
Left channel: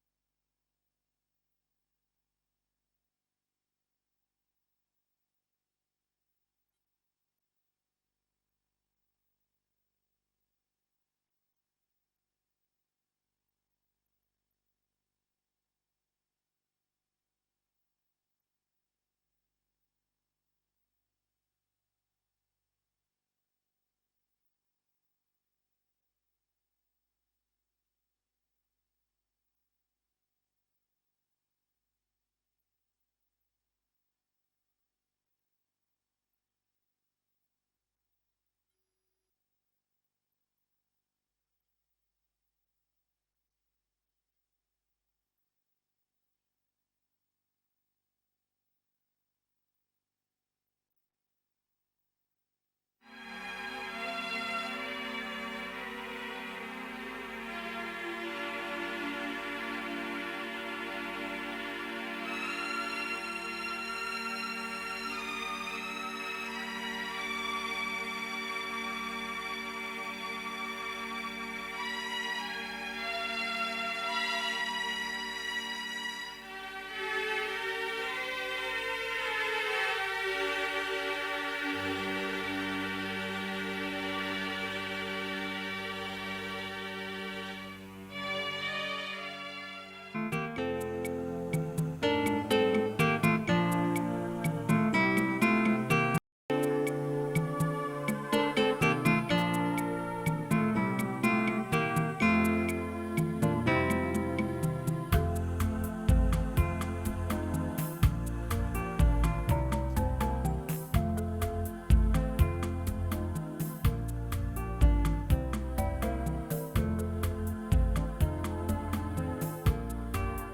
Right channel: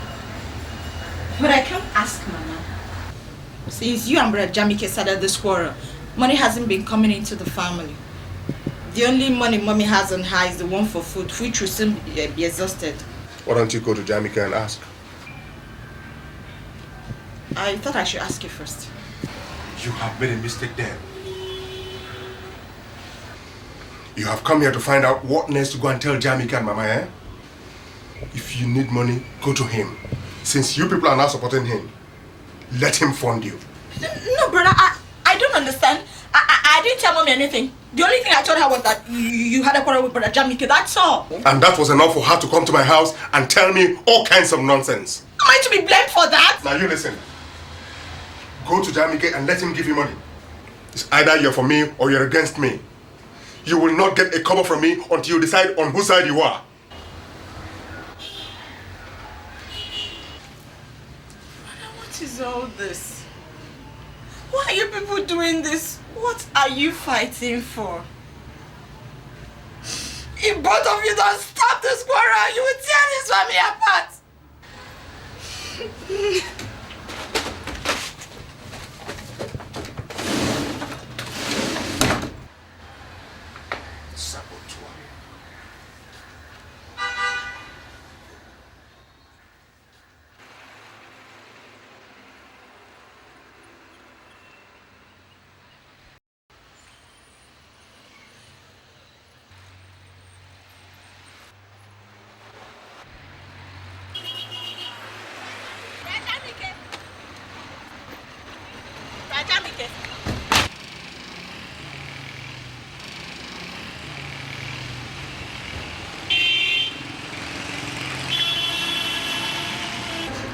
But I can't ask, Mama. Since you and Brother Jamike started this quarrel, money hasn't been coming into the family. The only money Mommy has on her is the one for food, which will soon be exhausted. Why don't you go to Jamike and ask? I thought I should ask you first. You have made a mistake then. You have come here to find out what next to go and tell Jamike and Mama, eh? If you need money, go to him. Since you people are now supporting him, let him fund you. No, brother, I don't understand. I didn't tell mommy anything. The only thing I told her was that you had a quarrel with brother Jamike, that's all. And that was enough for her to come to my house and tell me all kinds of nonsense. Am I to be blamed for that? Now you listen. Go to Jamike and let him give you money. It's either you're for me or you're against me. You will not get a cover from me until you decide on whose side you are. What is all this? Why are you people doing this? What are you fighting for? If both of you don't stop this quarrel, you will tear this family apart.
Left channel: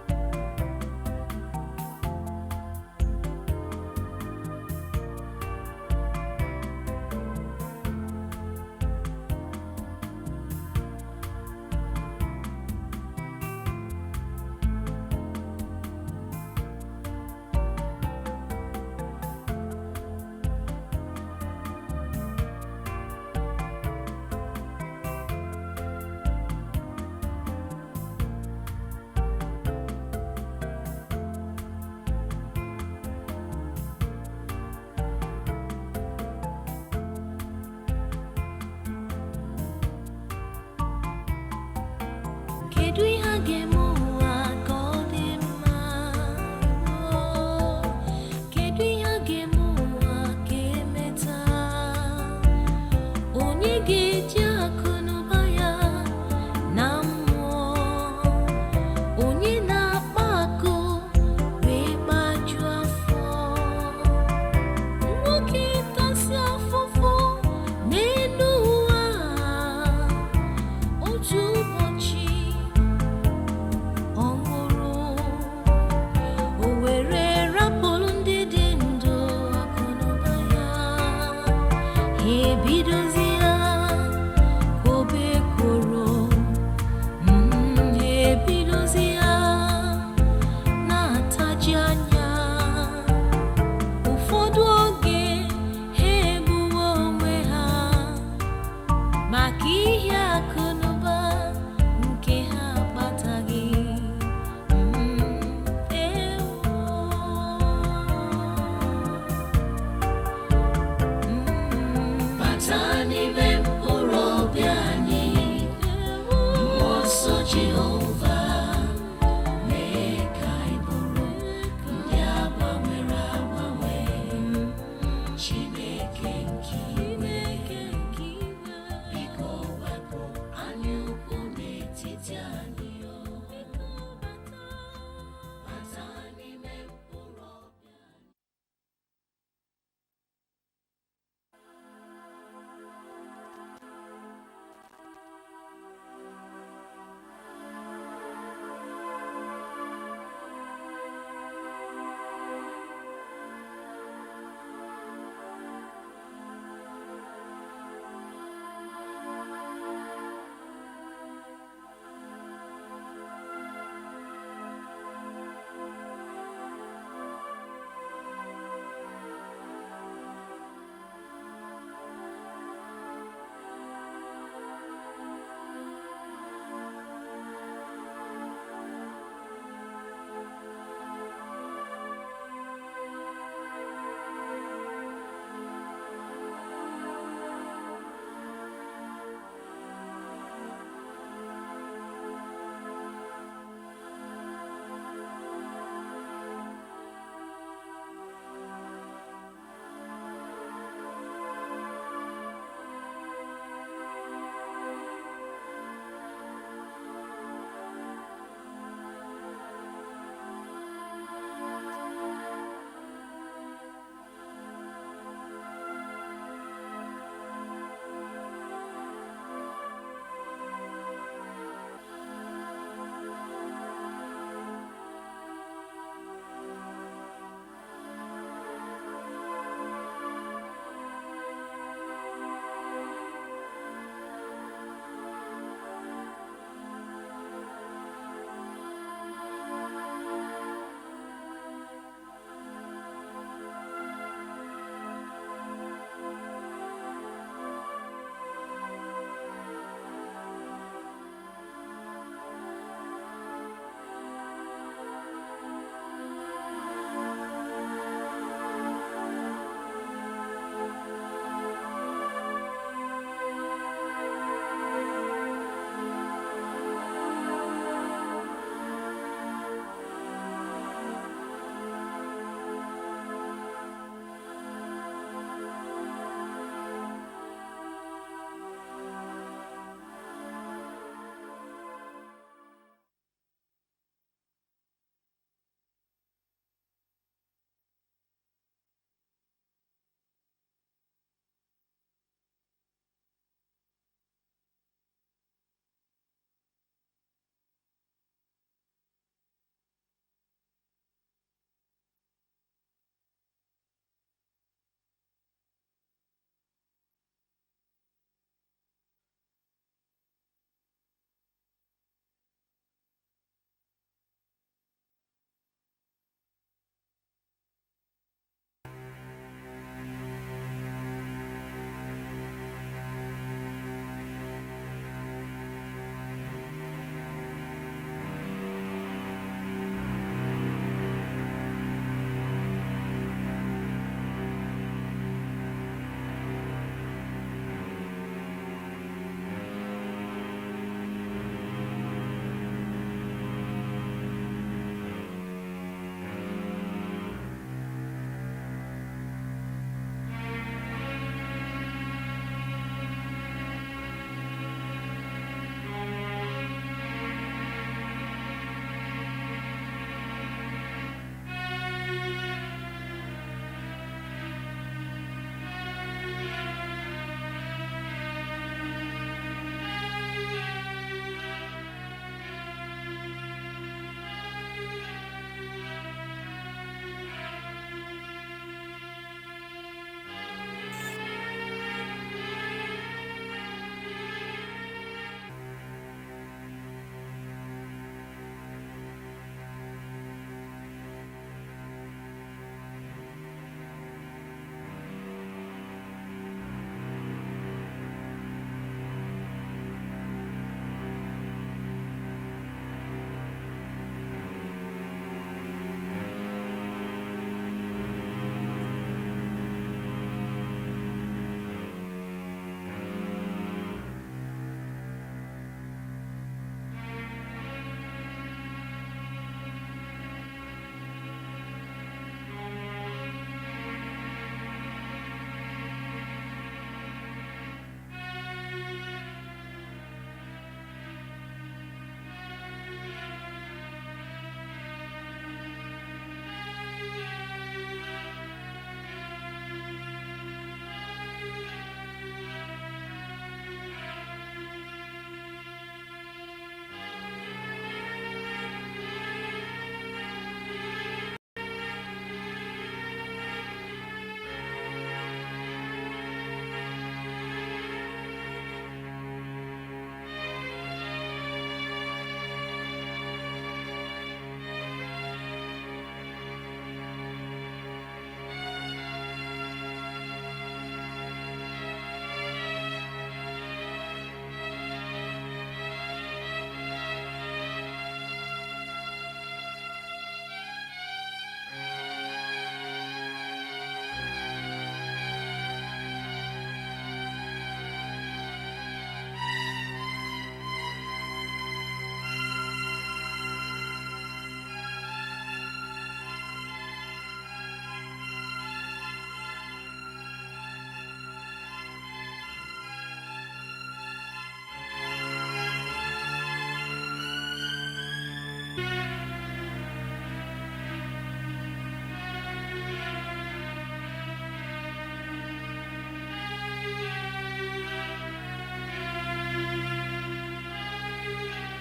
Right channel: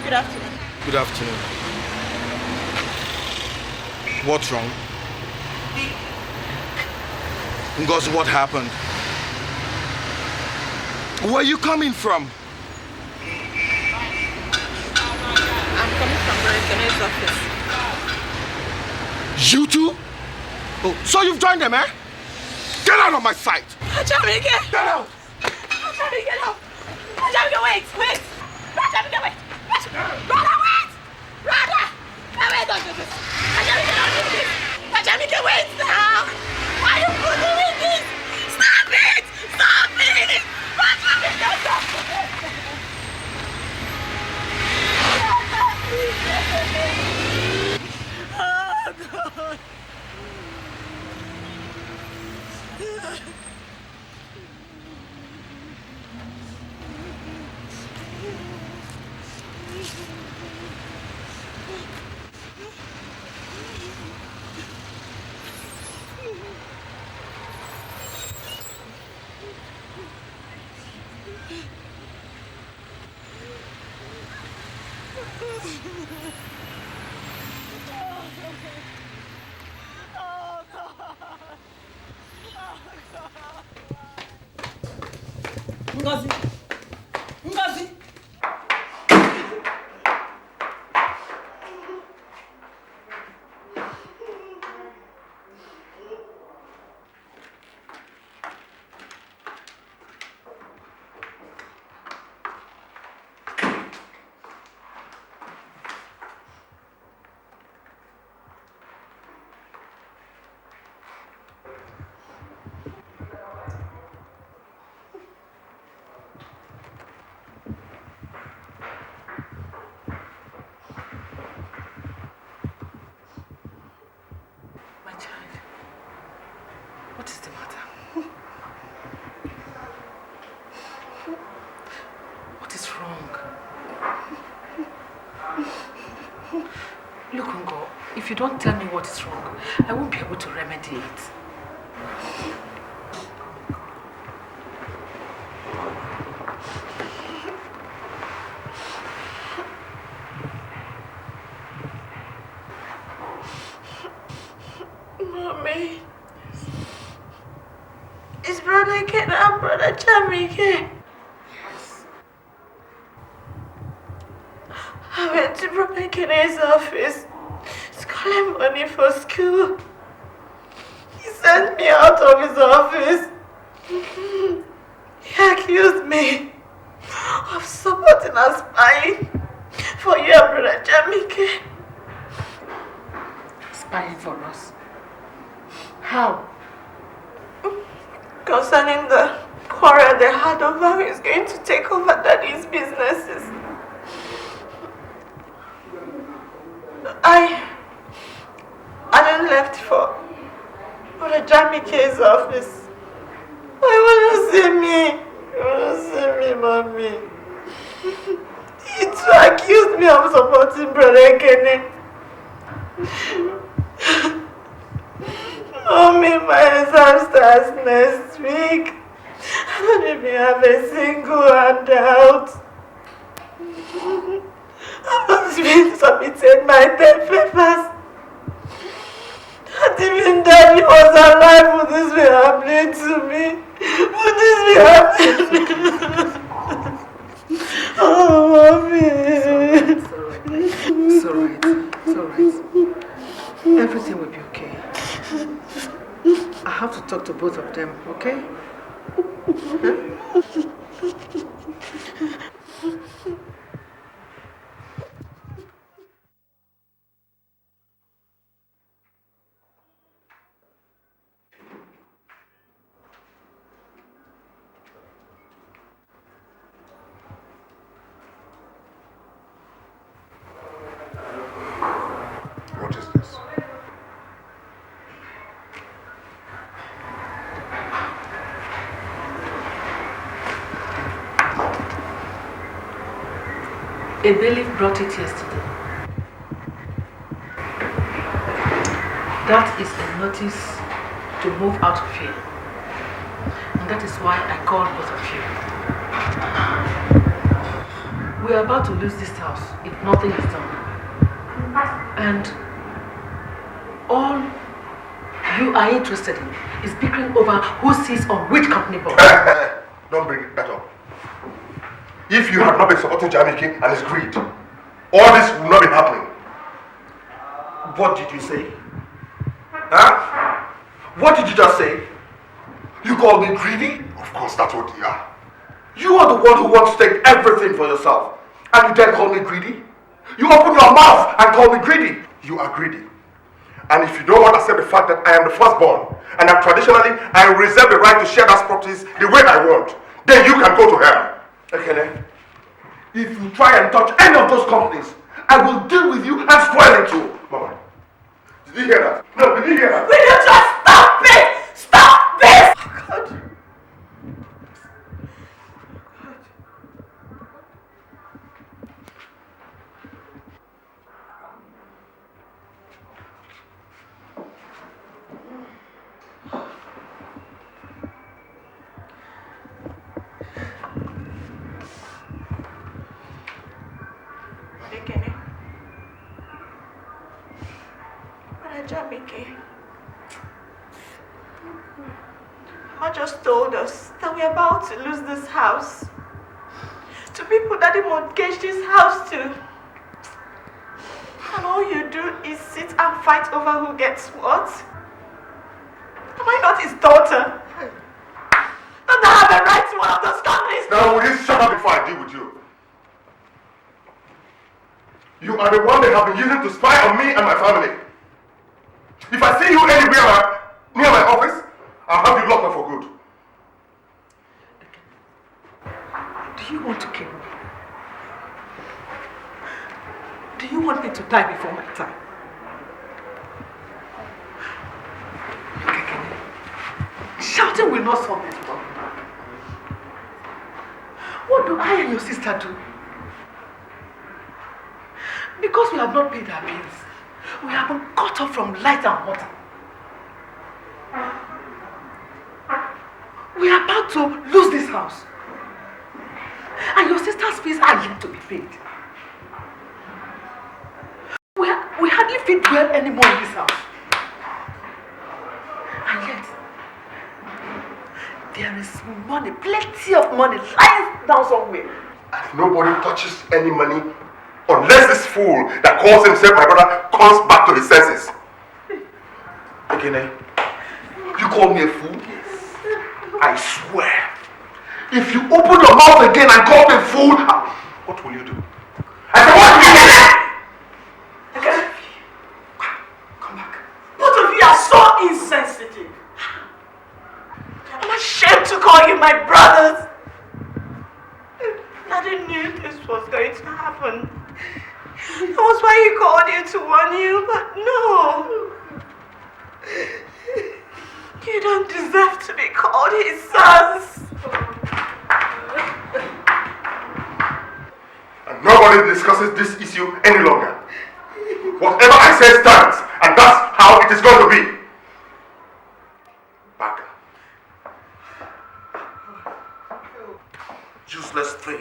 Good afternoon. Good afternoon. What's wrong? Ngozi, what happened? Where are you coming from? I'm coming from Ekene's office. You too? Oh, so you've joined them, eh? Get out of my sight! Jamike! Get out! Jamike, get out! Jamike, wait! Jamike, wait! Brother, wait! Brother! Wait, don't do this! Jamike, wait now! Why are you doing this? Stop it! Stop it! If you don't tell me what is wrong, I won't be able to remedy it. Mommy, is brother Ekene and brother Jamike? I went to brother Ekene's office. Calling money for school. He sent me out of his office. He accused me of supporting and spying for your brother Jamike. Spying for us? How? Concerning the quarrel they had over who is going to take over Daddy's businesses. I then left for Jamike's office. I want to see me. I want to see me, Mommy. to accuse me of supporting Brother Ekene. Mommy, my exam starts next week. I don't even have a single handout. I've not even submitted my 10 papers. Not even Daddy was alive. Would this be happening to me? Would this be happening? Oh, Mommy. It's alright. It's alright. Everything will be okay. I have to talk to both of them, okay? Huh? What is this? A bailiff brought it yesterday. That is a notice to move out of here. And that is why I called both of you. We are about to lose this house if nothing is done. And all you are interested in is bickering over who sits on which company board. Don't bring that up. If you had not been supporting Jamike and his greed, all this would not be happening. What did you say? Huh? What did you just say? You called me greedy? Of course, that's what you are. You are the one who wants to take everything for yourself. And you dare call me greedy? You open your mouth and call me greedy. You are greedy. And if you don't want to accept the fact that I am the firstborn, and that traditionally I reserve the right to share those properties the way I want, then you can go to hell. Ekene, if you try and touch any of those companies, I will deal with you and spoil it too. Mama, did you hear that? No, did you hear that? Will you just stop it? Stop this! God. Jamike, I just told us that we're about to lose this house to people that they mortgaged this house to. And all you do is sit and fight over who gets what? Am I not his daughter? Don't I have the right to one of those companies? Now will you shut up before I deal with you? You are the one they have been using to spy on me and my family. If I see you anywhere near my office, I'll have you locked up for good. Do you want to kill me? Do you want me to die before my time? Shouting will not solve this problem. What do I and your sister do? Because we have not paid our bills, we have been cut off from light and water. We are about to lose this house. And your sister's fees are yet to be paid. We hardly fit well anymore in this house. And yet, there is money, plenty of money lying down somewhere. Nobody touches any money unless this fool that calls himself my brother comes back to his senses. Ekene, you call me a fool? I swear, if you open your mouth again and call me a fool, what will you do? I said, what will you do? Okay. Come back. Both of you are so insensitive. I'm ashamed to call you my brothers. I didn't knew this was going to happen. That was why he called you to warn you, but no. You don't deserve to be called his sons. And Nobody discusses this issue any longer. Whatever I say stands, and that's how it is going to be. Back. Useless thing.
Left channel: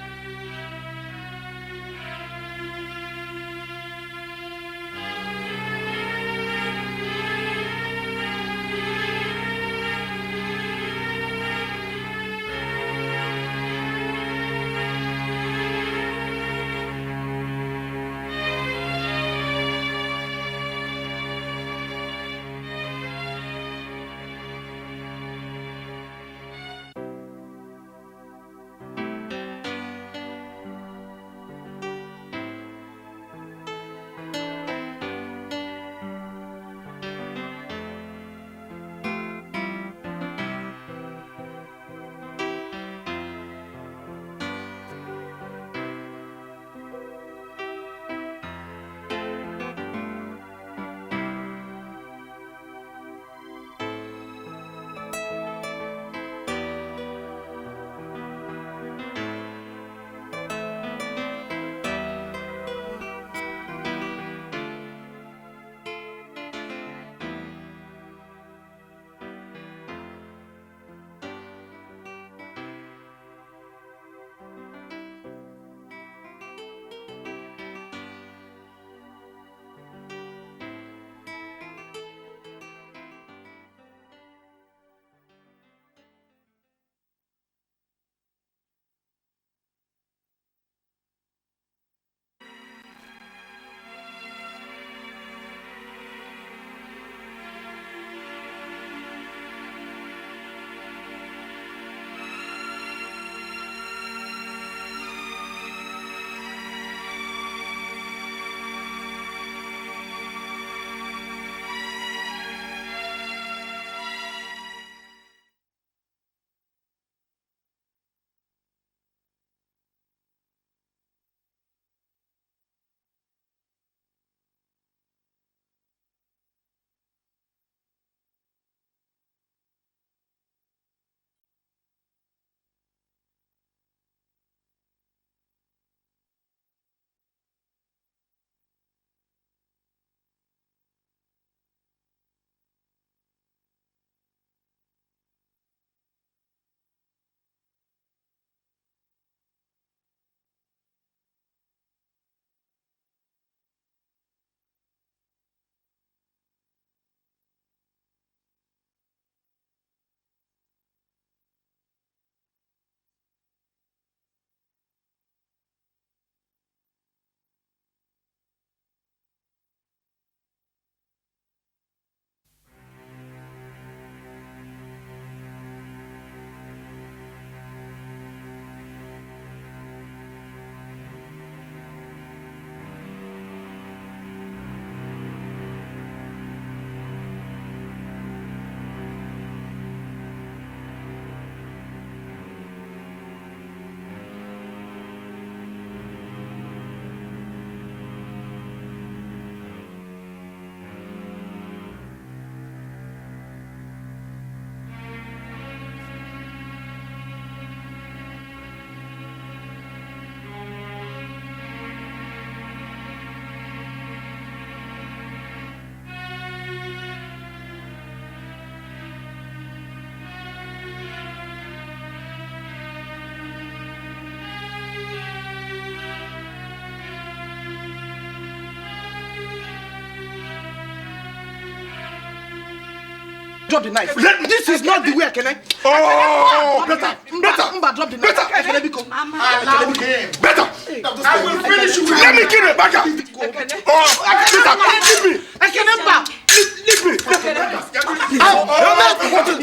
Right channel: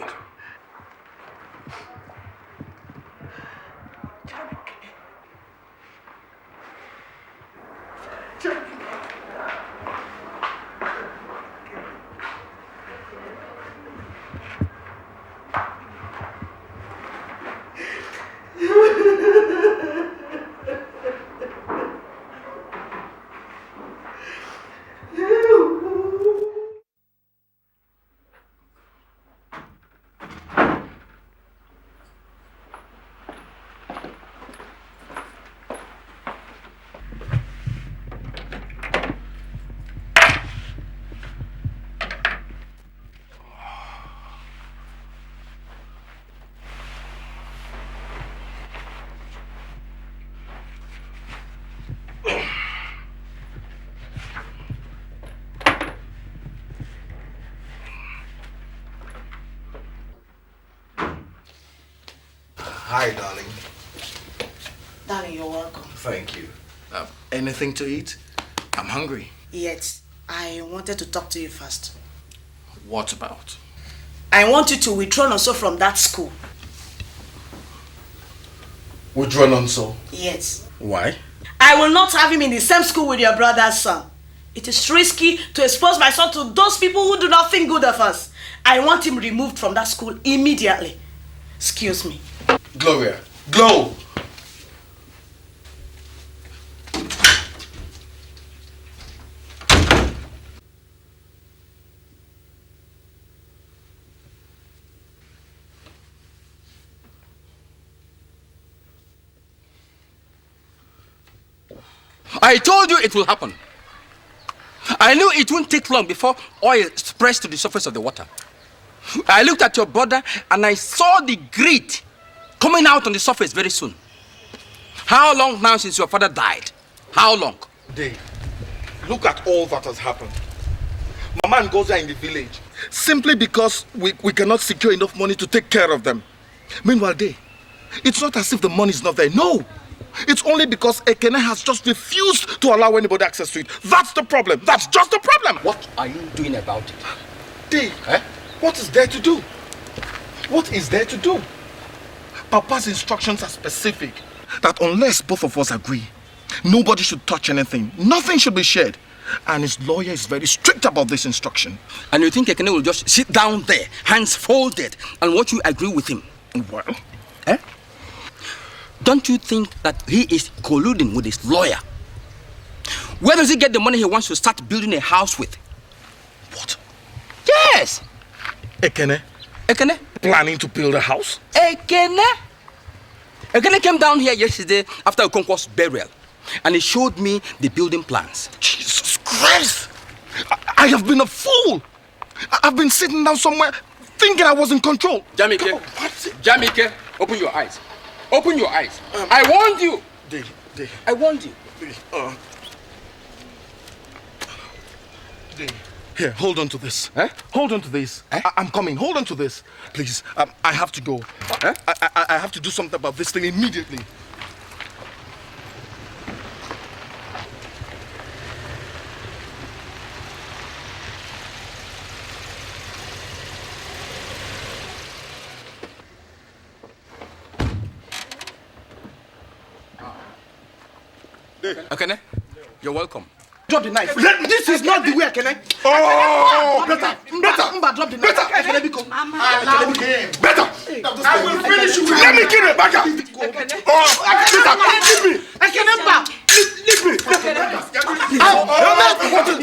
Hi, darling. Darling, you're welcome. Thank you. Anything to eat? I'm hungry. Yet, I wanted to talk to you first. What about? I want you to withdraw Nonso from that school. Withdraw Nonso? Yes. Why? I will not have him in the same school with your brother's son. It is risky to expose my son to those people who do not think good of us. I want him removed from that school immediately. Excuse me. Gloria. Glow! I told you it will happen. I knew it wouldn't take long before oil spreads to the surface of the water. I looked at your brother and I saw the grit coming out on the surface very soon. How long now since your father died? How long? Dave, look at all that has happened. Mama and Goza are in the village simply because we cannot secure enough money to take care of them. Meanwhile, Dave, it's not as if the money is not there. No. It's only because Ekene has just refused to allow anybody access to it. That's the problem. That's just the problem. What are you doing about it? Dave, what is there to do? What is there to do? Papa's instructions are specific. That unless both of us agree, nobody should touch anything. Nothing should be shared. And his lawyer is very strict about this instruction. And you think Ekene will just sit down there, hands folded, and watch you agree with him? Well, Don't you think that he is colluding with his lawyer? Where does he get the money he wants to start building a house with? What? Yes! Ekene? Ekene? Planning to build a house? Ekene? Ekene came down here yesterday after Ozokwor's burial, and he showed me the building plans. Jesus Christ! I have been a fool! I've been sitting down somewhere thinking I was in control. Jamike, Jamike, open your eyes. Open your eyes. I warned you. Dave. I warned you. Here, hold on to this. Hold on to this. I'm coming. Hold on to this. Please, I have to go. I have to do something about this thing immediately. Ekene, you're welcome. Drop the knife. This is not the way, Ekene. Oh, better. Drop the knife. Better. Allow him. Better. I will finish you. Let me kill it, Baka. Oh, leave me. Ekene, leave me. what is